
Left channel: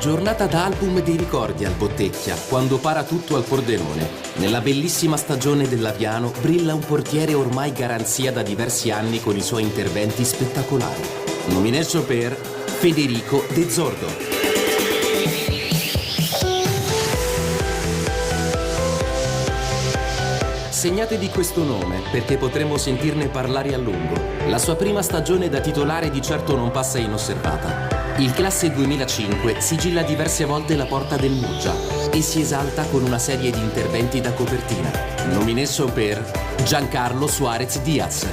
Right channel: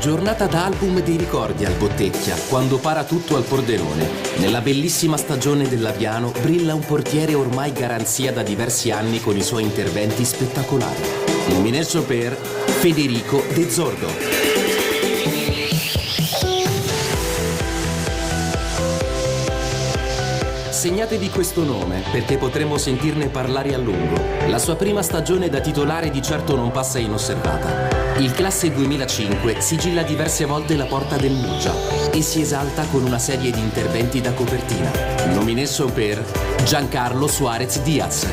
Giornata da album dei ricordi al Bottecchia, quando para tutto al Pordenone. Nella bellissima stagione dell'Aviano brilla un portiere ormai garanzia da diversi anni con i suoi interventi spettacolari. Nomination per Federico De Zordo. Segnatevi questo nome, perché potremo sentirne parlare a lungo. La sua prima stagione da titolare di certo non passa inosservata. Il classe 2005 sigilla diverse volte la porta del Muggia e si esalta con una serie di interventi da copertina. Nomination per Giancarlo Suarez Diaz.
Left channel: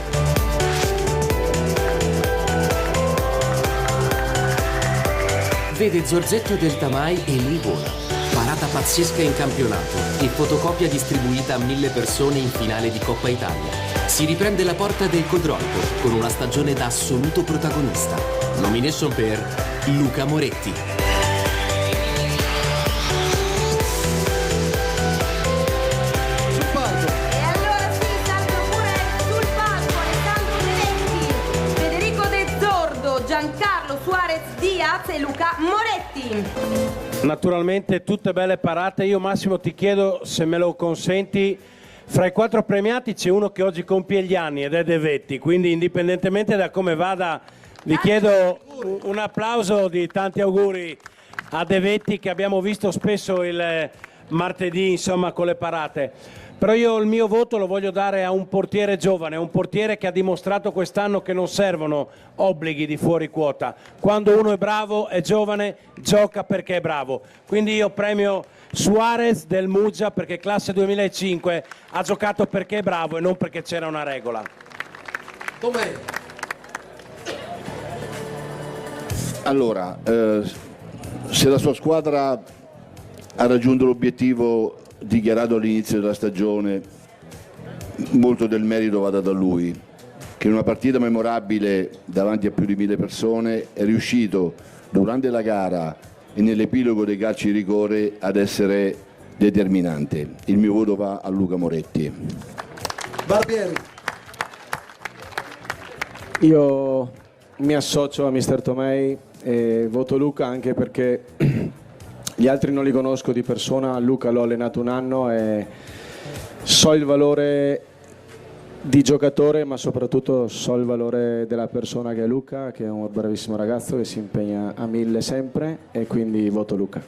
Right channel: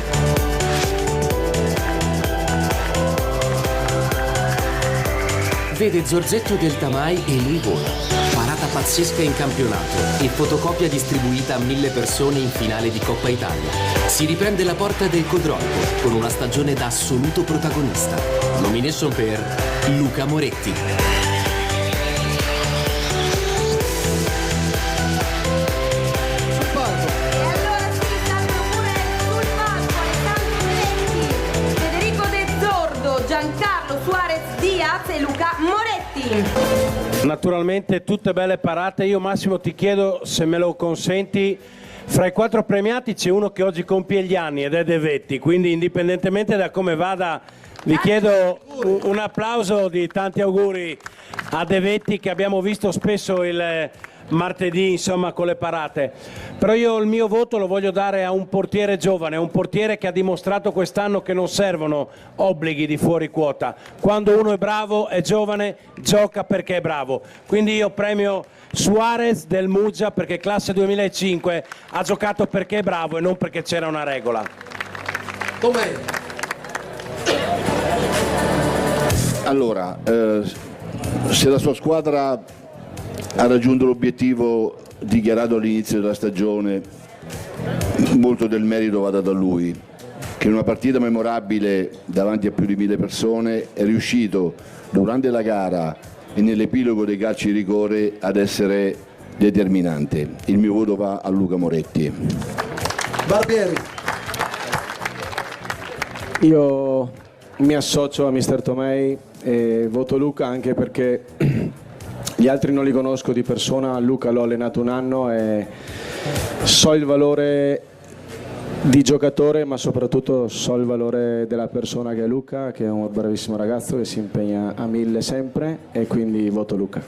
Vede Zorzetto del Tamai e lui vola. Parata pazzesca in campionato e fotocopia distribuita a 1000 persone in finale di Coppa Italia. Si riprende la porta del Codroico con una stagione da assoluto protagonista. Nomination per Luca Moretti. Giancarlo Suarez Diaz e Luca Moretti. Naturalmente tutte belle parate. Io Massimo ti chiedo, se me lo consenti, fra i 4 premiati c'è uno che oggi compie gli anni ed è De Vetti, quindi indipendentemente da come vada vi chiedo un applauso di tanti auguri a De Vetti, che abbiamo visto spesso il martedì, insomma, con le parate. Però io il mio voto lo voglio dare a un portiere giovane, un portiere che ha dimostrato quest'anno che non servono obblighi di fuori quota. Quando uno è bravo, è giovane, gioca perché è bravo. Quindi io premio Suarez del Muggia, perché classe 2005 ha giocato perché è bravo e non perché c'era una regola. Com'è? Allora, se la sua squadra ha raggiunto l'obiettivo dichiarato all'inizio della stagione, molto del merito va dato a lui, che in una partita memorabile davanti a più di 1000 persone è riuscito durante la gara e nell'epilogo dei calci di rigore ad essere determinante. Il mio voto va a Luca Moretti. Barbieri. Io mi associo a mister Tomei e voto Luca, anche perché gli altri non li conosco di persona. Luca l'ho allenato un anno e so il valore di giocatore, ma soprattutto so il valore della persona che è Luca, che è un bravissimo ragazzo che si impegna a 1000 sempre, e quindi voto Luca.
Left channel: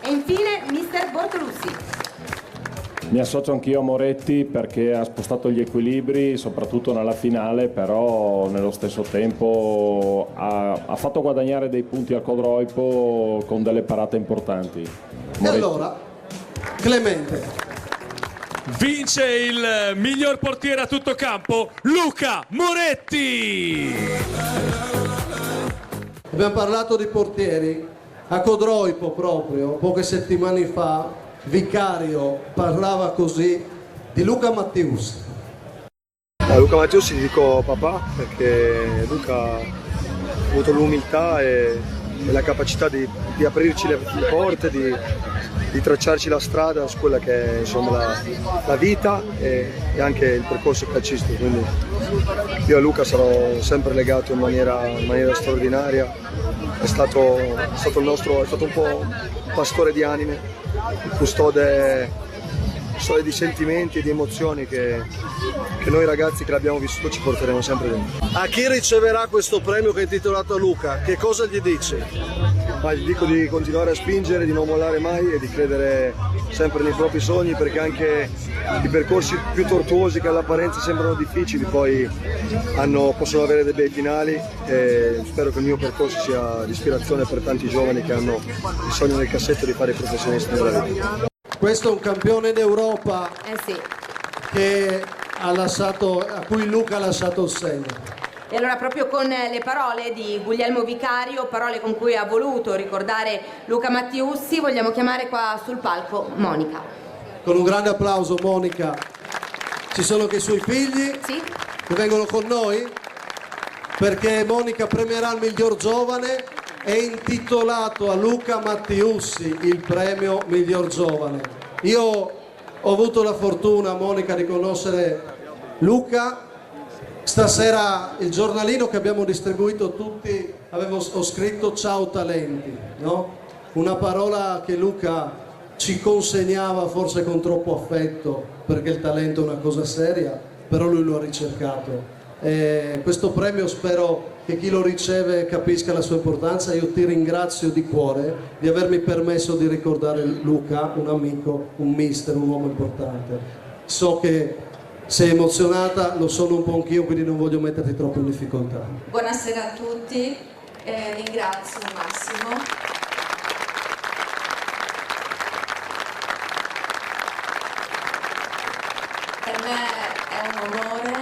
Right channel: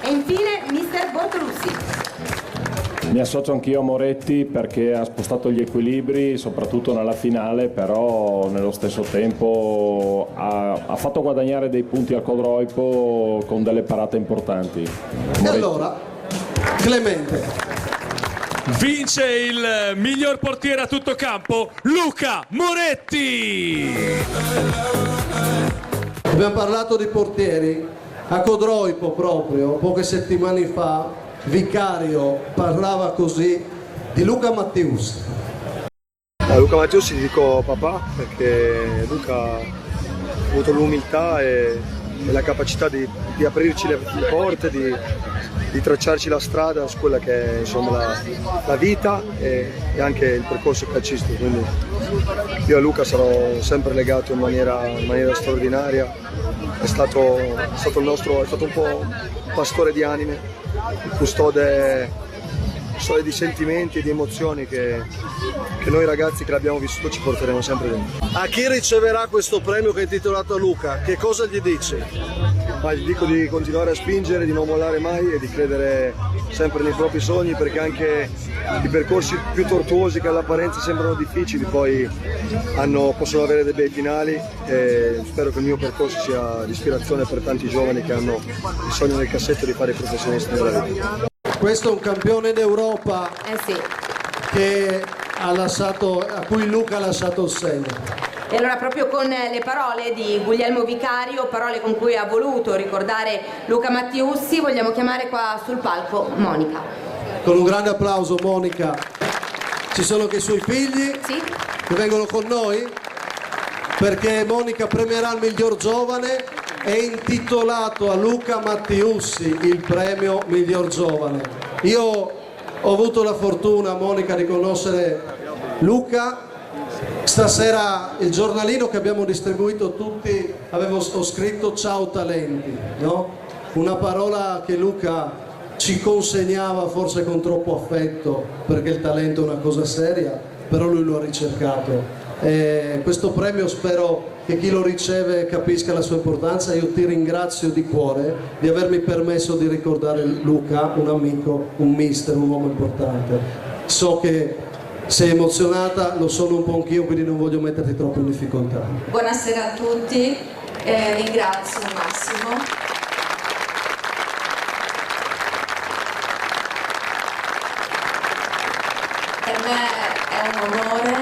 E infine mister Bortolussi. Mi associo anch'io a Moretti perché ha spostato gli equilibri, soprattutto nella finale, però nello stesso tempo ha fatto guadagnare dei punti al Codroico con delle parate importanti. Moretti. Allora, Clemente. Vince il miglior portiere a tutto campo, Luca Moretti! Abbiamo parlato di portieri. A Codroico proprio, poche settimane fa, Vicario parlava così di Luca Mattius. A Luca Mattius ti dico papà, perché Luca ha avuto l'umiltà e la capacità di aprirci le porte, di tracciarci la strada su quella che è, insomma, la vita e anche il percorso calcistico. Quindi io a Luca sarò sempre legato in maniera straordinaria. È stato un po' pastore di anime, custode di sentimenti e di emozioni che noi ragazzi che l'abbiamo vissuto ci porteremo sempre dentro. A chi riceverà questo premio che è intitolato a Luca, che cosa gli dici? Ma gli dico di continuare a spingere, di non mollare mai e di credere sempre nei propri sogni, perché anche i percorsi più tortuosi che all'apparenza sembrano difficili poi possono avere dei bei finali, e spero che il mio percorso sia di ispirazione per tanti giovani che hanno il sogno nel cassetto di fare i professionisti nella vita. Questo è un campione d'Europa sì. A cui Luca ha lasciato il segno. E allora proprio con le parole di Guglielmo Vicario, parole con cui ha voluto ricordare Luca Mattiussi, vogliamo chiamare qua sul palco Monica. Con un grande applauso Monica. Ci sono anche i suoi figli che vengono con noi, perché Monica premierà il miglior giovane e intitolato a Luca Mattiussi il premio miglior giovane. Io ho avuto la fortuna, Monica, di conoscere Luca. Stasera il giornalino che abbiamo distribuito tutti, ho scritto ciao talenti, no? Una parola che Luca ci consegnava forse con troppo affetto, perché il talento è una cosa seria, però lui lo ha ricercato. E questo premio spero che chi lo riceve capisca la sua importanza. Io ti ringrazio di cuore di avermi permesso di ricordare Luca, un amico, un mister, un uomo importante. So che sei emozionata, lo sono un po' anch'io, quindi non voglio metterti troppo in difficoltà. Buonasera a tutti, ringrazio Massimo. Per me è un onore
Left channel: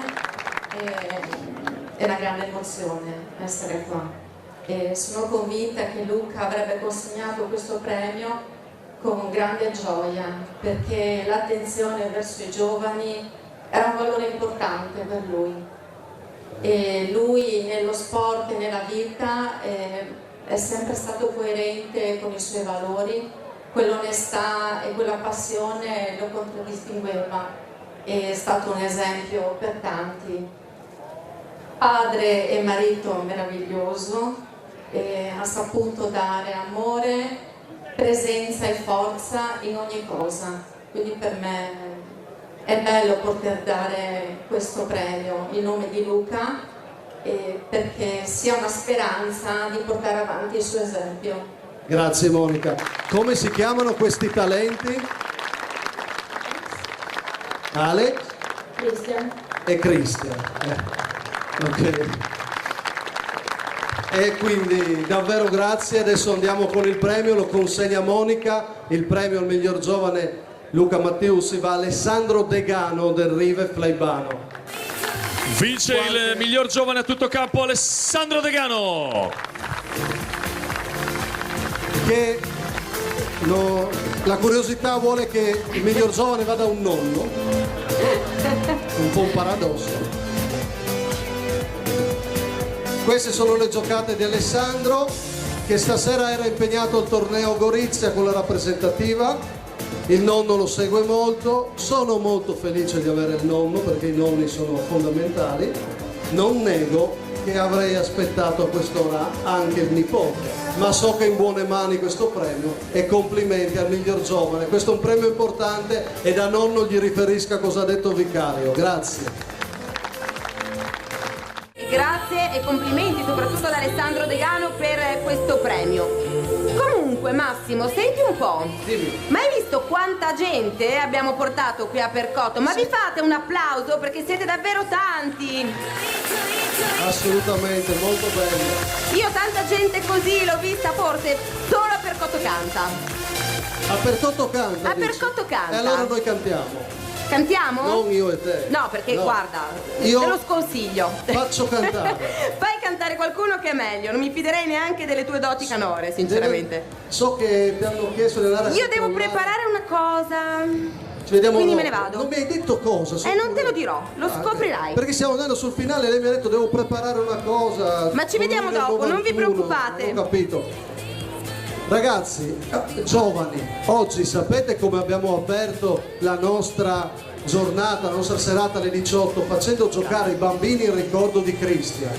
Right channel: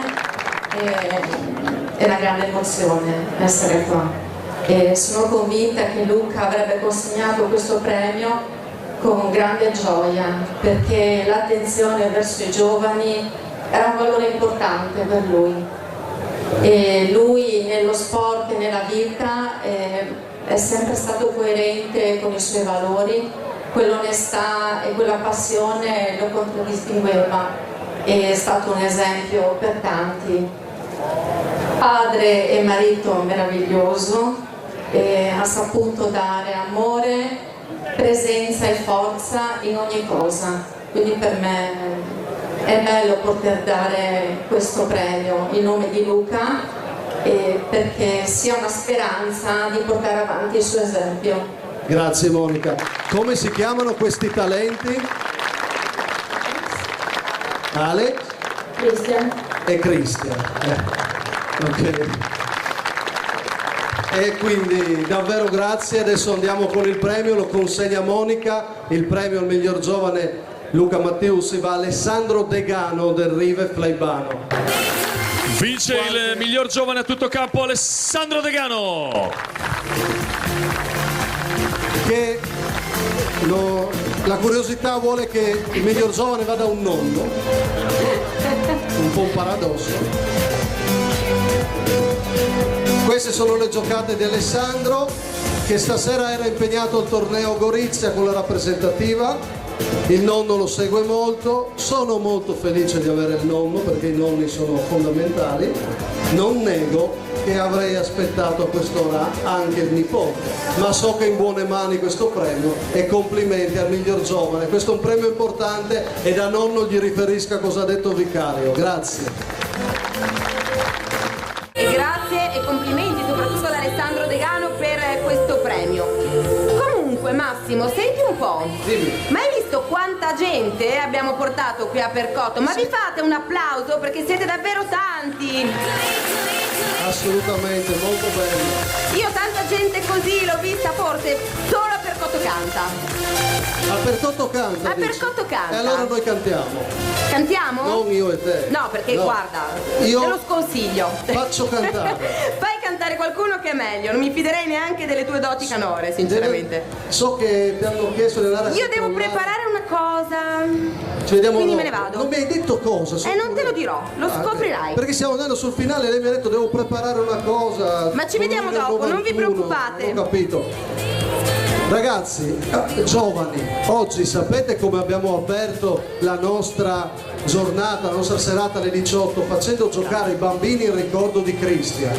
e una grande emozione essere qua. E sono convinta che Luca avrebbe consegnato questo premio con grande gioia, perché l'attenzione verso i giovani era un valore importante per lui. E lui nello sport e nella vita è sempre stato coerente con i suoi valori, quell'onestà e quella passione lo contraddistingueva, è stato un esempio per tanti. Padre e marito meraviglioso, ha saputo dare amore, presenza e forza in ogni cosa, quindi per me è bello poter dare questo premio in nome di Luca, perché sia una speranza di portare avanti il suo esempio. Grazie Monica. Come si chiamano questi talenti? Alex? Christian. E Christian. Ok. E quindi davvero grazie, adesso andiamo con il premio, lo consegna Monica, il premio al miglior giovane Luca Matteus va a Alessandro Degano del Rive Flaibano. Vince il miglior giovane a tutto campo Alessandro Degano. Che la curiosità vuole che il miglior giovane vada a un nonno. Un po' un paradosso. Queste sono le giocate di Alessandro, che stasera era impegnato al torneo Gorizia con la rappresentativa. Il nonno lo segue molto, sono molto felice di avere il nonno perché i nonni sono fondamentali. Non nego che avrei aspettato a quest'ora anche il nipote, ma so che è in buone mani questo premio e complimenti al miglior giovane. Questo è un premio importante e da nonno gli riferisca cosa ha detto Vicario. Grazie. Grazie e complimenti soprattutto ad Alessandro Degano per questo premio. Comunque Massimo, senti un po', ma hai visto quanta gente abbiamo portato qui a Percotto? Ma vi fate un applauso perché siete davvero tanti. Assolutamente, molto bello. Io tanta gente così l'ho vista forse solo a Percotto Canta. A Percotto Canta? A Percotto Canta. E allora noi cantiamo. Cantiamo? Non io e te. No, perché No. guarda, Io te lo sconsiglio. faccio cantare. Fai cantare qualcuno che è meglio, non mi fiderei neanche delle tue doti canore, sinceramente. So che ti hanno chiesto di andare. Io devo preparare una cosa. Ci vediamo Quindi dopo. me ne vado. Non mi hai detto cosa? Non te lo dirò, lo scoprirai. Perché stiamo andando sul finale e lei mi ha detto devo preparare una cosa. Ma ci vediamo dopo, non vi preoccupate. Ho capito. Ragazzi, giovani, oggi sapete come abbiamo aperto la nostra giornata, la nostra serata alle 18 facendo giocare i bambini in ricordo di Christian.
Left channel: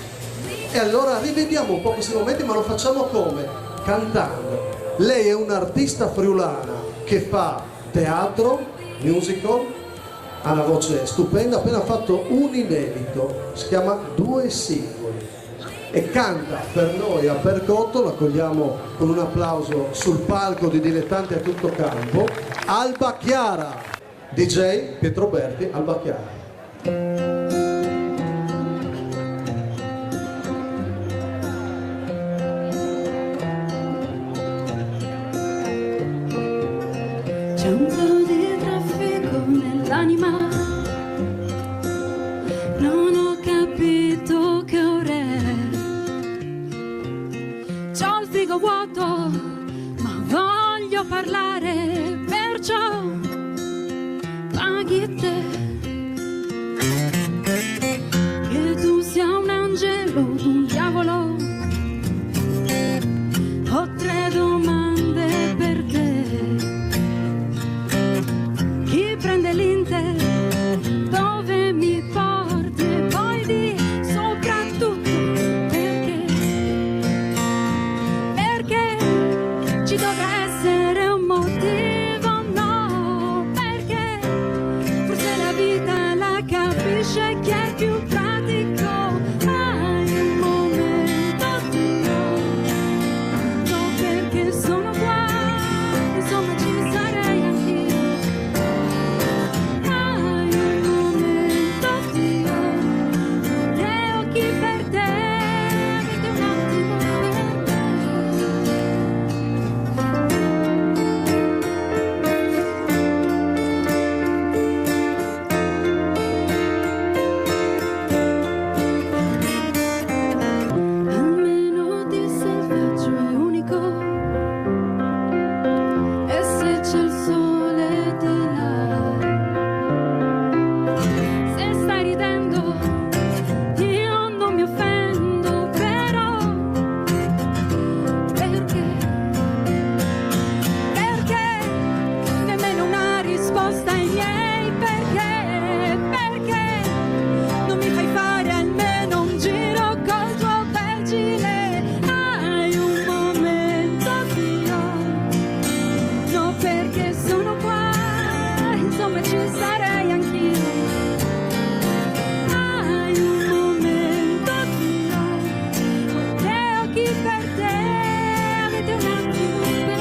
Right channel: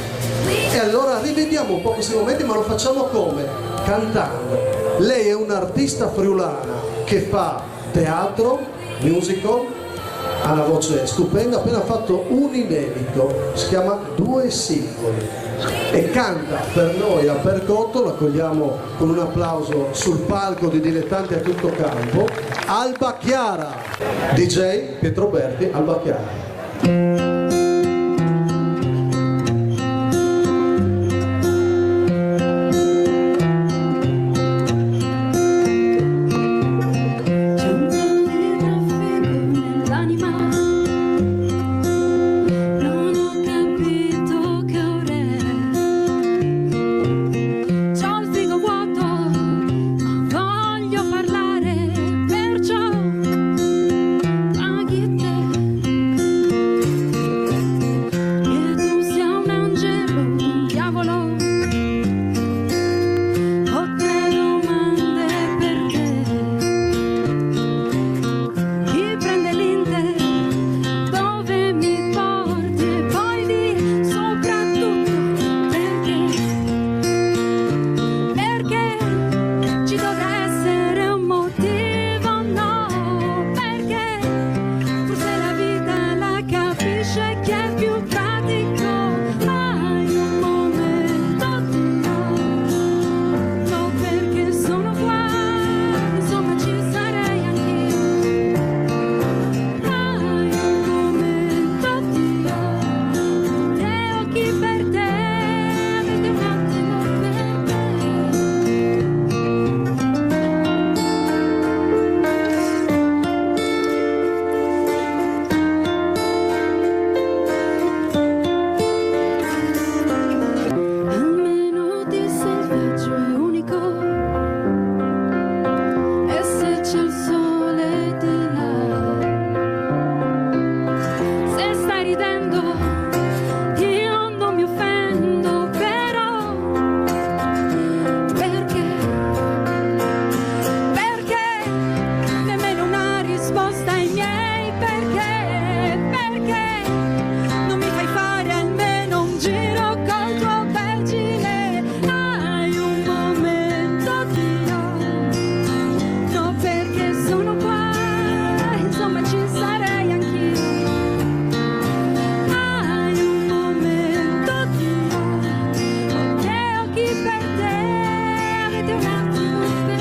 E allora rivediamo un po' questi momenti, ma lo facciamo come? Cantando. Lei è un'artista friulana che fa teatro, musical, ha una voce stupenda, ha appena fatto un inedito, si chiama Due Singoli e canta per noi a Percotto. L'accogliamo con un applauso sul palco di Dilettanti a tutto campo, Alba Chiara, DJ Pietro Berti, Alba Chiara. Ci dovrà essere un motivo prenditi un attimo per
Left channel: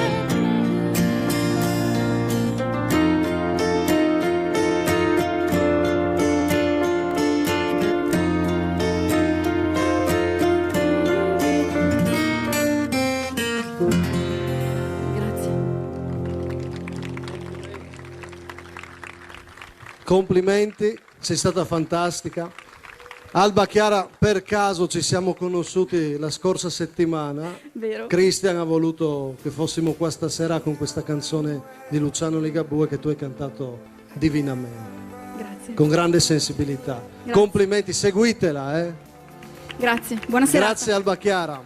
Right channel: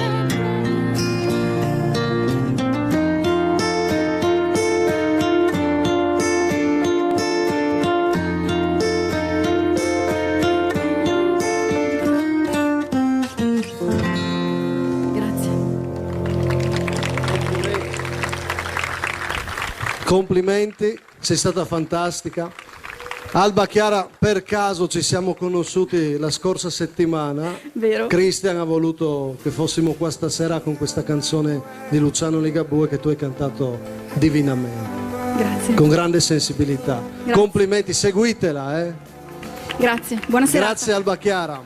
Complimenti, sei stata fantastica. Alba Chiara, per caso ci siamo conosciuti la scorsa settimana. Vero. Christian ha voluto che fossimo qua stasera con questa canzone di Luciano Ligabue che tu hai cantato divinamente. Grazie. Con grande sensibilità. Grazie. Complimenti, seguitela, eh. Grazie, buonasera. Grazie Alba Chiara.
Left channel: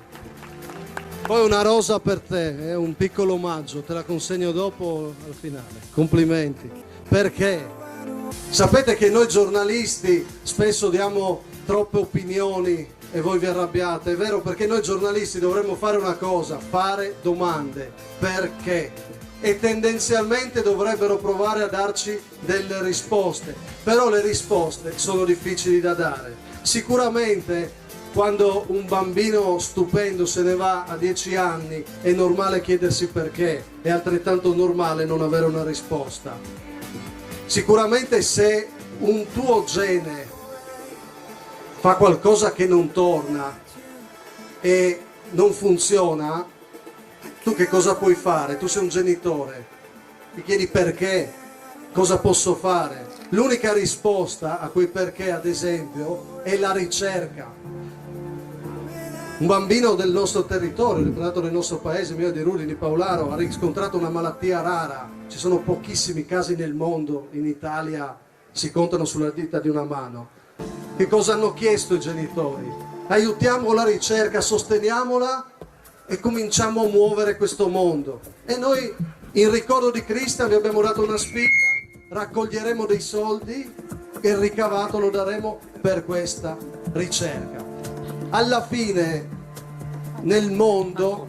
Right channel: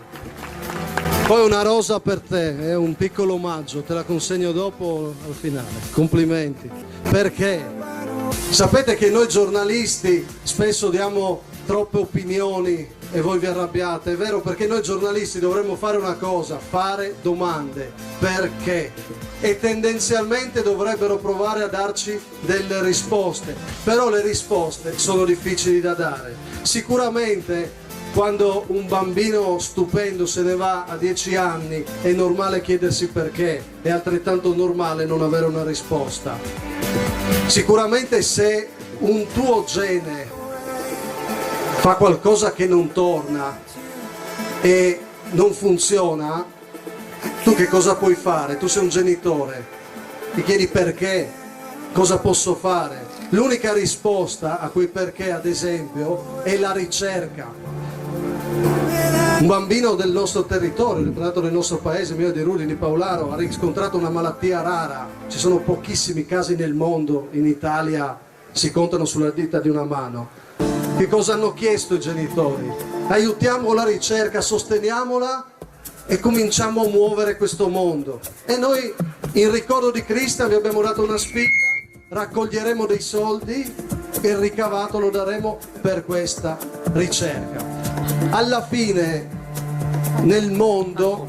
Poi una rosa per te, è un piccolo omaggio, te la consegno dopo al finale. Complimenti. Perché? Sapete che noi giornalisti spesso diamo troppe opinioni e voi vi arrabbiate, è vero, perché noi giornalisti dovremmo fare una cosa, fare domande. Perché? E tendenzialmente dovrebbero provare a darci delle risposte, però le risposte sono difficili da dare. Sicuramente quando un bambino stupendo se ne va a 10 anni è normale chiedersi perché, è altrettanto normale non avere una risposta. Sicuramente se un tuo gene fa qualcosa che non torna e non funziona, tu che cosa puoi fare? Tu sei un genitore, ti chiedi perché, cosa posso fare? L'unica risposta a quei perché, ad esempio, è la ricerca. Un bambino del nostro territorio, nato nel nostro paese, mio di Rudi, di Paolaro, ha riscontrato una malattia rara. Ci sono pochissimi casi nel mondo, in Italia si contano sulla dita di una mano. Che cosa hanno chiesto i genitori? Aiutiamo la ricerca, sosteniamola e cominciamo a muovere questo mondo. E noi, in ricordo di Cristo, vi abbiamo dato una sfida, raccoglieremo dei soldi e il ricavato lo daremo per questa ricerca. Alla fine, nel mondo,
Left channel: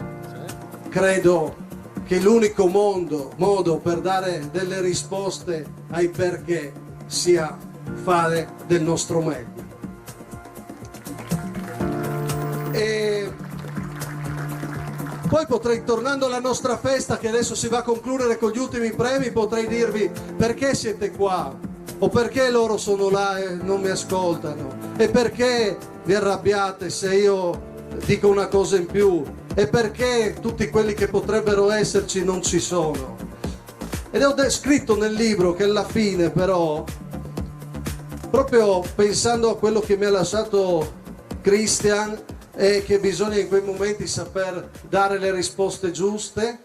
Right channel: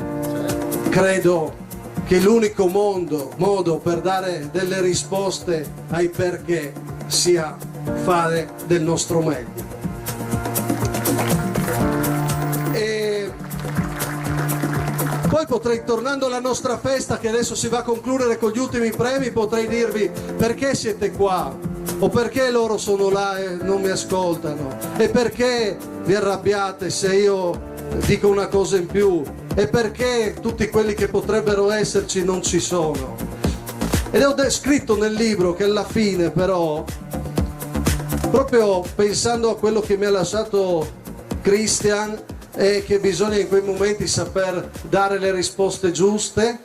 credo che l'unico modo per dare delle risposte ai perché sia fare del nostro meglio. E poi potrei, tornando alla nostra festa che adesso si va a concludere con gli ultimi premi, potrei dirvi perché siete qua, o perché loro sono là e non mi ascoltano, e perché vi arrabbiate se io dico una cosa in più, e perché tutti quelli che potrebbero esserci non ci sono. Ed ho scritto nel libro che alla fine però, proprio pensando a quello che mi ha lasciato Christian, è che bisogna in quei momenti saper dare le risposte giuste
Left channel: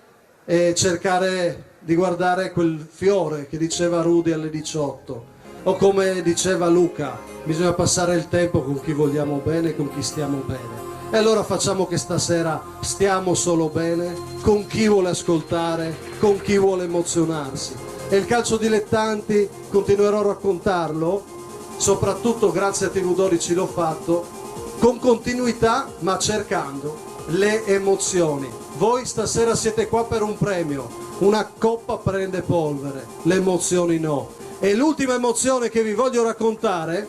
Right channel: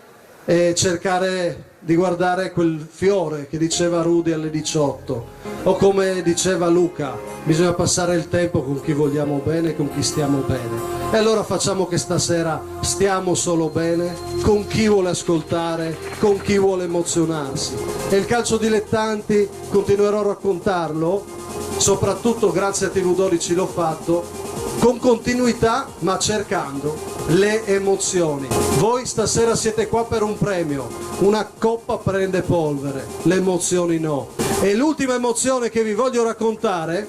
e cercare di guardare quel fiore che diceva Rudy alle 18, o come diceva Luca, bisogna passare il tempo con chi vogliamo bene e con chi stiamo bene. E allora facciamo che stasera stiamo solo bene, con chi vuole ascoltare, con chi vuole emozionarsi. E il calcio dilettanti continuerò a raccontarlo, soprattutto grazie a TV12 l'ho fatto, con continuità ma cercando le emozioni. Voi stasera siete qua per un premio, una coppa prende polvere, le emozioni no. E l'ultima emozione che vi voglio raccontare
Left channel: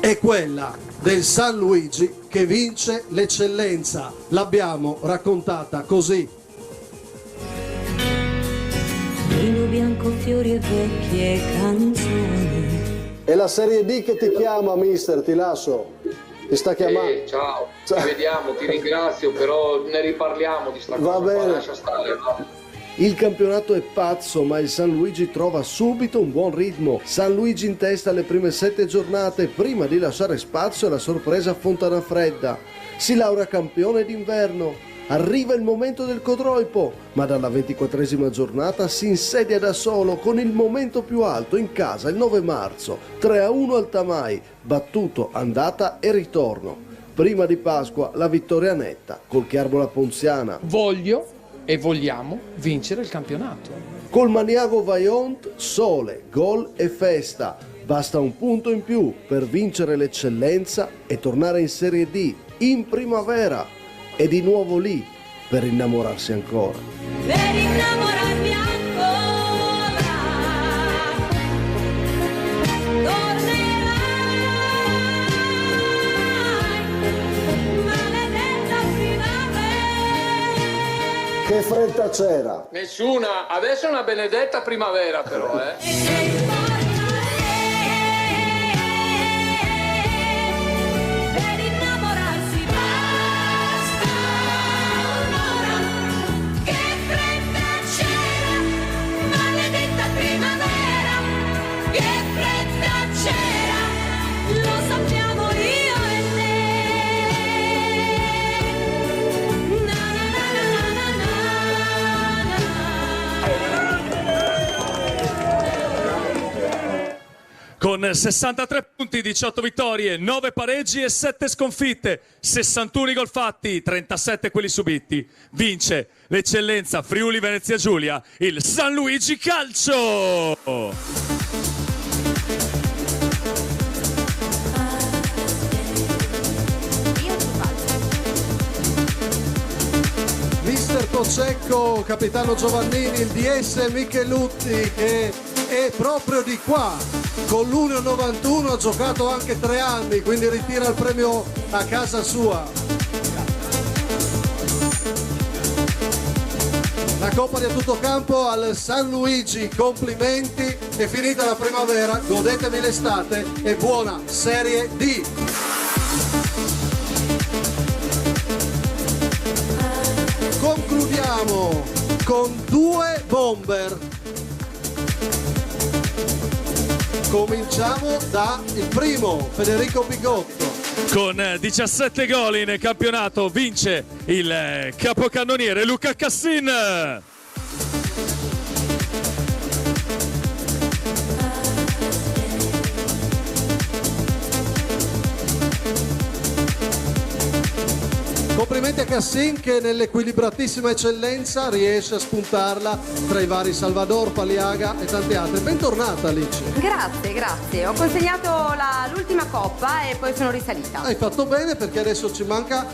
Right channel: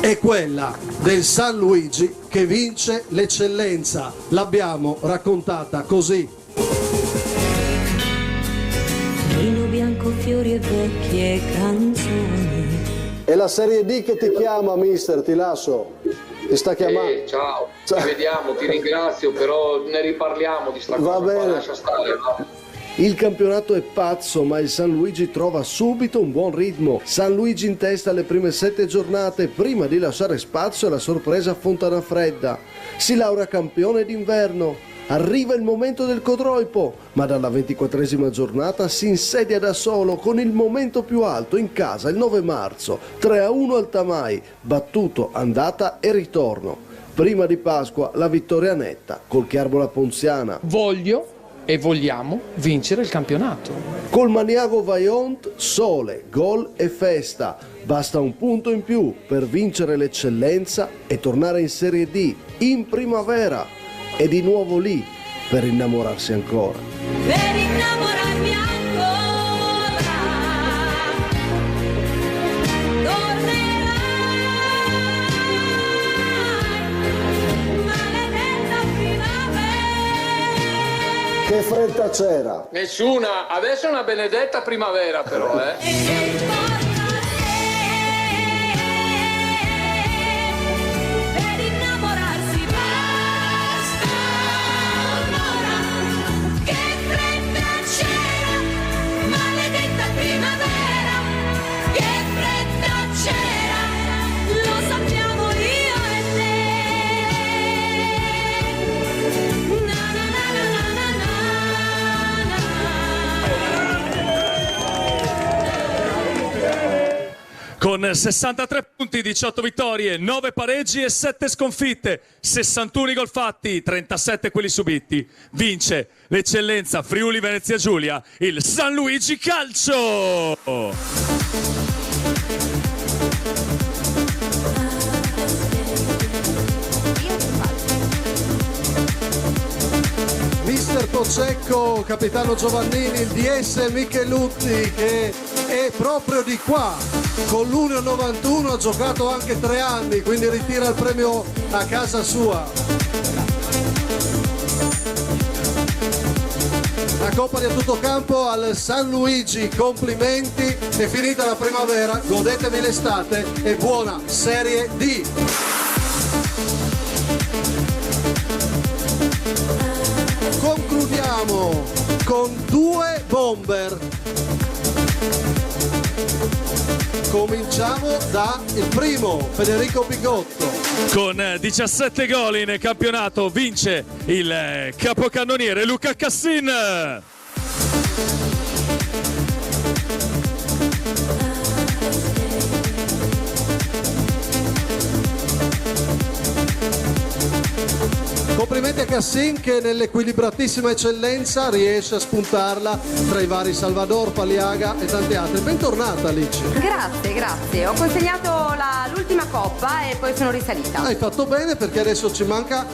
è quella del San Luigi che vince l'eccellenza. L'abbiamo raccontata così. Vino bianco, fiori e vecchie canzoni. È la Serie D che ti chiama, mister, ti lascio. Ti sta chiamando. Ciao, ci vediamo, ti ringrazio, però ne riparliamo di sta cosa. Va bene. Lascia stare, va. Il campionato è pazzo, ma il San Luigi trova subito un buon ritmo. San Luigi in testa alle prime 7 giornate, prima di lasciare spazio alla sorpresa Fontanafredda. Si laurea campione d'inverno. Arriva il momento del Codroipo, ma dalla 24esima giornata si insedia da solo con il momento più alto in casa il 9 marzo, 3-1 al Tamai, battuto andata e ritorno. Prima di Pasqua la vittoria netta col Chiarbola Ponziana. Voglio e vogliamo vincere il campionato. Col Maniago Vaillant, sole, gol e festa. Basta un punto in più per vincere l'eccellenza e tornare in Serie D in primavera. E di nuovo lì per innamorarsi ancora. Per innamorarmi ancora. Tornerai, maledetta primavera. fretta c'era? Nessuna, adesso è una benedetta primavera però, Con 63 punti, 18 vittorie, 9 pareggi e 7 sconfitte, 61 gol fatti, 37 quelli subiti. Vince l'eccellenza Friuli Venezia Giulia, il San Luigi Calcio! Mister Pocecco, capitano Giovannini, il DS Michelutti che è proprio di qua, con l'Union 91 ha giocato anche 3 anni, quindi ritira il premio a casa sua. La Coppa di tutto campo al San Luigi, complimenti, è finita la primavera, godetevi l'estate e buona Serie D! Concludiamo con 2 bomber. Cominciamo dal primo, Federico Bigotto. Con 17 gol in campionato vince il capocannoniere Luca Cassin. Complimenti a Cassin che nell'equilibratissima eccellenza riesce a spuntarla tra i vari Salvador, Paliaga e tante altre. Bentornata Alice. Grazie. Ho consegnato l'ultima coppa e poi sono risalita. Hai fatto bene perché adesso ci manca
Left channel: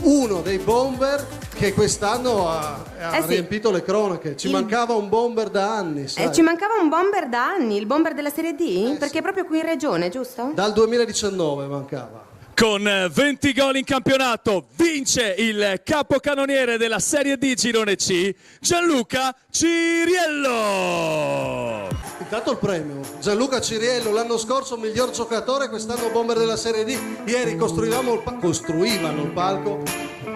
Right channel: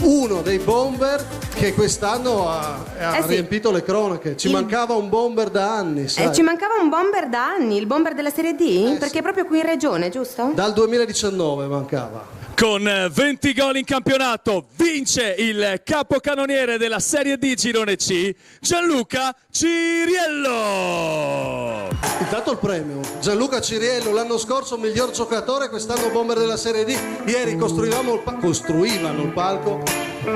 uno dei bomber che quest'anno ha riempito le cronache. Ci mancava un bomber da anni, sai? Ci mancava un bomber da anni, il bomber della Serie D? Perché è proprio qui in regione, giusto? Dal 2019 mancava. Con 20 gol in campionato vince il capocannoniere della Serie D Girone C, Gianluca Ciriello. Intanto il premio, Gianluca Ciriello, l'anno scorso miglior giocatore, quest'anno bomber della Serie D. Ieri costruivano il palco,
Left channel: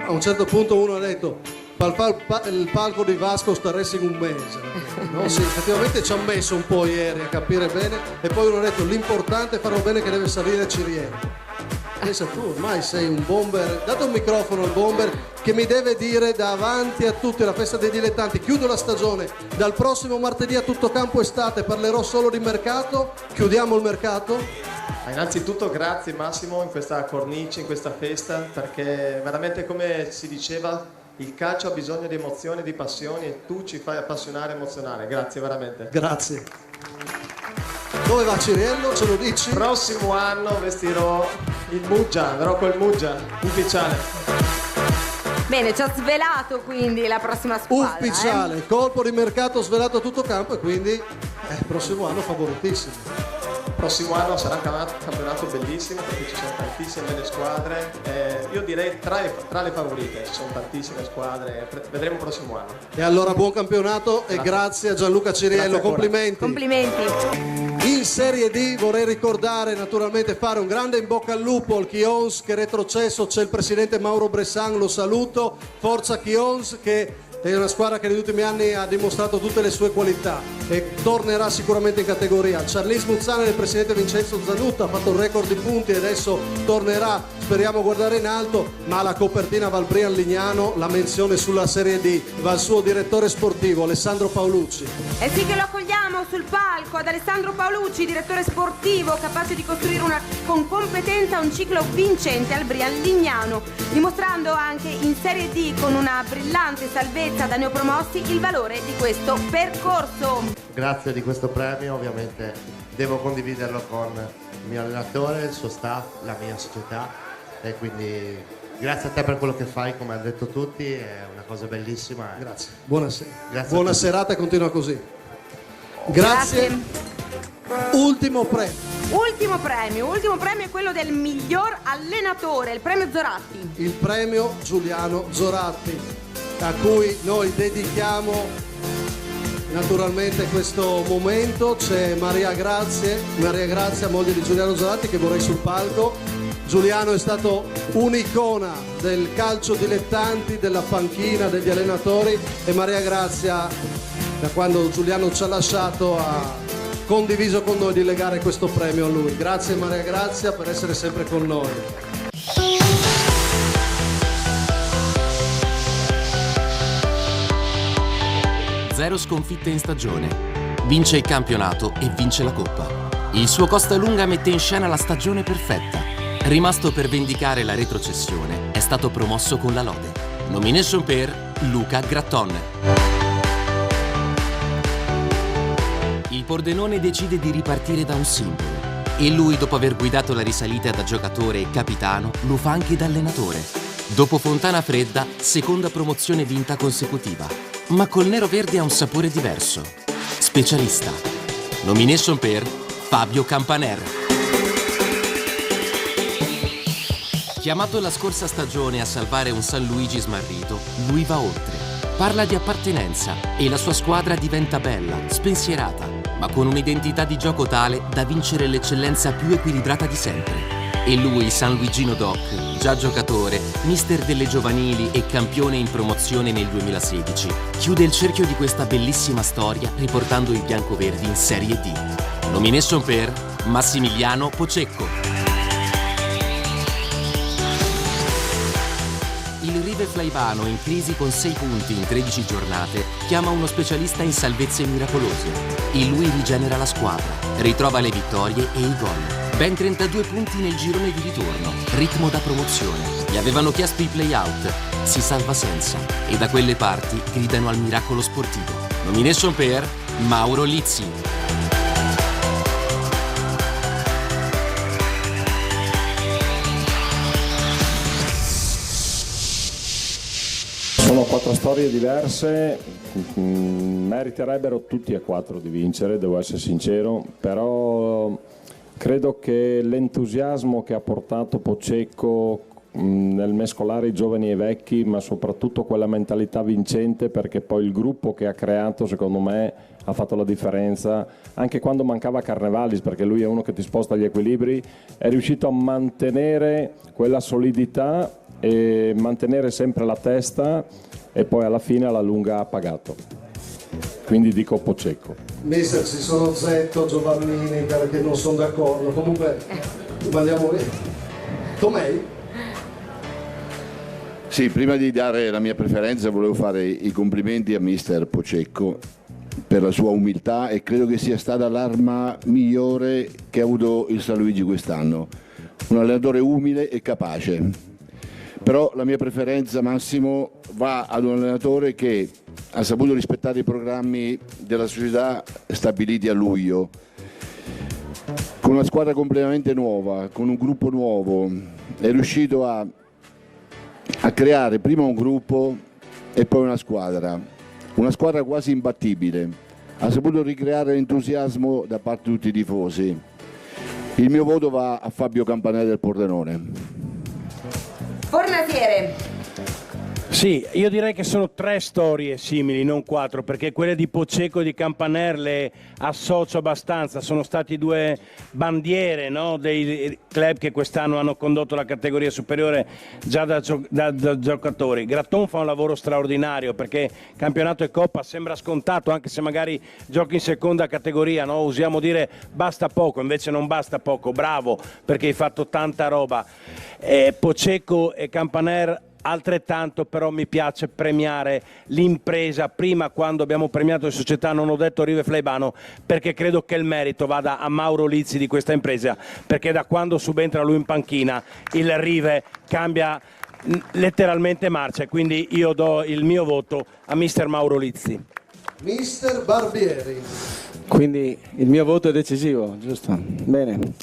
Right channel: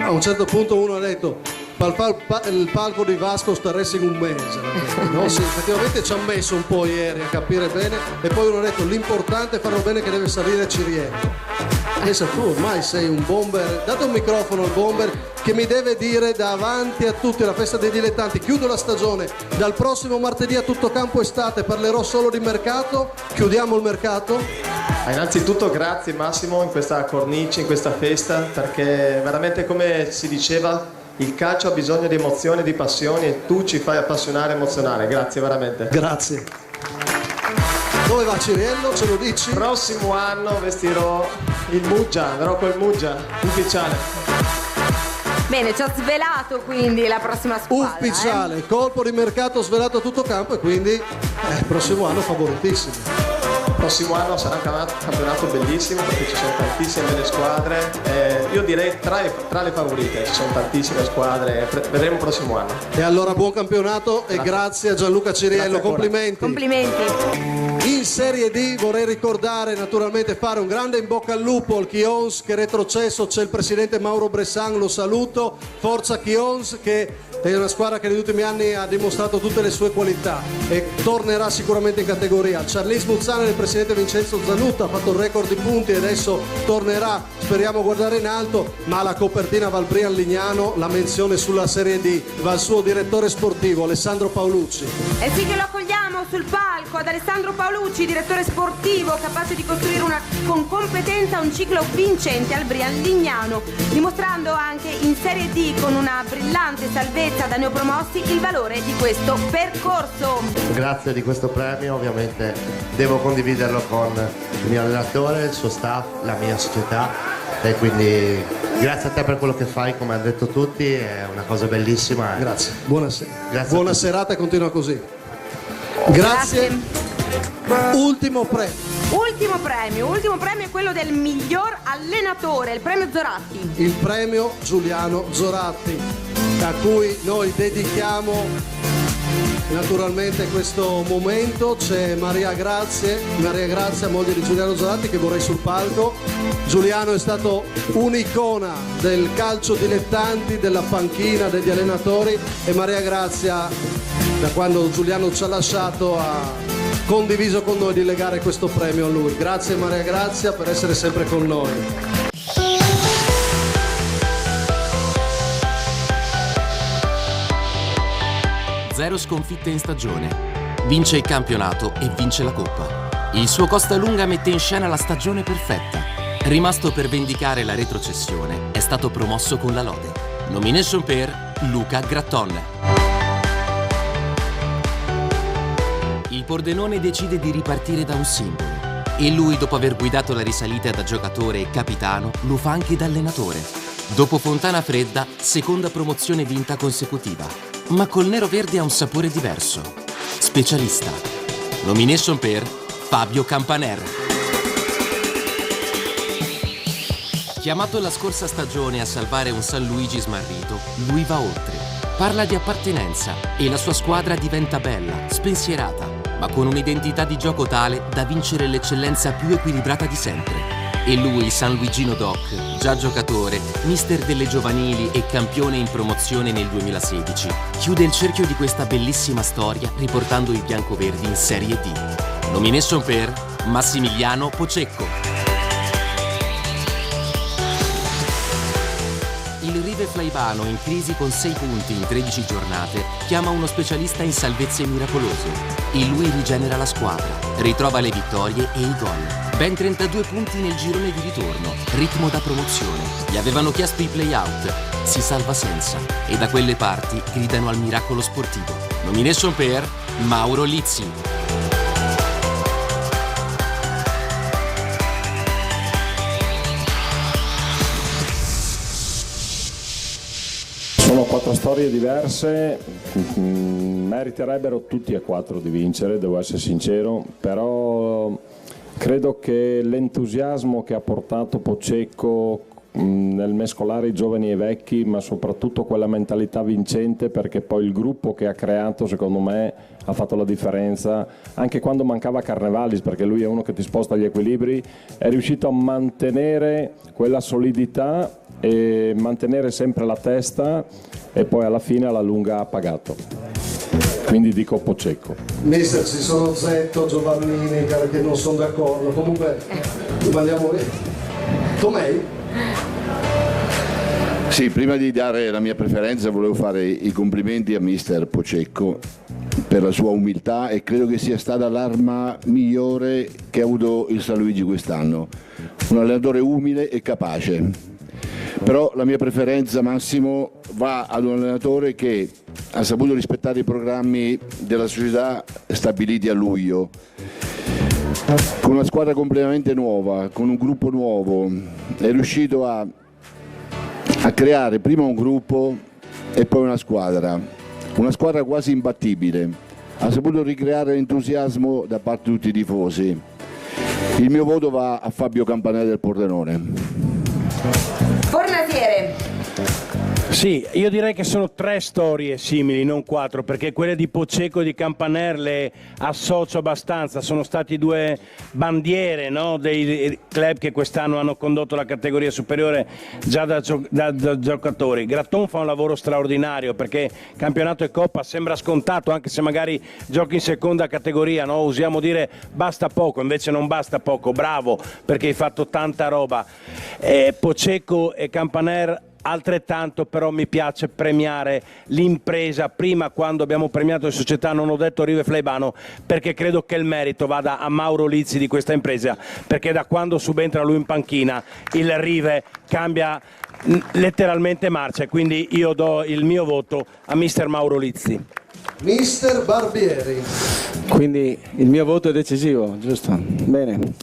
a un certo punto uno ha detto il palco di Vasco staresse in un mese, no? Sì, effettivamente ci ha messo un po' ieri a capire bene e poi uno ha detto l'importante è fare bene che deve salire Ciriello. Pensa tu, ormai sei un bomber, date un microfono al bomber che mi deve dire davanti a tutti la festa dei dilettanti, chiudo la stagione, dal prossimo martedì a tutto campo estate parlerò solo di mercato, chiudiamo il mercato. Innanzitutto grazie Massimo in questa cornice, in questa festa, perché veramente come si diceva il calcio ha bisogno di emozioni, di passioni e tu ci fai appassionare e emozionare, grazie veramente. Grazie. Dove va Ciriello? Ce lo dici? Prossimo anno vestirò il Muggia, andrò col Muggia, ufficiale. Bene, ci ha svelato quindi la prossima squadra. Ufficiale, colpo di mercato svelato a tutto campo e quindi il prossimo anno favoritissimo. Il prossimo anno sarà un campionato bellissimo perché ci sono tantissime belle squadre. Io direi tra le favorite, ci sono tantissime squadre, vedremo il prossimo anno. E allora buon campionato e grazie a Gianluca Ciriello, complimenti. Complimenti. In Serie D vorrei ricordare, naturalmente fare un grande in bocca al lupo al Chions che è retrocesso, c'è il presidente Mauro Bressan, lo saluto, forza Chions che è una squadra che negli ultimi anni ha dimostrato tutte le sue qualità e tornerà sicuramente in categoria. Charles Muzzana e il presidente Vincenzo Zanutta ha fatto il record di punti e adesso tornerà, speriamo guardare in alto, ma la copertina va al Brian Lignano, la menzione sulla Serie D va al suo direttore sportivo Alessandro Paolucci. E sì che lo accogliamo sul palco ad Alessandro Paolucci, direttore sportivo capace di costruire con competenza un ciclo vincente al Brian Lignano, dimostrando anche in Serie D con una brillante salvezza da neopromossi il valore di questo percorso. Grazie di questo premio, ovviamente devo condividerlo con il mio allenatore, il suo staff, la mia società e quindi grazie a te per quello che fai, come hanno detto tutti, è una cosa bellissima. Grazie, buonasera. Grazie buona serata e continua così. Grazie. Ultimo premio è quello del miglior allenatore, il premio Zoratti. Il premio Giuliano Zoratti. a cui noi dedichiamo naturalmente questo momento. C'è Maria Grazia, moglie di Giuliano Zanatti, che vorrei sul palco. Giuliano è stato un'icona del calcio dilettanti, della panchina, degli allenatori, e Maria Grazia, da quando Giuliano ci ha lasciato, ha condiviso con noi di legare questo premio a lui. Grazie Maria Grazia per essere sempre con noi. Zero sconfitte in stagione. Vince il campionato e vince la Coppa. Il suo Costalunga mette in scena la stagione perfetta. Rimasto per vendicare la retrocessione, è stato promosso con la lode. Nomination per Luca Gratton. Il Pordenone decide di ripartire da un simbolo. E lui, dopo aver guidato la risalita da giocatore e capitano, lo fa anche da allenatore. Dopo Fontana Fredda, seconda promozione vinta consecutiva. Ma col nero-verde ha un sapore diverso. Specialista. Nomination per Fabio Campaner. Chiamato la scorsa stagione a salvare un San Luigi smarrito, lui va oltre. Parla di appartenenza e la sua squadra diventa bella, spensierata, ma con un'identità di gioco tale da vincere l'eccellenza più equilibrata di sempre. E lui, San Luigino Doc, già giocatore, mister delle giovanili e campione in promozione nel 2016, chiude il cerchio di questa bellissima storia riportando i biancoverdi in Serie D. Nomination per Massimiliano Pocecco. Il Rive Flaivano, in crisi con 6 punti in 13 giornate, chiama uno specialista in salvezze miracolose. E lui rigenera la squadra, ritrova le vittorie e i gol. Ben 32 punti nel girone di ritorno, ritmo da promozione. Gli avevano chiesto i play-out, si salva senza. E da quelle parti gridano al miracolo sportivo. Nomination per Mauro Lizzi. Sono 4 storie diverse, meriterebbero tutti e 4 di vincere, devo essere sincero, però credo che l'entusiasmo che ha portato Pocecco nel mescolare i giovani e i vecchi, ma soprattutto quella mentalità vincente, perché poi il gruppo che ha creato secondo me ha fatto la differenza, anche quando mancava Carnevalis, perché lui è uno che ti sposta gli equilibri, è riuscito a mantenere quella solidità e mantenere sempre la testa, e poi alla fine alla lunga ha pagato. Quindi dico Pocecco. Mister, ci sono Zetto, Giovannini che non sono d'accordo, comunque andiamo lì. Com'è? Sì, prima di dare la mia preferenza volevo fare i complimenti a mister Pocecco per la sua umiltà, e credo che sia stata l'arma migliore che ha avuto il San Luigi quest'anno. Un allenatore umile e capace. Però la mia preferenza, Massimo, va ad un allenatore che ha saputo rispettare i programmi della società stabiliti a luglio, con una squadra completamente nuova, con un gruppo nuovo, è riuscito a creare prima un gruppo e poi una squadra quasi imbattibile, ha saputo ricreare l'entusiasmo da parte di tutti i tifosi. Il mio voto va a Fabio Campaner del Pordenone. Fornaziere. Sì, io direi che sono 3 storie simili, non 4, perché quelle di Pocecco e di Campaner le associo abbastanza. Sono stati 2 bandiere, no, dei club che quest'anno hanno condotto la categoria superiore già da giocatori. Gratton fa un lavoro straordinario, perché campionato e coppa sembra scontato, anche se magari giochi in seconda categoria, no? Usiamo dire basta poco, invece non basta poco, bravo, perché hai fatto tanta roba. Pocecco e Campaner altrettanto, però mi piace premiare l'impresa. Prima, quando abbiamo premiato le società, non ho detto Rive Flaivano, perché credo che il merito vada a Mauro Lizzi di questa impresa, perché da quando subentra lui in panchina il Rive cambia letteralmente marcia, quindi io do il mio voto a mister Mauro Lizzi. Mister Barbieri. Quindi il mio voto è decisivo, giusto? Bene.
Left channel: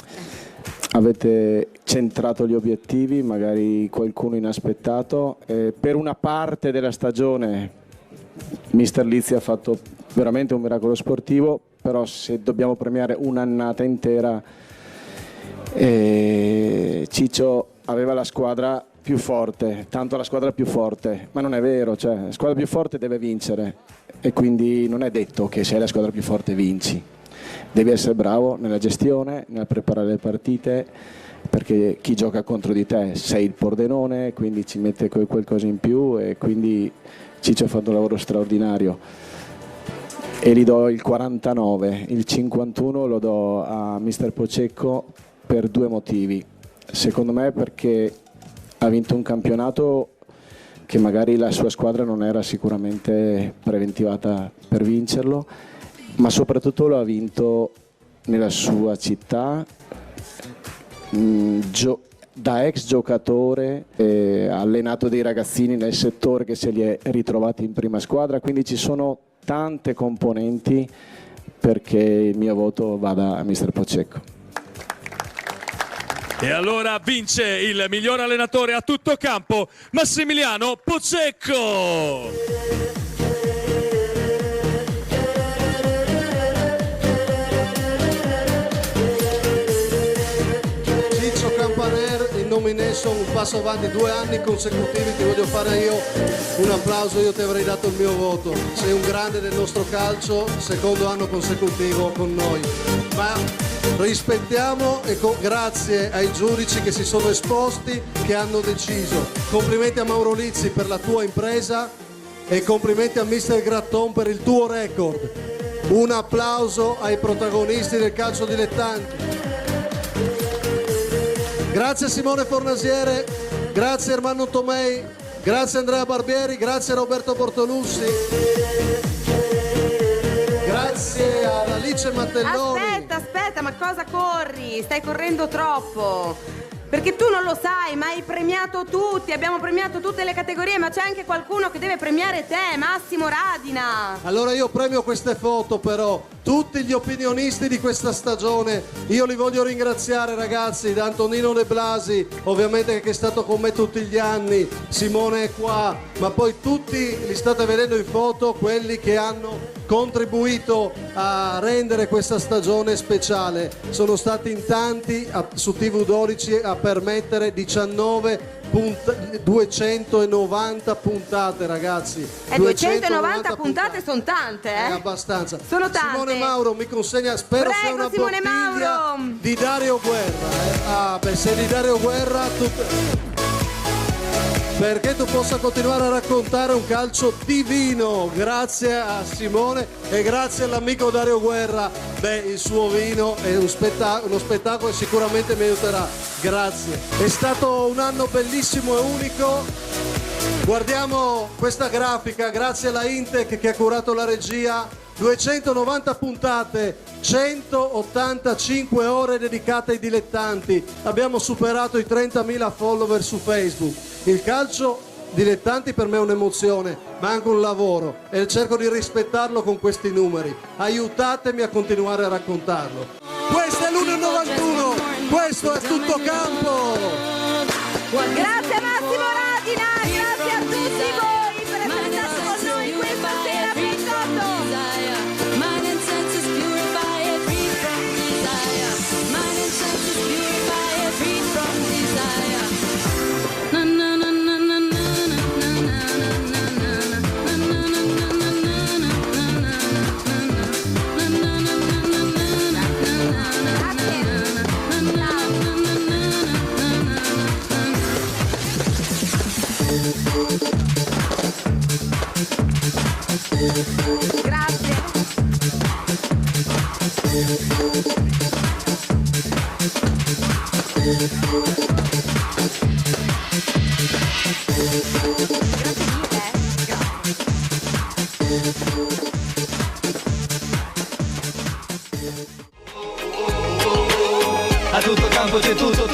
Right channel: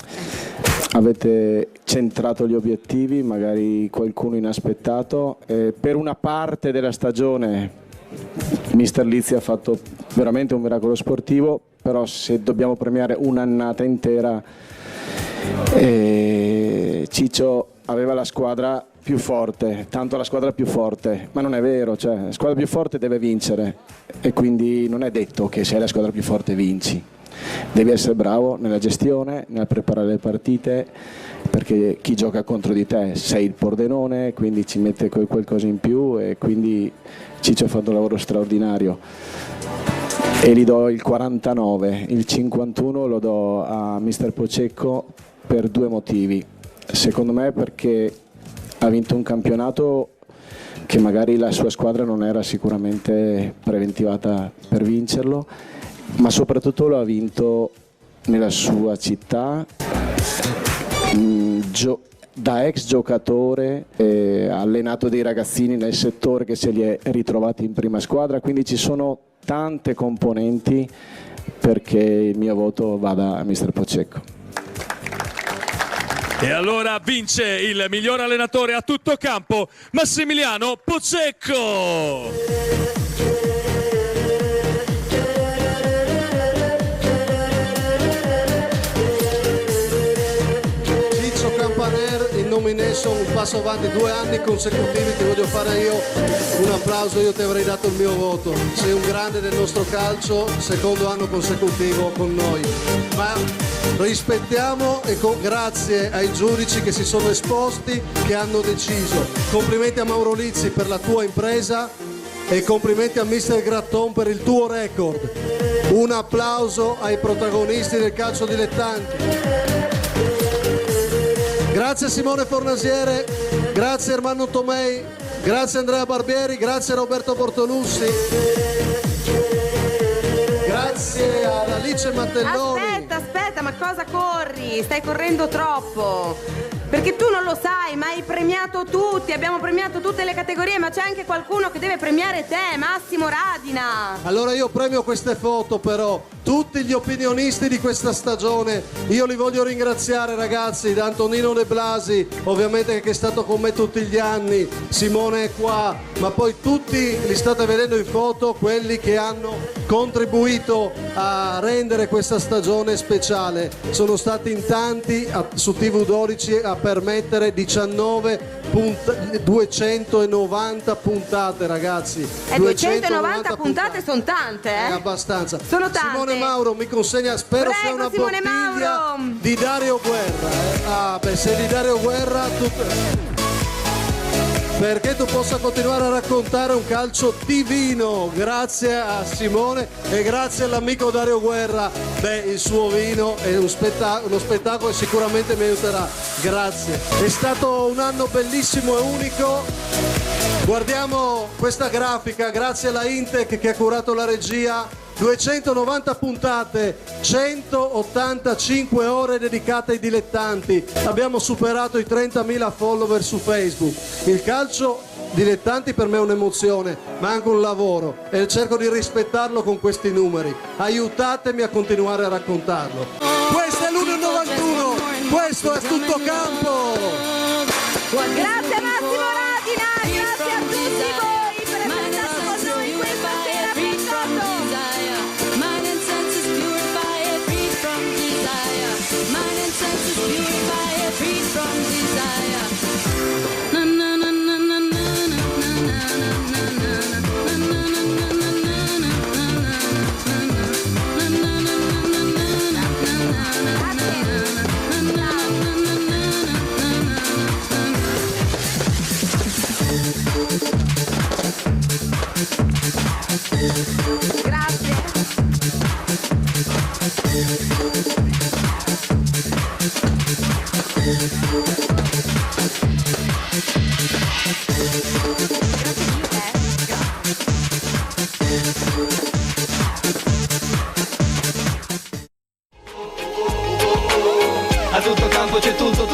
Avete centrato gli obiettivi, magari qualcuno inaspettato. Per una parte della stagione mister Lizzi ha fatto veramente un miracolo sportivo, però se dobbiamo premiare un'annata intera, Ciccio aveva la squadra più forte, tanto la squadra più forte, ma non è vero, cioè la squadra più forte deve vincere e quindi non è detto che sei la squadra più forte vinci. Devi essere bravo nella gestione, nel preparare le partite, perché chi gioca contro di te sei il Pordenone, quindi ci mette qualcosa in più e quindi Ciccio ha fatto un lavoro straordinario. E gli do il 49, il 51 lo do a mister Pocecco per due motivi. Secondo me perché ha vinto un campionato che magari la sua squadra non era sicuramente preventivata per vincerlo, ma soprattutto lo ha vinto nella sua città, da ex giocatore, allenato dei ragazzini nel settore che se li è ritrovati in prima squadra, quindi ci sono tante componenti perché il mio voto vada a mister Pocecco. E allora vince il miglior allenatore a tutto campo, Massimiliano Pocecco! Un passo avanti, 2 anni consecutivi, ti voglio fare io un applauso, io ti avrei dato il mio voto. Sei un grande del nostro calcio, secondo anno consecutivo con noi, ma rispettiamo e grazie ai giudici che si sono esposti, che hanno deciso. Complimenti a Mauro Lizzi per la tua impresa e complimenti a mister Gratton per il tuo record. Un applauso ai protagonisti del calcio dilettanti. Grazie Simone Fornasiere, grazie Ermanno Tomei, grazie Andrea Barbieri, grazie Roberto Bortolussi, grazie ad Alice Mattelloni. Aspetta, ma cosa corri? Stai correndo troppo. Perché tu non lo sai, ma hai premiato tutti, abbiamo premiato tutte le categorie, ma c'è anche qualcuno che deve premiare te, Massimo Radina. Allora io premio queste foto però, tutti gli opinionisti di questa stagione, io li voglio ringraziare ragazzi, da Antonino De Blasi, ovviamente che è stato con me tutti gli anni, Simone è qua, ma poi tutti li state vedendo in foto, quelli che hanno contribuito a rendere questa stagione speciale. Sono stati in tanti su TV12 a permettere 290 puntate ragazzi. 290 puntate sono tante, eh? È abbastanza. Sono tante. Simone Mauro mi consegna, spero prego, sia una Simone bottiglia Mauro di Dario Guerra. Se di Dario Guerra perché tu possa continuare a raccontare un calcio divino. Grazie a Simone e grazie all'amico Dario Guerra. Il suo vino è uno spettacolo e sicuramente mi aiuterà. Grazie. È stato un anno bellissimo e unico. Guardiamo questa grafica, grazie alla Intec che ha curato la regia. 290 puntate, 185 ore dedicate ai dilettanti. Abbiamo superato i 30.000 follower su Facebook. Il calcio dilettanti per me è un'emozione, ma anche un lavoro e cerco di rispettarlo con questi numeri. Aiutatemi a continuare a raccontarlo. Questo è l'1.91, questo è tutto campo. Grazie Massimo Radina, grazie a tutti voi per essere stati con noi questa sera. A tutto campo c'è tutto